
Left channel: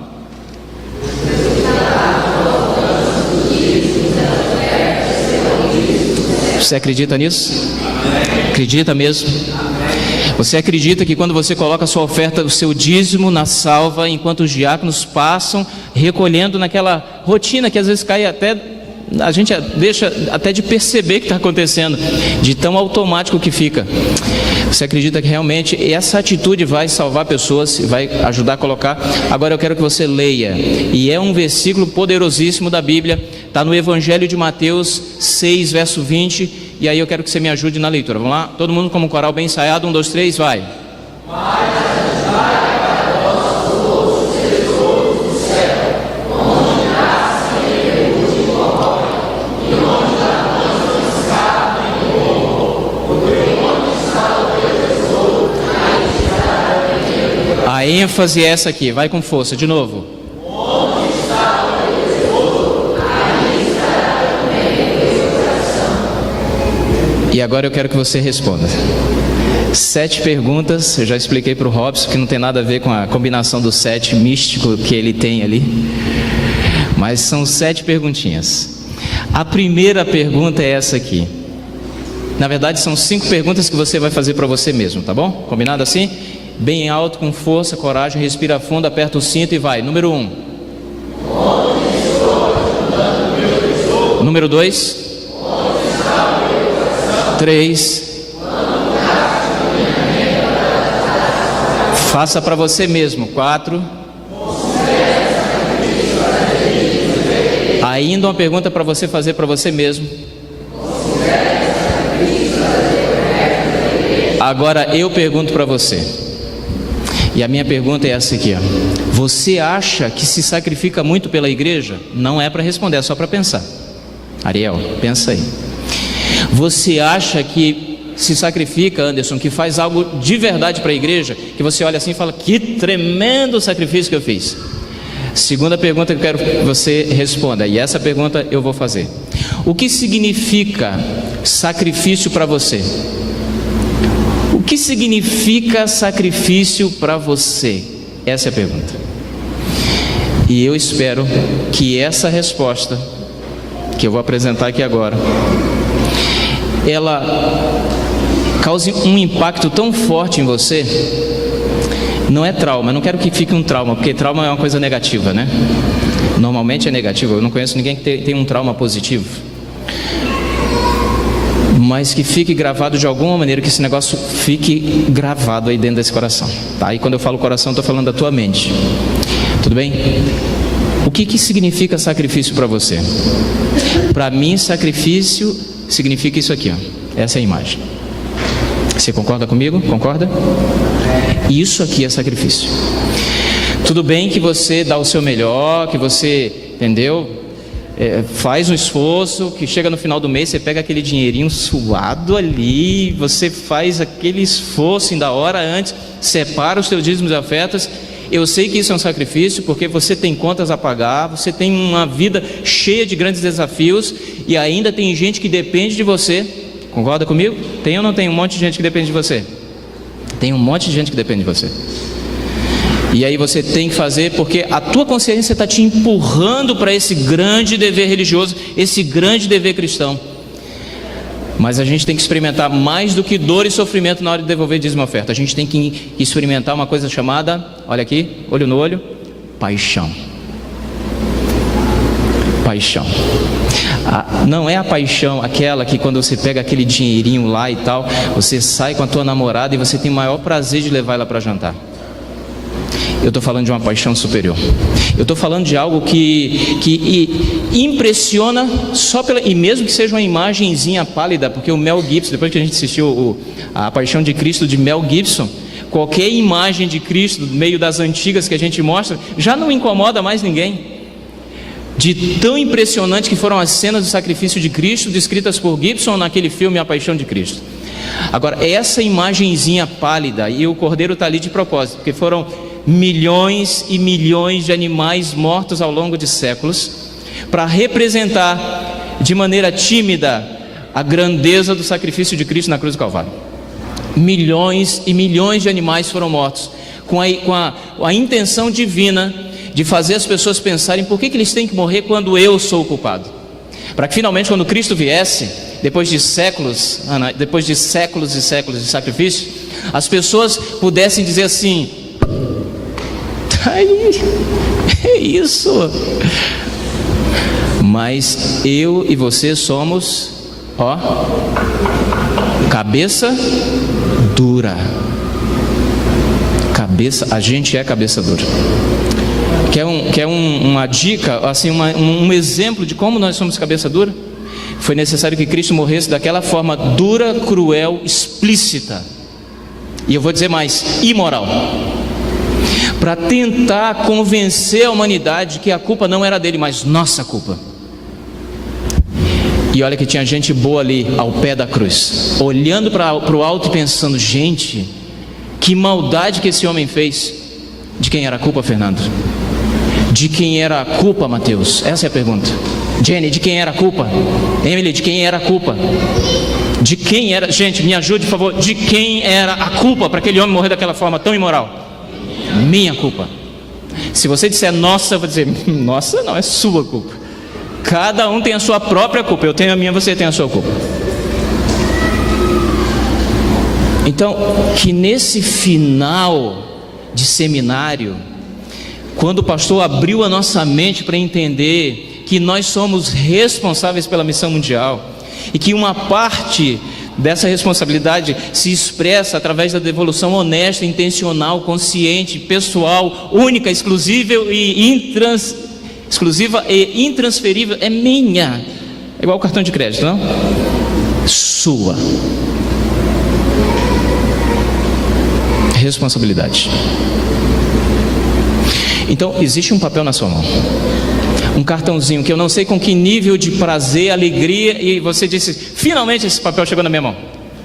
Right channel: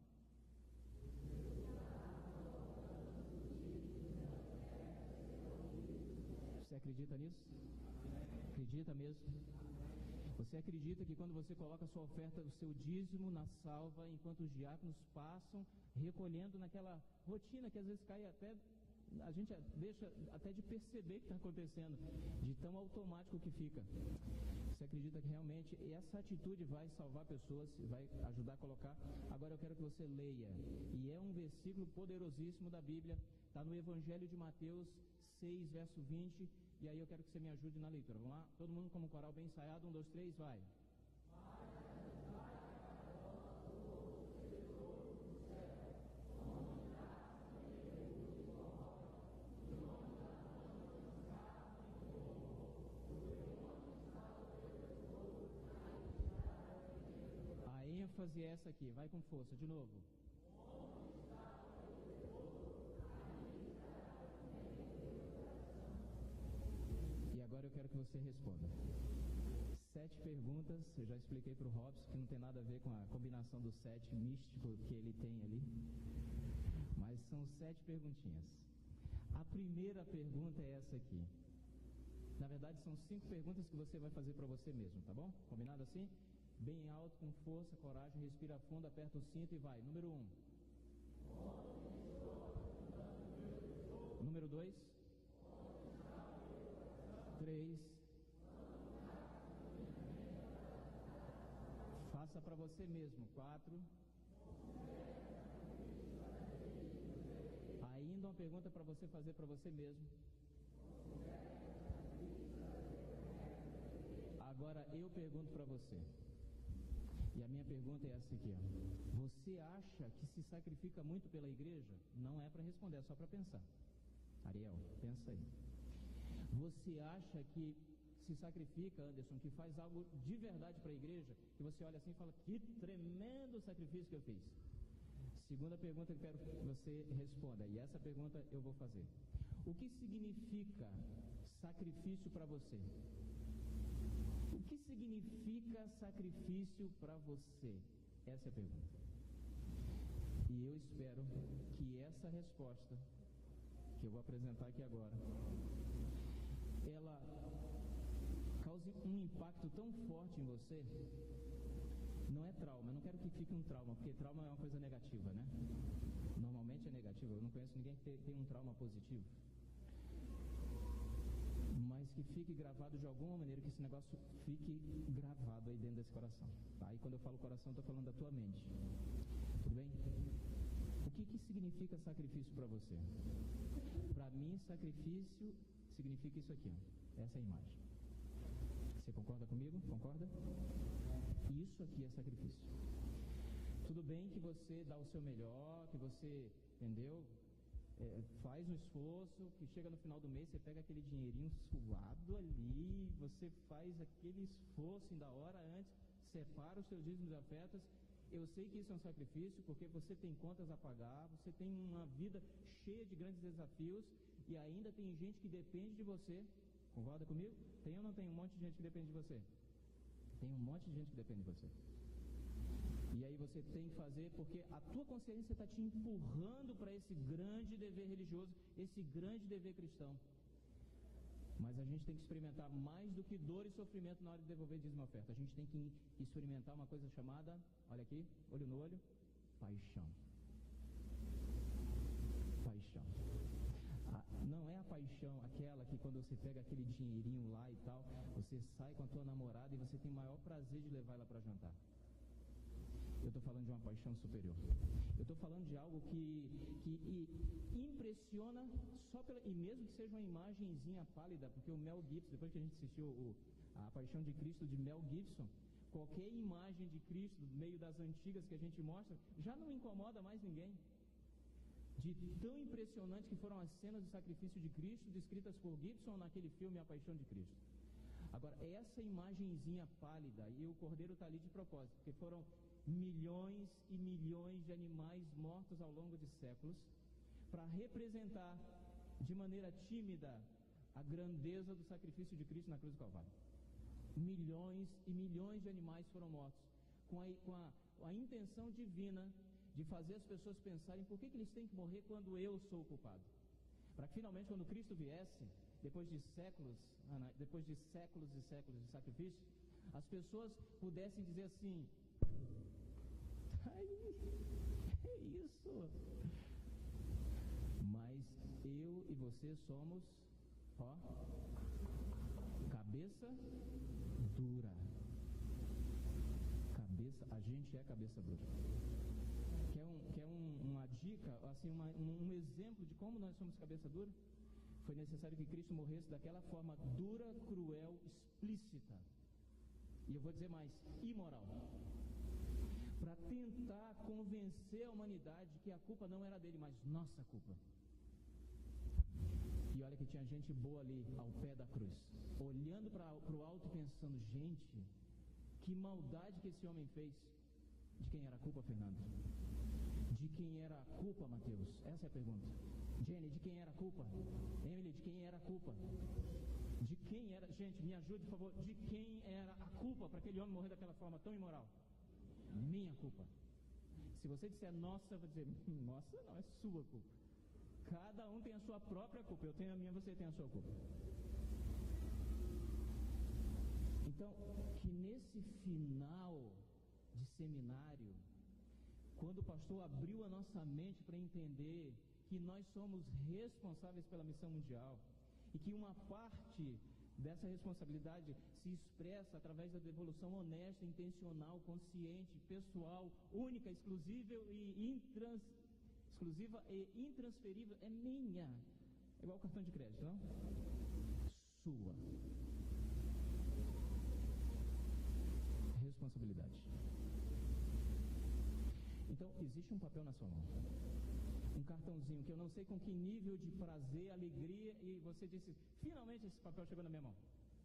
Você acredita nisso? Acredita mesmo? Você acredita que quando você coloca a sua oferta, o seu dízimo na salva, enquanto os diáconos passam recolhendo naquela rotina que às vezes cai até... A gente deixa até de perceber o que está acontecendo, de tão automático que fica. Você acredita que realmente essa atitude vai salvar pessoas, vai ajudar a colocar? Agora eu quero que você leia, e é um versículo poderosíssimo da Bíblia, está no Evangelho de Mateus 6, verso 20, e aí eu quero que você me ajude na leitura. Vamos lá? Todo mundo como um coral bem ensaiado, 1, 2, 3, vai. A ênfase é essa aqui, vai com força, de novo. E agora eu quero que você responda. 7 perguntas, eu já expliquei para o Robson que não tem nada a ver com a combinação do 7 místico que ele tem ali. Mas são 7 perguntinhas. A primeira pergunta é essa aqui. Na verdade são 5 perguntas que você vai fazer para você mesmo, tá bom? Combinado assim? Bem alto, com força, coragem, respira fundo, aperta o cinto e vai. Número 1. Número 2. 3. Faça para você mesmo. 4. Ainda uma pergunta para você fazer para você mesmo. Agora eu pergunto para você. E a minha pergunta é essa aqui, ó. Você acha que se sacrifica muito pela igreja? Não é para responder, é só para pensar. Ariel, pensa aí. Você acha que se sacrifica, Anderson, que faz algo de verdade para a igreja, que você olha assim e fala: que tremendo sacrifício que eu fiz. Segunda pergunta que eu quero que você responda, e essa pergunta eu vou fazer: o que significa sacrifício para você? O que significa sacrifício para você? Essa é a pergunta. E eu espero que essa resposta que eu vou apresentar aqui agora, ela cause um impacto tão forte em você. Não é trauma, eu não quero que fique um trauma, porque trauma é uma coisa negativa, né? Normalmente é negativo, eu não conheço ninguém que tem um trauma positivo. Mas que fique gravado de alguma maneira, que esse negócio fique gravado aí dentro desse coração, tá? E quando eu falo coração, estou falando da tua mente. Tudo bem? O que significa sacrifício para você? Para mim, sacrifício significa isso aqui, ó. Essa é a imagem. Você concorda comigo? Concorda? Isso aqui é sacrifício. Tudo bem que você dá o seu melhor, que você, entendeu? Faz um esforço, que chega no final do mês, você pega aquele dinheirinho suado ali, você faz aquele esforço ainda hora antes, separa os seus dízimos e ofertas. Eu sei que isso é um sacrifício, porque você tem contas a pagar, você tem uma vida cheia de grandes desafios, e ainda tem gente que depende de você. Concorda comigo? Tem ou não tem um monte de gente que depende de você? Tem um monte de gente que depende de você. E aí você tem que fazer, porque a tua consciência está te empurrando para esse grande dever religioso, esse grande dever cristão. Mas a gente tem que experimentar mais do que dor e sofrimento na hora de devolver dízimo e oferta. A gente tem que experimentar uma coisa chamada, olha aqui, olho no olho, paixão. Paixão. Não é a paixão aquela que quando você pega aquele dinheirinho lá e tal, você sai com a tua namorada e você tem o maior prazer de levar ela para jantar. Eu estou falando de uma paixão superior. Eu estou falando de algo que impressiona só pela... E mesmo que seja uma imagenzinha pálida, porque o Mel Gibson, depois que a gente assistiu a Paixão de Cristo de Mel Gibson, qualquer imagem de Cristo, no meio das antigas que a gente mostra, já não incomoda mais ninguém. De tão impressionante que foram as cenas do sacrifício de Cristo, descritas por Gibson naquele filme A Paixão de Cristo. Agora, essa imagenzinha pálida, e o cordeiro está ali de propósito, porque foram milhões e milhões de animais mortos ao longo de séculos, para representar de maneira tímida a grandeza do sacrifício de Cristo na cruz do Calvário. Milhões e milhões de animais foram mortos, com a intenção divina de fazer as pessoas pensarem: por que eles têm que morrer quando eu sou o culpado? Para que finalmente, quando Cristo viesse, depois de séculos e séculos de sacrifício, as pessoas pudessem dizer assim: aí, é isso. Mas eu e você somos, cabeça dura. A gente é cabeça dura. Quer uma dica, assim, um exemplo de como nós somos cabeça dura? Foi necessário que Cristo morresse daquela forma dura, cruel, explícita. E eu vou dizer mais, imoral. Para tentar convencer a humanidade que a culpa não era dele, mas nossa culpa. E olha que tinha gente boa ali ao pé da cruz, olhando para o alto e pensando: gente, que maldade que esse homem fez. De quem era a culpa, Fernando? De quem era a culpa, Mateus? Essa é a pergunta. Jenny, de quem era a culpa? Emily, de quem era a culpa? De quem era? Gente, me ajude, por favor. De quem era a culpa para aquele homem morrer daquela forma tão imoral? Minha culpa. Se você disser nossa, eu vou dizer: nossa, não, é sua culpa. Cada um tem a sua própria culpa. Eu tenho a minha, você tem a sua culpa. Então, que nesse final de seminário, quando o pastor abriu a nossa mente para entender que nós somos responsáveis pela missão mundial, e que uma parte dessa responsabilidade se expressa através da devolução honesta, intencional, consciente, pessoal, única, exclusiva e intransferível, é minha. É igual o cartão de crédito, não? Sua. Responsabilidade. Então, existe um papel na sua mão, um cartãozinho que eu não sei com que nível de prazer, alegria, e você disse: finalmente esse papel chegou na minha mão.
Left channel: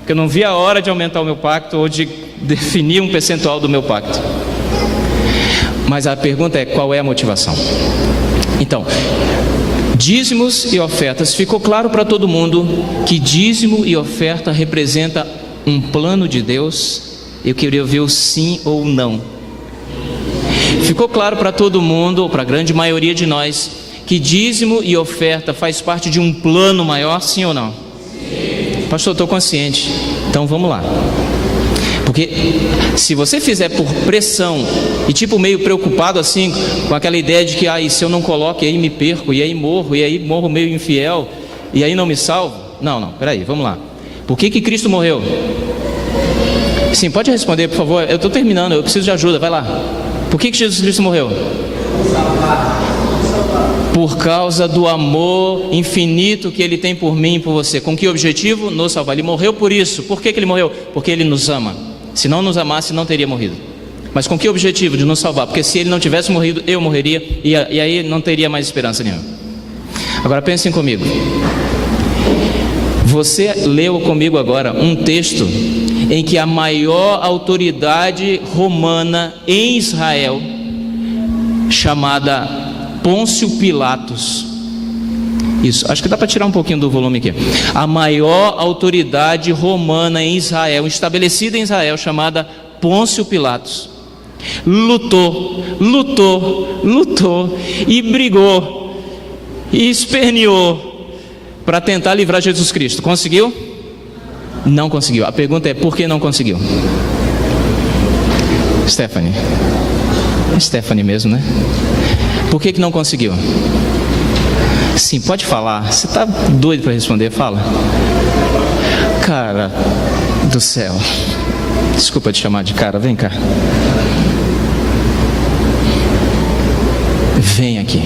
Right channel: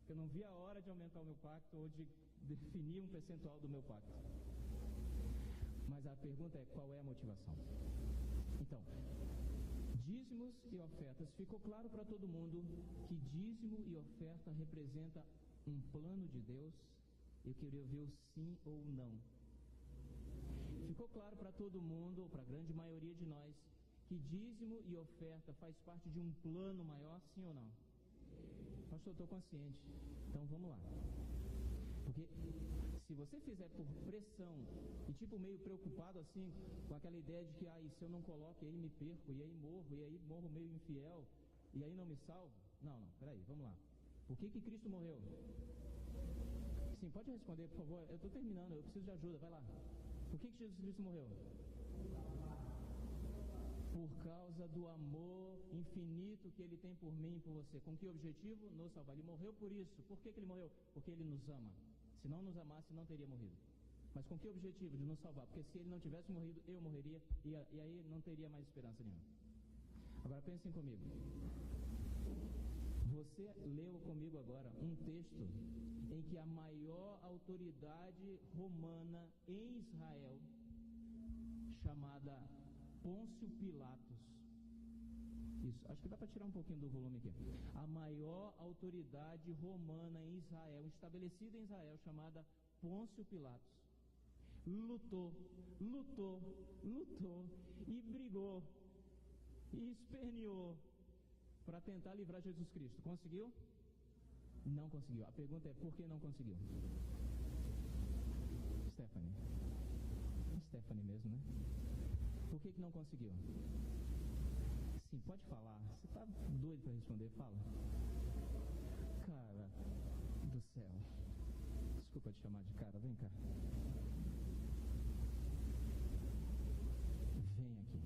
porque eu não vi a hora de aumentar o meu pacto ou de definir um percentual do meu pacto. Mas a pergunta é: qual é a motivação? Então, dízimos e ofertas. Ficou claro para todo mundo que dízimo e oferta representa um plano de Deus? Eu queria ouvir o sim ou não. Ficou claro para todo mundo, ou para a grande maioria de nós, que dízimo e oferta faz parte de um plano maior, sim ou não? Sim. Pastor, eu estou consciente. Então vamos lá. Porque se você fizer por pressão e tipo meio preocupado assim, com aquela ideia de que e se eu não coloco, e aí me perco, e aí morro meio infiel, e aí não me salvo. Não, peraí, vamos lá. Por que Cristo morreu? Sim, pode responder, por favor. Eu estou terminando, eu preciso de ajuda, vai lá. Por que Jesus Cristo morreu? Por causa do amor infinito que Ele tem por mim e por você. Com que objetivo? Nos salvar. Ele morreu por isso. Por que Ele morreu? Porque Ele nos ama. Se não nos amasse, não teria morrido. Mas com que objetivo? De nos salvar. Porque se Ele não tivesse morrido, eu morreria, e aí não teria mais esperança nenhuma. Agora pensem comigo. Você leu comigo agora um texto em que a maior autoridade romana em Israel, chamada Pôncio Pilatos, isso, acho que dá para tirar um pouquinho do volume aqui. A maior autoridade romana em Israel, estabelecida em Israel, chamada Pôncio Pilatos, lutou e brigou e esperneou para tentar livrar Jesus Cristo. Conseguiu? Não conseguiu. A pergunta é: por que não conseguiu? Stephanie. É Stephanie mesmo, né? Por que não conseguiu? Sim, pode falar. Você está doido para responder? Fala. Cara do céu. Desculpa te chamar de cara. Vem cá. Vem aqui.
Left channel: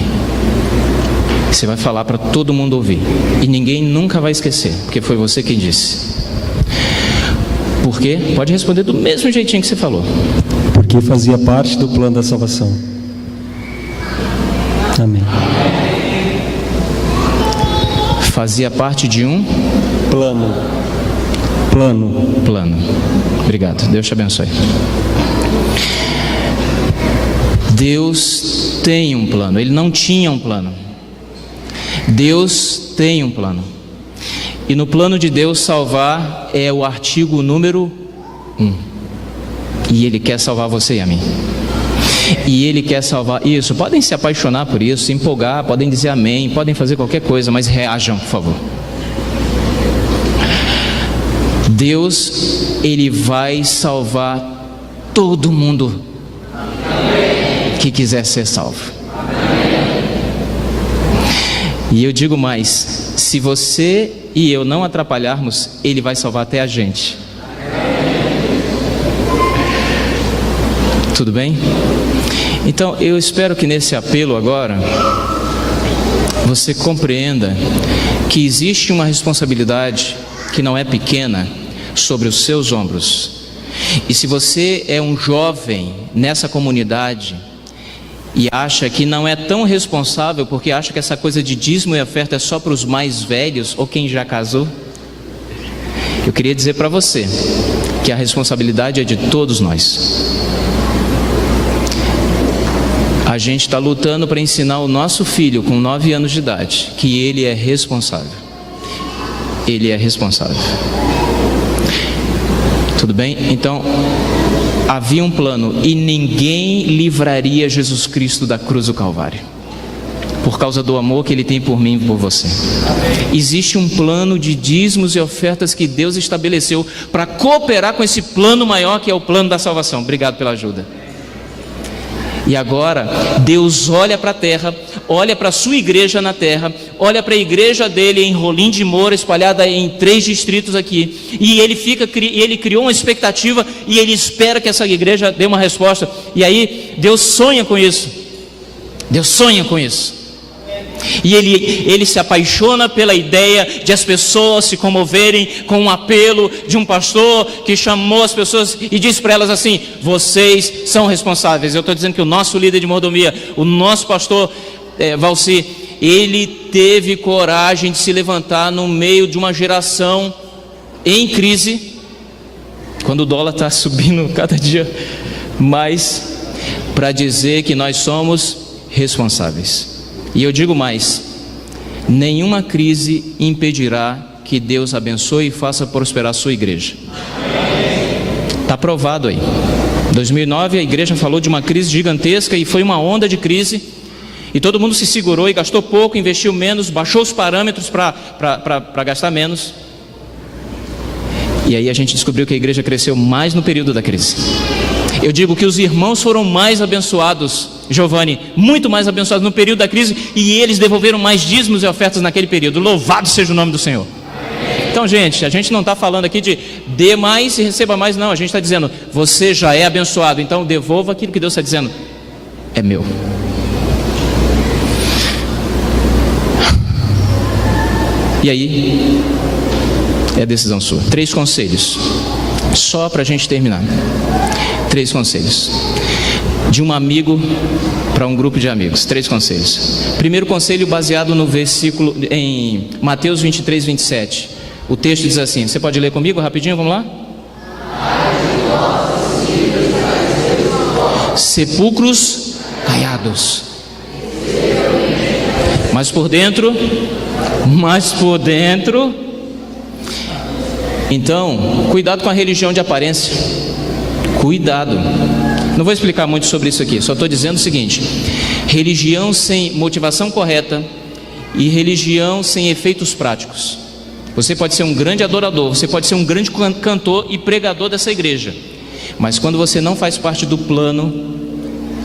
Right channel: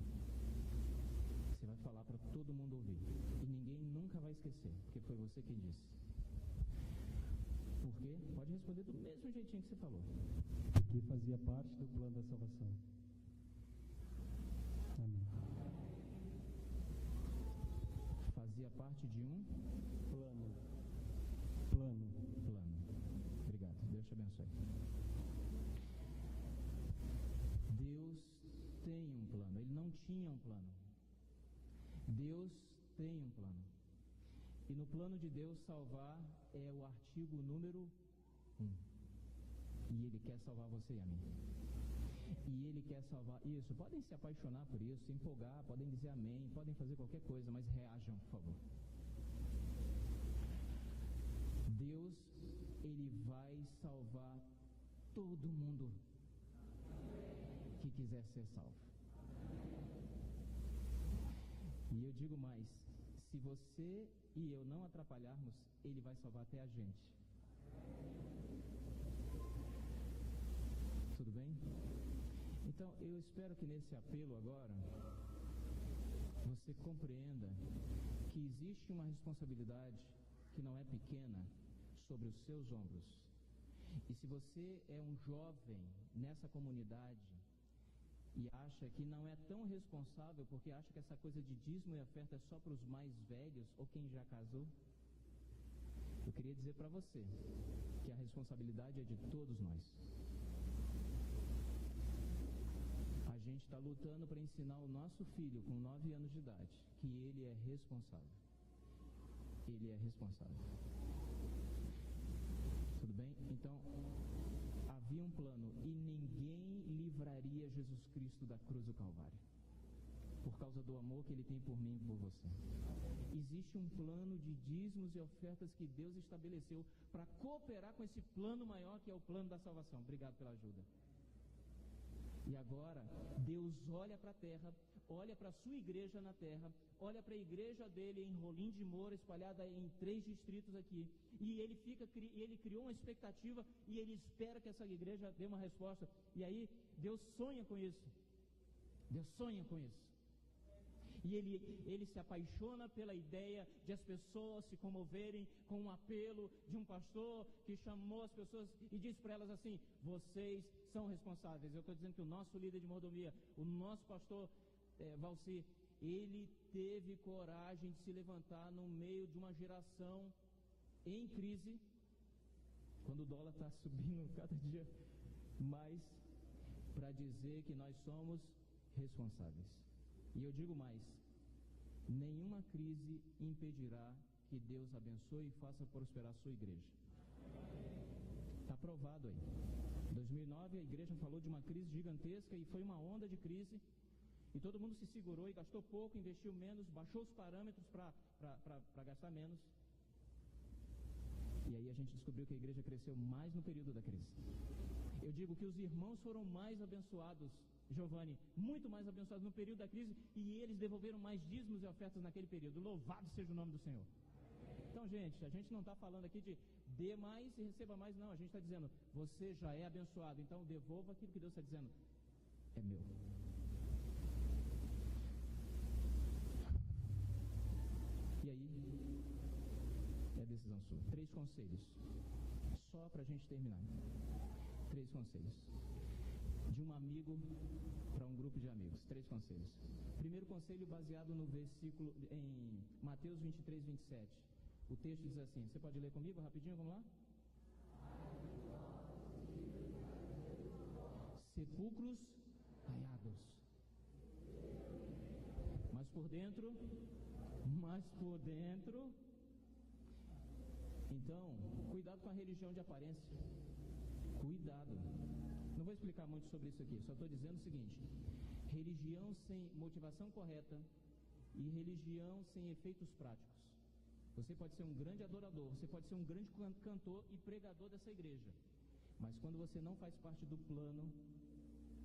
Você vai falar para todo mundo ouvir. E ninguém nunca vai esquecer, porque foi você quem disse. Por quê? Pode responder do mesmo jeitinho que você falou. Porque fazia parte do plano da salvação. Amém. Fazia parte de um plano. Obrigado. Deus te abençoe. Deus tem um plano. Ele não tinha um plano. Deus tem um plano. E no plano de Deus, salvar é o artigo número 1. E Ele quer salvar você e a mim. E Ele quer salvar isso. Podem se apaixonar por isso, se empolgar, podem dizer amém, podem fazer qualquer coisa, mas reajam, por favor. Deus, Ele vai salvar todo mundo que quiser ser salvo. E eu digo mais: se você e eu não atrapalharmos, Ele vai salvar até a gente. Tudo bem? Então eu espero que nesse apelo agora você compreenda que existe uma responsabilidade que não é pequena sobre os seus ombros. E se você é um jovem nessa comunidade e acha que não é tão responsável, porque acha que essa coisa de dízimo e oferta é só para os mais velhos ou quem já casou, eu queria dizer para você que a responsabilidade é de todos nós. A gente está lutando para ensinar o nosso filho com 9 anos de idade que ele é responsável. Ele é responsável. Tudo bem? Então, havia um plano e ninguém livraria Jesus Cristo da cruz do Calvário, por causa do amor que Ele tem por mim e por você. Existe um plano de dízimos e ofertas que Deus estabeleceu para cooperar com esse plano maior, que é o plano da salvação. Obrigado pela ajuda. E agora Deus olha para a terra, olha para a sua igreja na terra, olha para a igreja dele em Rolim de Moura, espalhada em 3 distritos aqui, e ele criou uma expectativa e ele espera que essa igreja dê uma resposta. E aí Deus sonha com isso. Deus sonha com isso. E ele se apaixona pela ideia de as pessoas se comoverem com um apelo de um pastor que chamou as pessoas e disse para elas assim: vocês são responsáveis. Eu estou dizendo que o nosso líder de mordomia, o nosso pastor Valci, ele teve coragem de se levantar no meio de uma geração em crise, quando o dólar está subindo cada dia mais, para dizer que nós somos responsáveis. E eu digo mais: nenhuma crise impedirá que Deus abençoe e faça prosperar a sua igreja. Está provado aí. Em 2009 a igreja falou de uma crise gigantesca e foi uma onda de crise, e todo mundo se segurou e gastou pouco, investiu menos, baixou os parâmetros para gastar menos. E aí a gente descobriu que a igreja cresceu mais no período da crise. Eu digo que os irmãos foram mais abençoados, Giovanni, muito mais abençoados no período da crise, e eles devolveram mais dízimos e ofertas naquele período. Louvado seja o nome do Senhor. Então, gente, a gente não está falando aqui de dê mais e receba mais, não. A gente está dizendo, você já é abençoado, então devolva aquilo que Deus está dizendo. É meu. E aí, é decisão sua. 3 conselhos, só para a gente terminar. 3 conselhos. De um amigo para um grupo de amigos. 3 conselhos. Primeiro conselho baseado no versículo em Mateus 23, 27. O texto diz assim, você pode ler comigo rapidinho, vamos lá? Sepulcros caiados, mas por dentro. Então, cuidado com a religião de aparência. Cuidado. Não vou explicar muito sobre isso aqui, só estou dizendo o seguinte: religião sem motivação correta e religião sem efeitos práticos. Você pode ser um grande adorador, você pode ser um grande cantor e pregador dessa igreja, mas quando você não faz parte do plano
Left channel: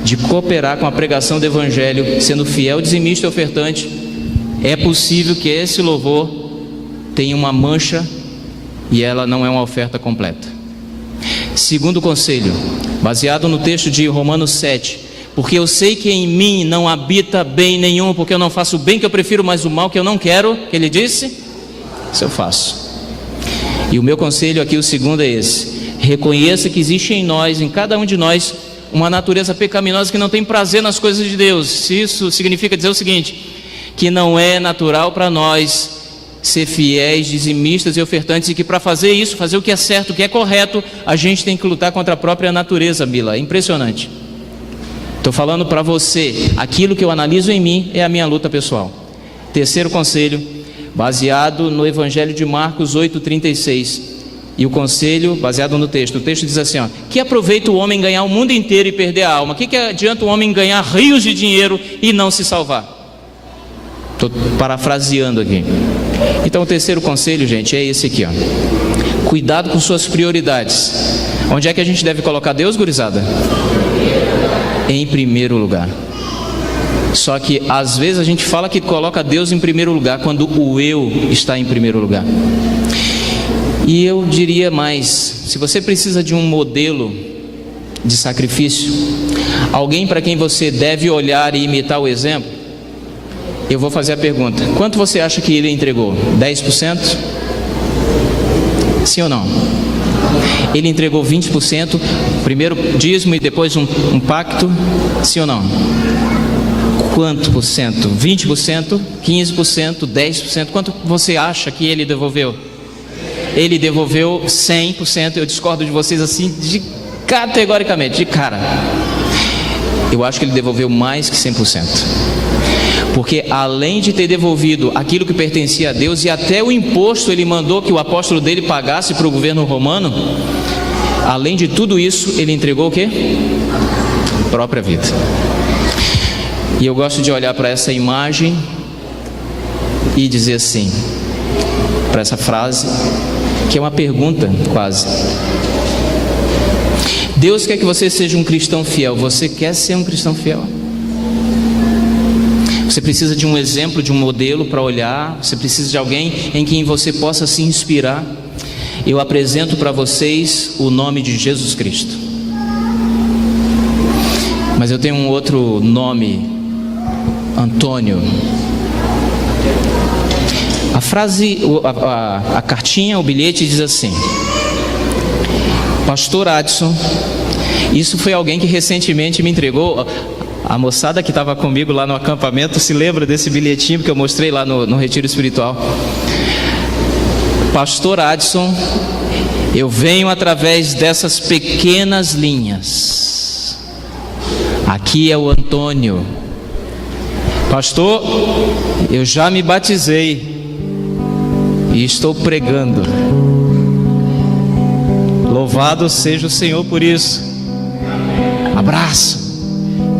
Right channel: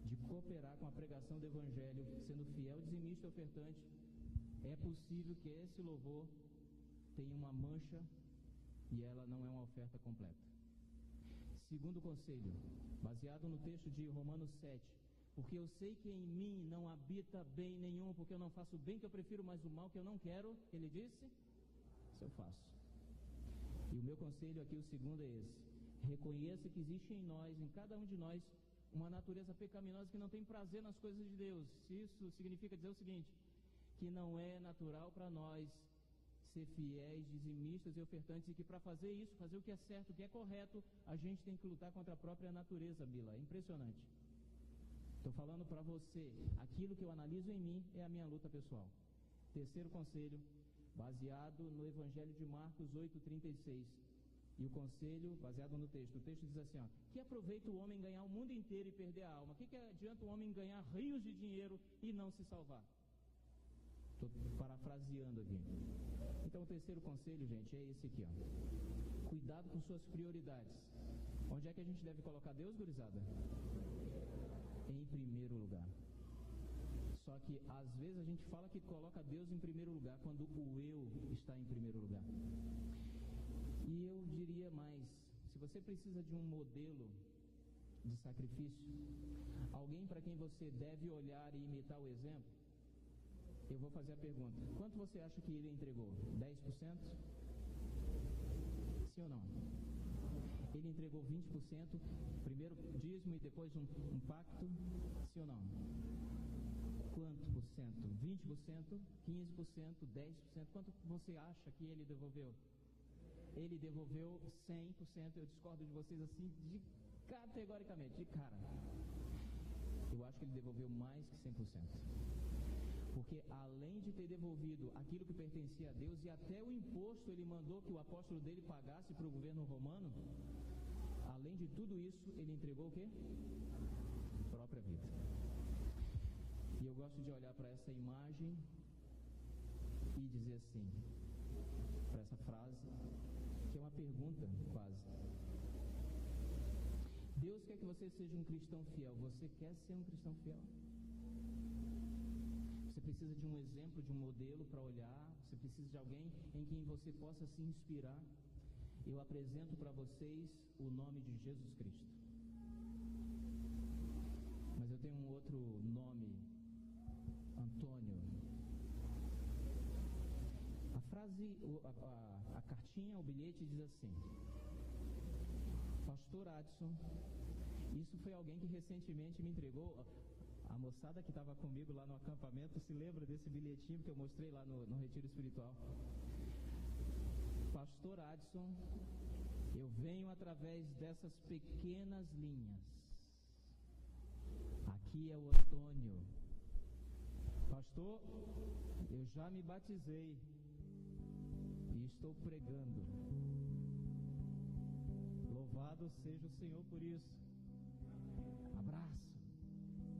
de cooperar com a pregação do evangelho, sendo fiel, dizimista e ofertante, é possível que esse louvor tenha uma mancha e ela não é uma oferta completa. Segundo conselho, baseado no texto de Romanos 7, porque eu sei que em mim não habita bem nenhum, porque eu não faço o bem que eu prefiro, mas o mal que eu não quero, que ele disse, isso eu faço. E o meu conselho aqui, o segundo é esse: reconheça que existe em nós, em cada um de nós, uma natureza pecaminosa que não tem prazer nas coisas de Deus. Isso significa dizer o seguinte: que não é natural para nós ser fiéis, dizimistas e ofertantes, e que para fazer isso, fazer o que é certo, o que é correto, a gente tem que lutar contra a própria natureza, Bila. É impressionante. Estou falando para você, aquilo que eu analiso em mim é a minha luta pessoal. Terceiro conselho, baseado no Evangelho de Marcos 8,36. E o conselho baseado no texto. O texto diz assim, ó: que aproveita o homem ganhar o mundo inteiro e perder a alma? Que adianta o homem ganhar rios de dinheiro e não se salvar? Estou parafraseando aqui. Então o terceiro conselho, gente, é esse aqui, ó: cuidado com suas prioridades. Onde é que a gente deve colocar Deus, gurizada? Em primeiro lugar. Só que às vezes a gente fala que coloca Deus em primeiro lugar quando o eu está em primeiro lugar. E eu diria mais: se você precisa de um modelo de sacrifício, alguém para quem você deve olhar e imitar o exemplo, eu vou fazer a pergunta: quanto você acha que ele entregou? 10%? Sim ou não? Ele entregou 20%, primeiro dízimo e depois um pacto? Sim ou não? Quanto por cento? 20%? 15%? 10%? Quanto você acha que ele devolveu? Ele devolveu 100%. Eu discordo de vocês assim, categoricamente, de cara. Eu acho que ele devolveu mais que 100%. Porque além de ter devolvido aquilo que pertencia a Deus, e até o imposto ele mandou que o apóstolo dele pagasse para o governo romano, além de tudo isso, ele entregou o quê? A própria vida. E eu gosto de olhar para essa imagem e dizer assim, para essa frase, que é uma pergunta quase: Deus quer que você seja um cristão fiel. Você quer ser um cristão fiel? Você precisa de um exemplo, de um modelo para olhar. Você precisa de alguém em quem você possa se inspirar. Eu apresento para vocês o nome de Jesus Cristo. Mas eu tenho um outro nome: Antônio. A frase, a cartinha, o bilhete diz assim: Pastor Adson. Isso foi alguém que recentemente me entregou. A moçada que estava comigo lá no acampamento se lembra desse bilhetinho que eu mostrei lá no retiro espiritual. Pastor Adson Eu venho através dessas pequenas linhas. Aqui é o Antônio. Pastor, eu já me batizei e estou pregando. Louvado seja o Senhor por isso. Abraço.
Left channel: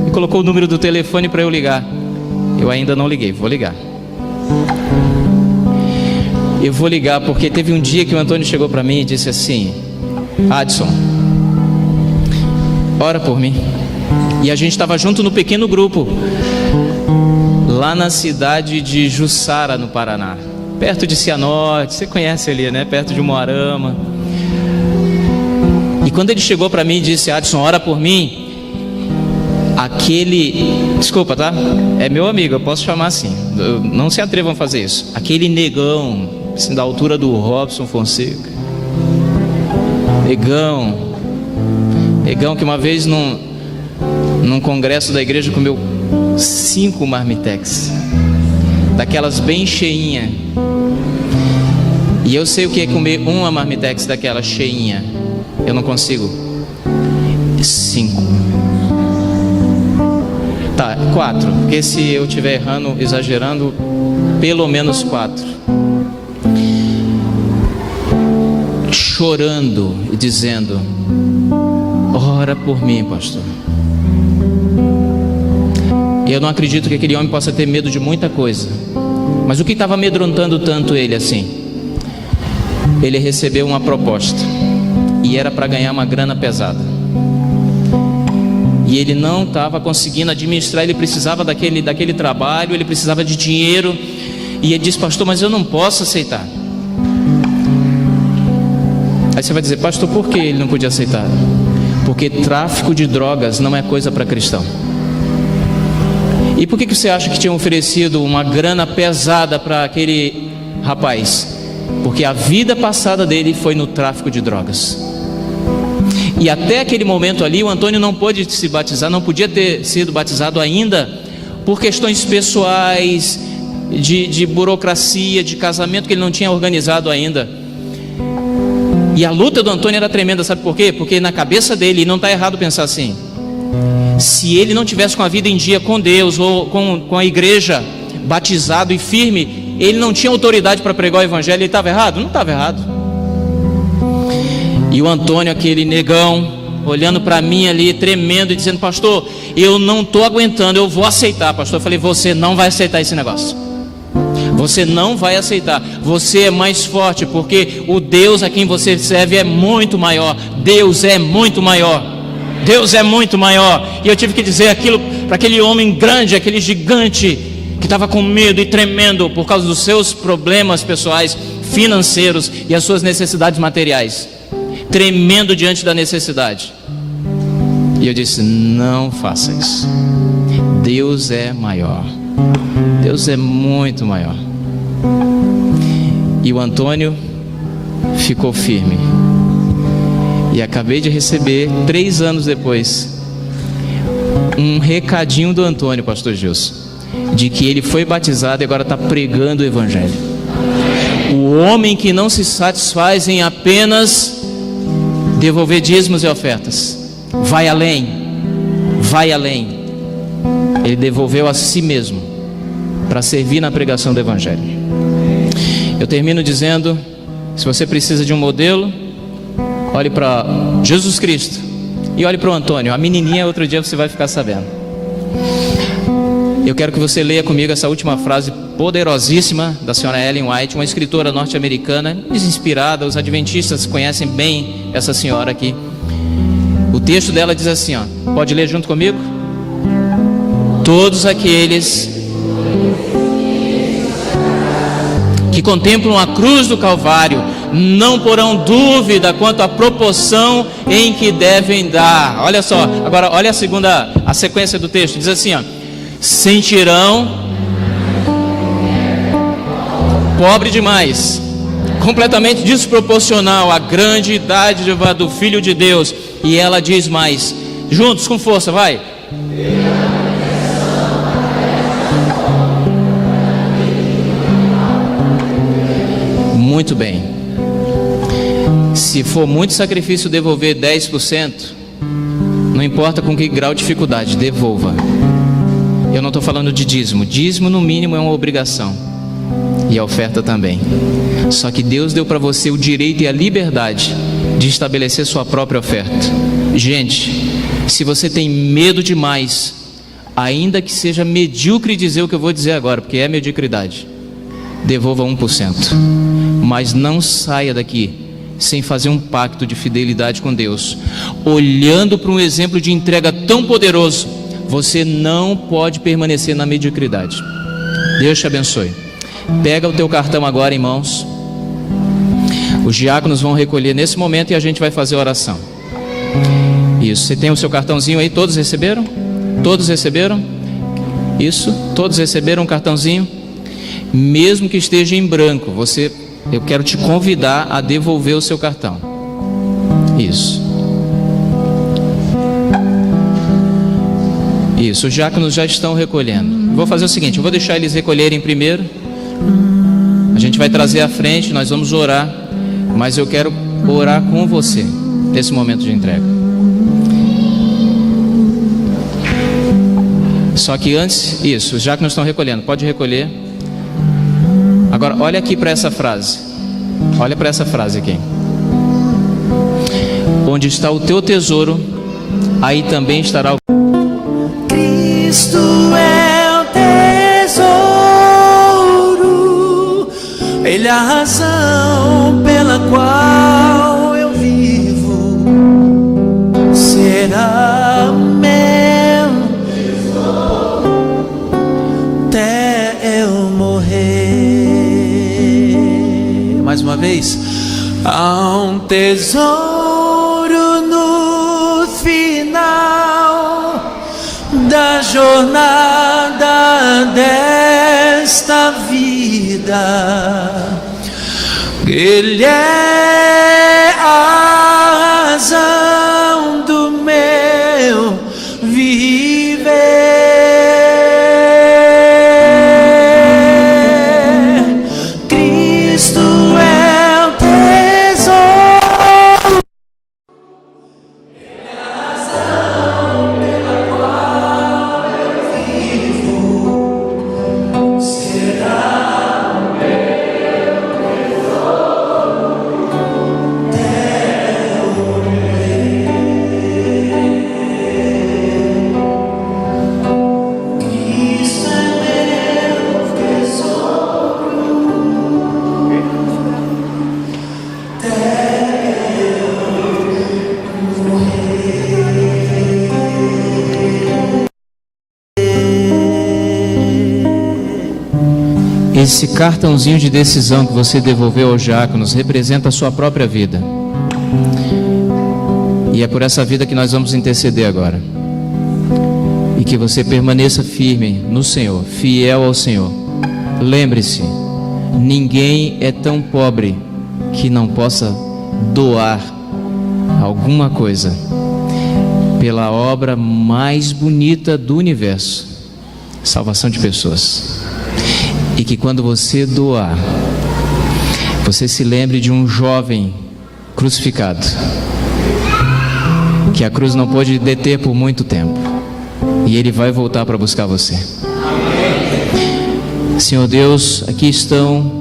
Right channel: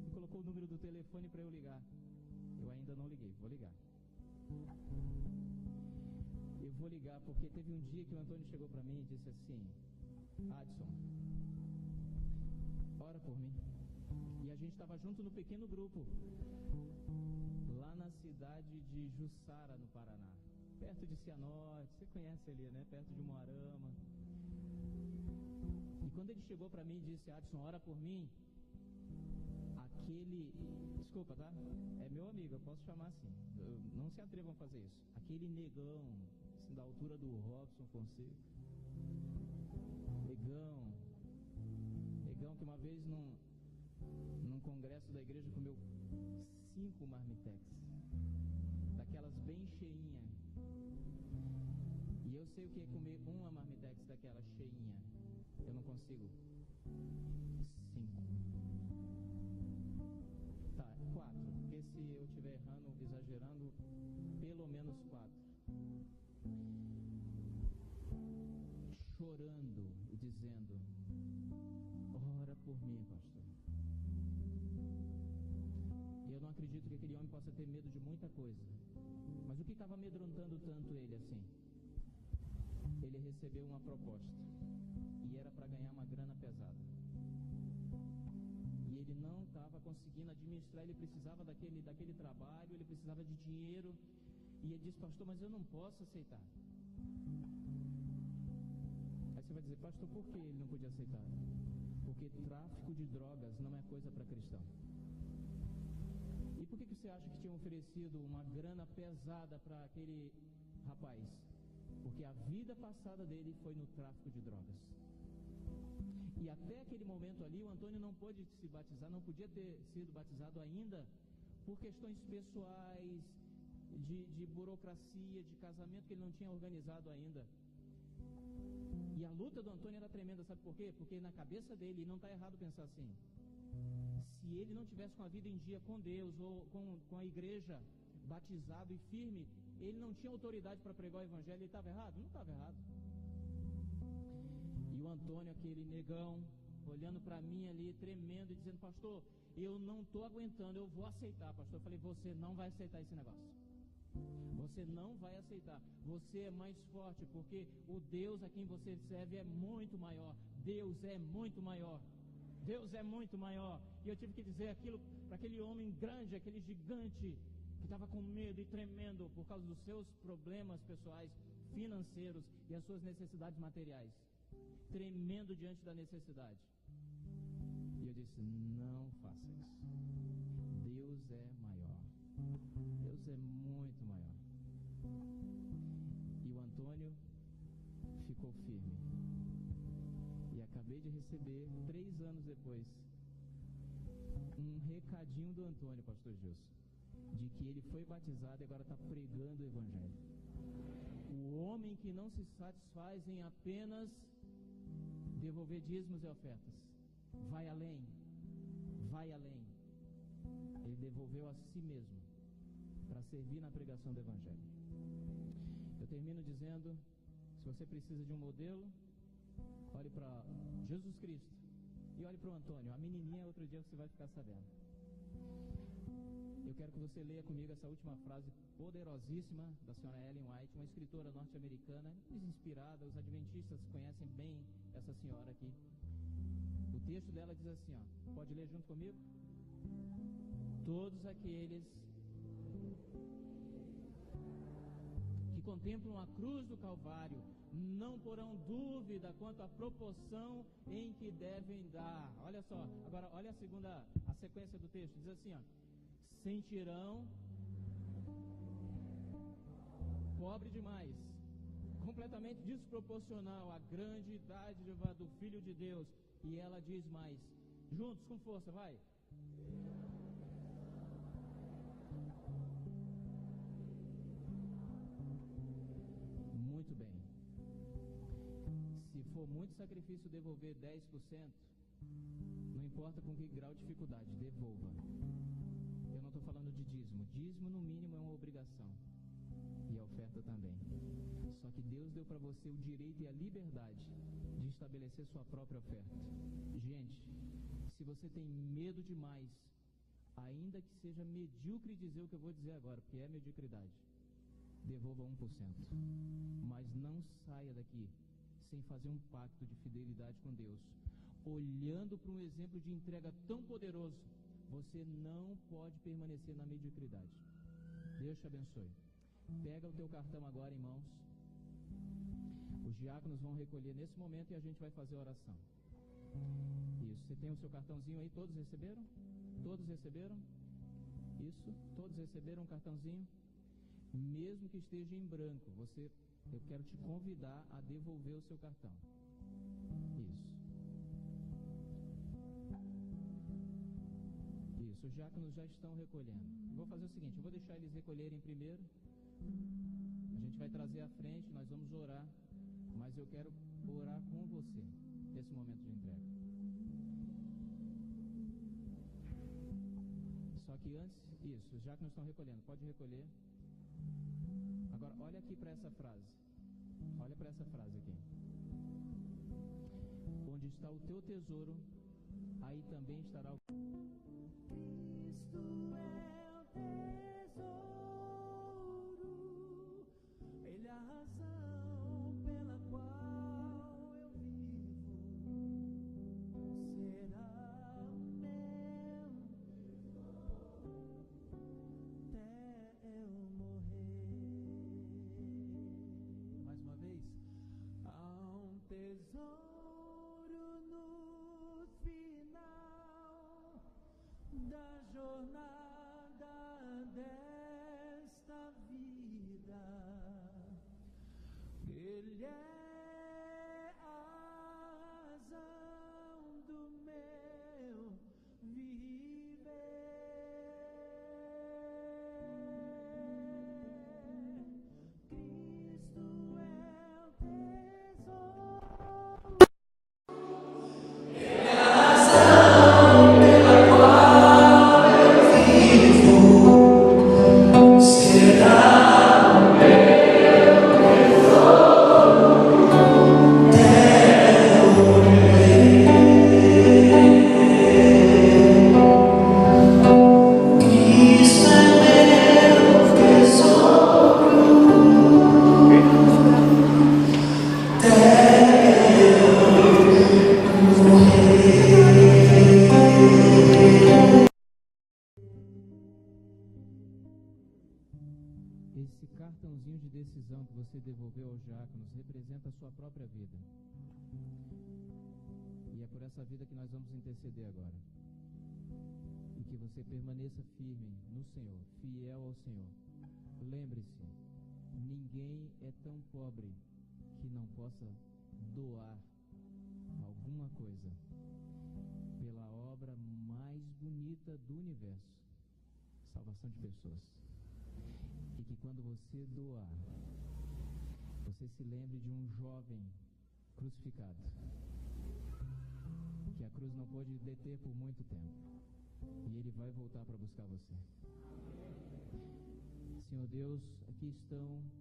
E colocou o número do telefone para eu ligar. Eu ainda não liguei, vou ligar. Eu vou ligar porque teve um dia que o Antônio chegou para mim e disse assim: Adson, ora por mim. E a gente estava junto no pequeno grupo lá na cidade de Jussara, no Paraná, perto de Cianorte, você conhece ali, né? Perto de Moarama. E quando ele chegou para mim e disse: Adson, ora por mim, desculpa, tá? É meu amigo, eu posso chamar assim, não se atrevam a fazer isso. Aquele negão, assim, da altura do Robson Fonseca, negão que uma vez num congresso da igreja comeu 5 marmitex, daquelas bem cheinha. E eu sei o que é comer uma marmitex daquela cheinha. Eu não consigo. 5. Tá, 4. Porque se eu estiver errando, exagerando, pelo menos 4. Chorando e dizendo: ora por mim, pastor. Eu não acredito que aquele homem possa ter medo de muita coisa, mas o que estava amedrontando tanto ele assim? Ele recebeu uma proposta e era para ganhar uma grana pesada, e ele não estava conseguindo administrar. Ele precisava daquele trabalho, ele precisava de dinheiro, e ele disse: pastor, mas eu não posso aceitar. Aí você vai dizer: pastor, por que ele não podia aceitar? Porque tráfico de drogas não é coisa para cristão. E por que você acha que tinham oferecido uma grana pesada para aquele rapaz? Porque a vida passada dele foi no tráfico de drogas. E até aquele momento ali, o Antônio não pôde se batizar, não podia ter sido batizado ainda, por questões pessoais, de burocracia, de casamento que ele não tinha organizado ainda. E a luta do Antônio era tremenda, sabe por quê? Porque na cabeça dele, e não está errado pensar assim, se ele não tivesse com a vida em dia com Deus ou com a igreja, batizado e firme, ele não tinha autoridade para pregar o evangelho. Ele estava errado? Não estava errado. E o Antônio, aquele negão, olhando para mim ali, tremendo e dizendo: pastor, eu não estou aguentando, eu vou aceitar. Pastor, eu falei: você não vai aceitar esse negócio. Você não vai aceitar. Você é mais forte, porque o Deus a quem você serve é muito maior. Deus é muito maior. Deus é muito maior. E eu tive que dizer aquilo para aquele homem grande, aquele gigante que estava com medo e tremendo por causa dos seus problemas pessoais, financeiros e as suas necessidades materiais, tremendo diante da necessidade. E eu disse: não faça isso. Deus é maior. Deus é muito maior. E o Antônio ficou firme. E acabei de receber, 3 anos depois, um recadinho do Antônio, pastor Gilson, de que ele foi batizado e agora está pregando o evangelho. O homem que não se satisfaz em apenas devolver dízimos e ofertas, vai além. Ele devolveu a si mesmo para servir na pregação do evangelho. Eu termino dizendo: se você precisa de um modelo, olhe para Jesus Cristo e olhe para o Antônio. A menininha, outro dia você vai ficar sabendo. Eu quero que você leia comigo essa última frase poderosíssima da senhora Ellen White, uma escritora norte-americana, inspirada. Os adventistas conhecem bem essa senhora aqui. O texto dela diz assim, ó, pode ler junto comigo? Todos aqueles que contemplam a cruz do Calvário não porão dúvida quanto à proporção em que devem dar. Olha só, agora olha a sequência do texto, diz assim, ó: sentirão pobre demais, completamente desproporcional à grande idade do Filho de Deus. E ela diz mais, juntos com força, vai. Muito bem. Se for muito sacrifício devolver 10%, não importa com que grau de dificuldade, devolva. Eu não estou falando de dízimo. Dízimo, no mínimo, é uma obrigação. E a oferta também. Só que Deus deu para você o direito e a liberdade de estabelecer sua própria oferta. Gente, se você tem medo demais, ainda que seja medíocre dizer o que eu vou dizer agora, porque é mediocridade, devolva 1%. Mas não saia daqui sem fazer um pacto de fidelidade com Deus. Olhando para um exemplo de entrega tão poderoso, você não pode permanecer na mediocridade. Deus te abençoe. Pega o teu cartão agora em mãos. Os diáconos vão recolher nesse momento e a gente vai fazer a oração. Isso, você tem o seu cartãozinho aí? Todos receberam? Todos receberam? Isso, todos receberam um cartãozinho? Mesmo que esteja em branco, eu quero te convidar a devolver o seu cartão. Isso. Isso, os diáconos já estão recolhendo. Vou fazer o seguinte, eu vou deixar eles recolherem primeiro. A gente vai trazer à frente, nós vamos orar. Mas eu quero orar com você nesse momento de entrega. Só que antes, isso, os diáconos estão recolhendo, pode recolher. Agora, olha aqui para essa frase. Olha para essa frase aqui. Onde está o teu tesouro, aí também estará o... Cristo é o tesouro, Ele é a razão pela qual eu vivo. Será meu até eu morrer. Mais uma vez. Há um tesouro no final da jornada desta vida. Ele é a razão do meu viver. Cristo é o tesouro. Ele é a razão pela qual eu vivo. Será o meu tesouro até eu morrer. Cristo é meu tesouro até eu morrer. Esse cartãozinho de decisão que você devolveu aos diáconos representa a sua própria vida. E é por essa vida que nós vamos interceder agora. E que você permaneça firme no Senhor, fiel ao Senhor. Lembre-se, ninguém é tão pobre que não possa doar alguma coisa pela obra mais bonita do universo, salvação de pessoas. E que quando você doar, você se lembre de um jovem crucificado, que a cruz não pôde deter por muito tempo, e ele vai voltar para buscar você. Senhor Deus, aqui estão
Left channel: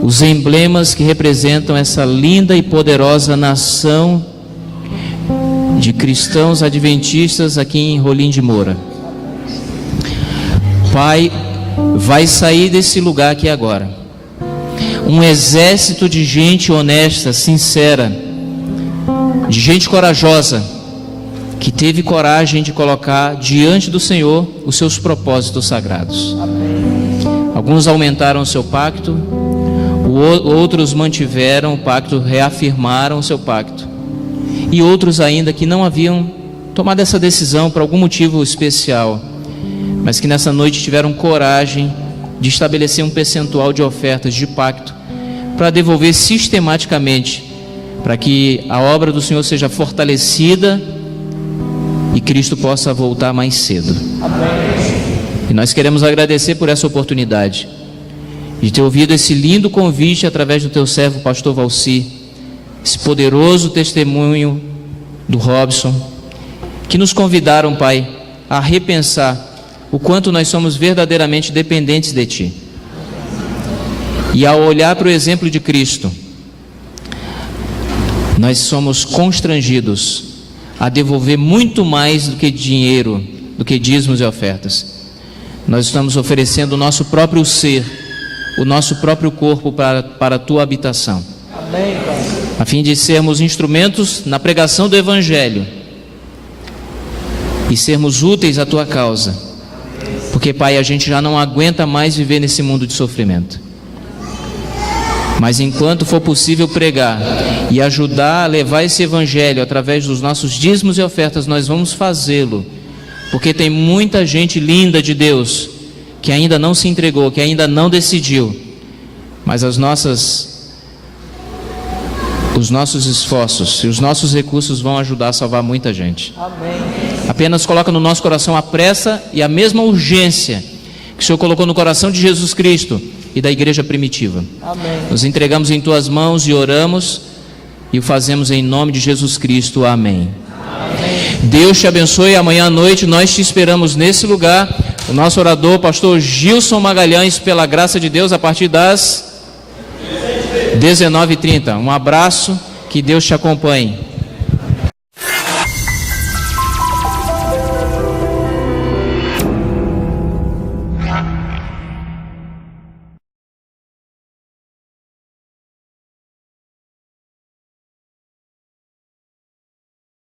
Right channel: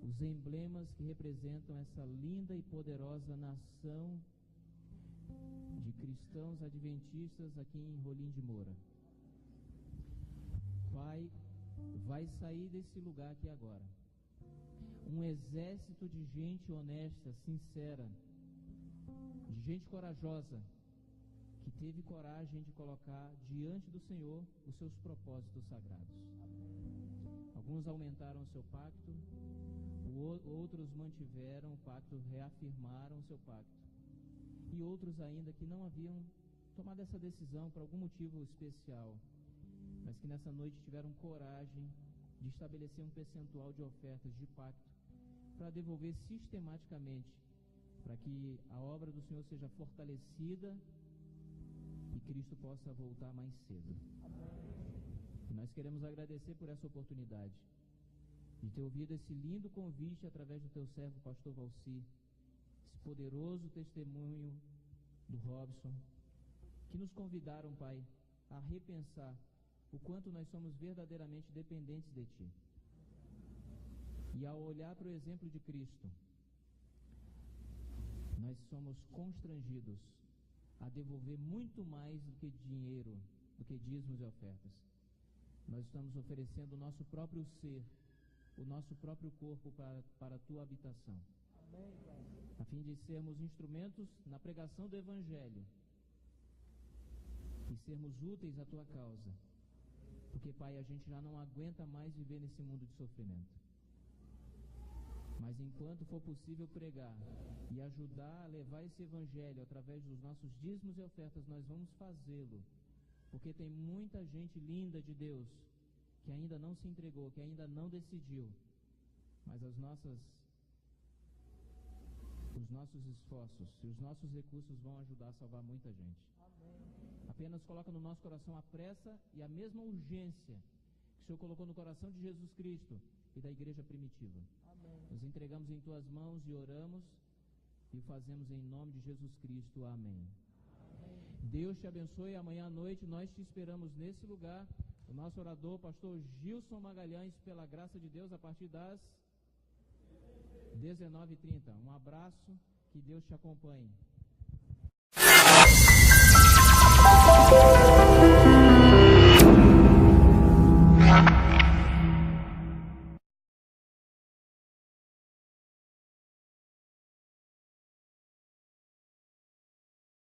os emblemas que representam essa linda e poderosa nação de cristãos adventistas aqui em Rolim de Moura. Pai, vai sair desse lugar aqui agora um exército de gente honesta, sincera, de gente corajosa, que teve coragem de colocar diante do Senhor os seus propósitos sagrados. Alguns aumentaram o seu pacto, outros mantiveram o pacto, reafirmaram o seu pacto, e outros ainda que não haviam tomado essa decisão por algum motivo especial, mas que nessa noite tiveram coragem de estabelecer um percentual de ofertas de pacto para devolver sistematicamente, para que a obra do Senhor seja fortalecida e Cristo possa voltar mais cedo. E nós queremos agradecer por essa oportunidade de ter ouvido esse lindo convite através do teu servo pastor Valci, esse poderoso testemunho do Robson, que nos convidaram, Pai, a repensar o quanto nós somos verdadeiramente dependentes de Ti. E ao olhar para o exemplo de Cristo, nós somos constrangidos a devolver muito mais do que dinheiro, do que dízimos e ofertas. Nós estamos oferecendo o nosso próprio ser, o nosso próprio corpo para a Tua habitação. Amém, Pai. A fim de sermos instrumentos na pregação do Evangelho e sermos úteis à Tua causa. Porque, Pai, a gente já não aguenta mais viver nesse mundo de sofrimento. Mas enquanto for possível pregar e ajudar a levar esse Evangelho através dos nossos dízimos e ofertas, nós vamos fazê-lo. Porque tem muita gente linda de Deus que ainda não se entregou, que ainda não decidiu. Mas os nossos esforços e os nossos recursos vão ajudar a salvar muita gente. Amém. Apenas coloca no nosso coração a pressa e a mesma urgência que o Senhor colocou no coração de Jesus Cristo e da igreja primitiva. Amém. Nos entregamos em Tuas mãos e oramos e o fazemos em nome de Jesus Cristo. Amém. Amém. Deus te abençoe. Amanhã à noite nós te esperamos nesse lugar. O nosso orador, pastor Gilson Magalhães, pela graça de Deus, a partir das 19h30. Um abraço, que Deus te acompanhe.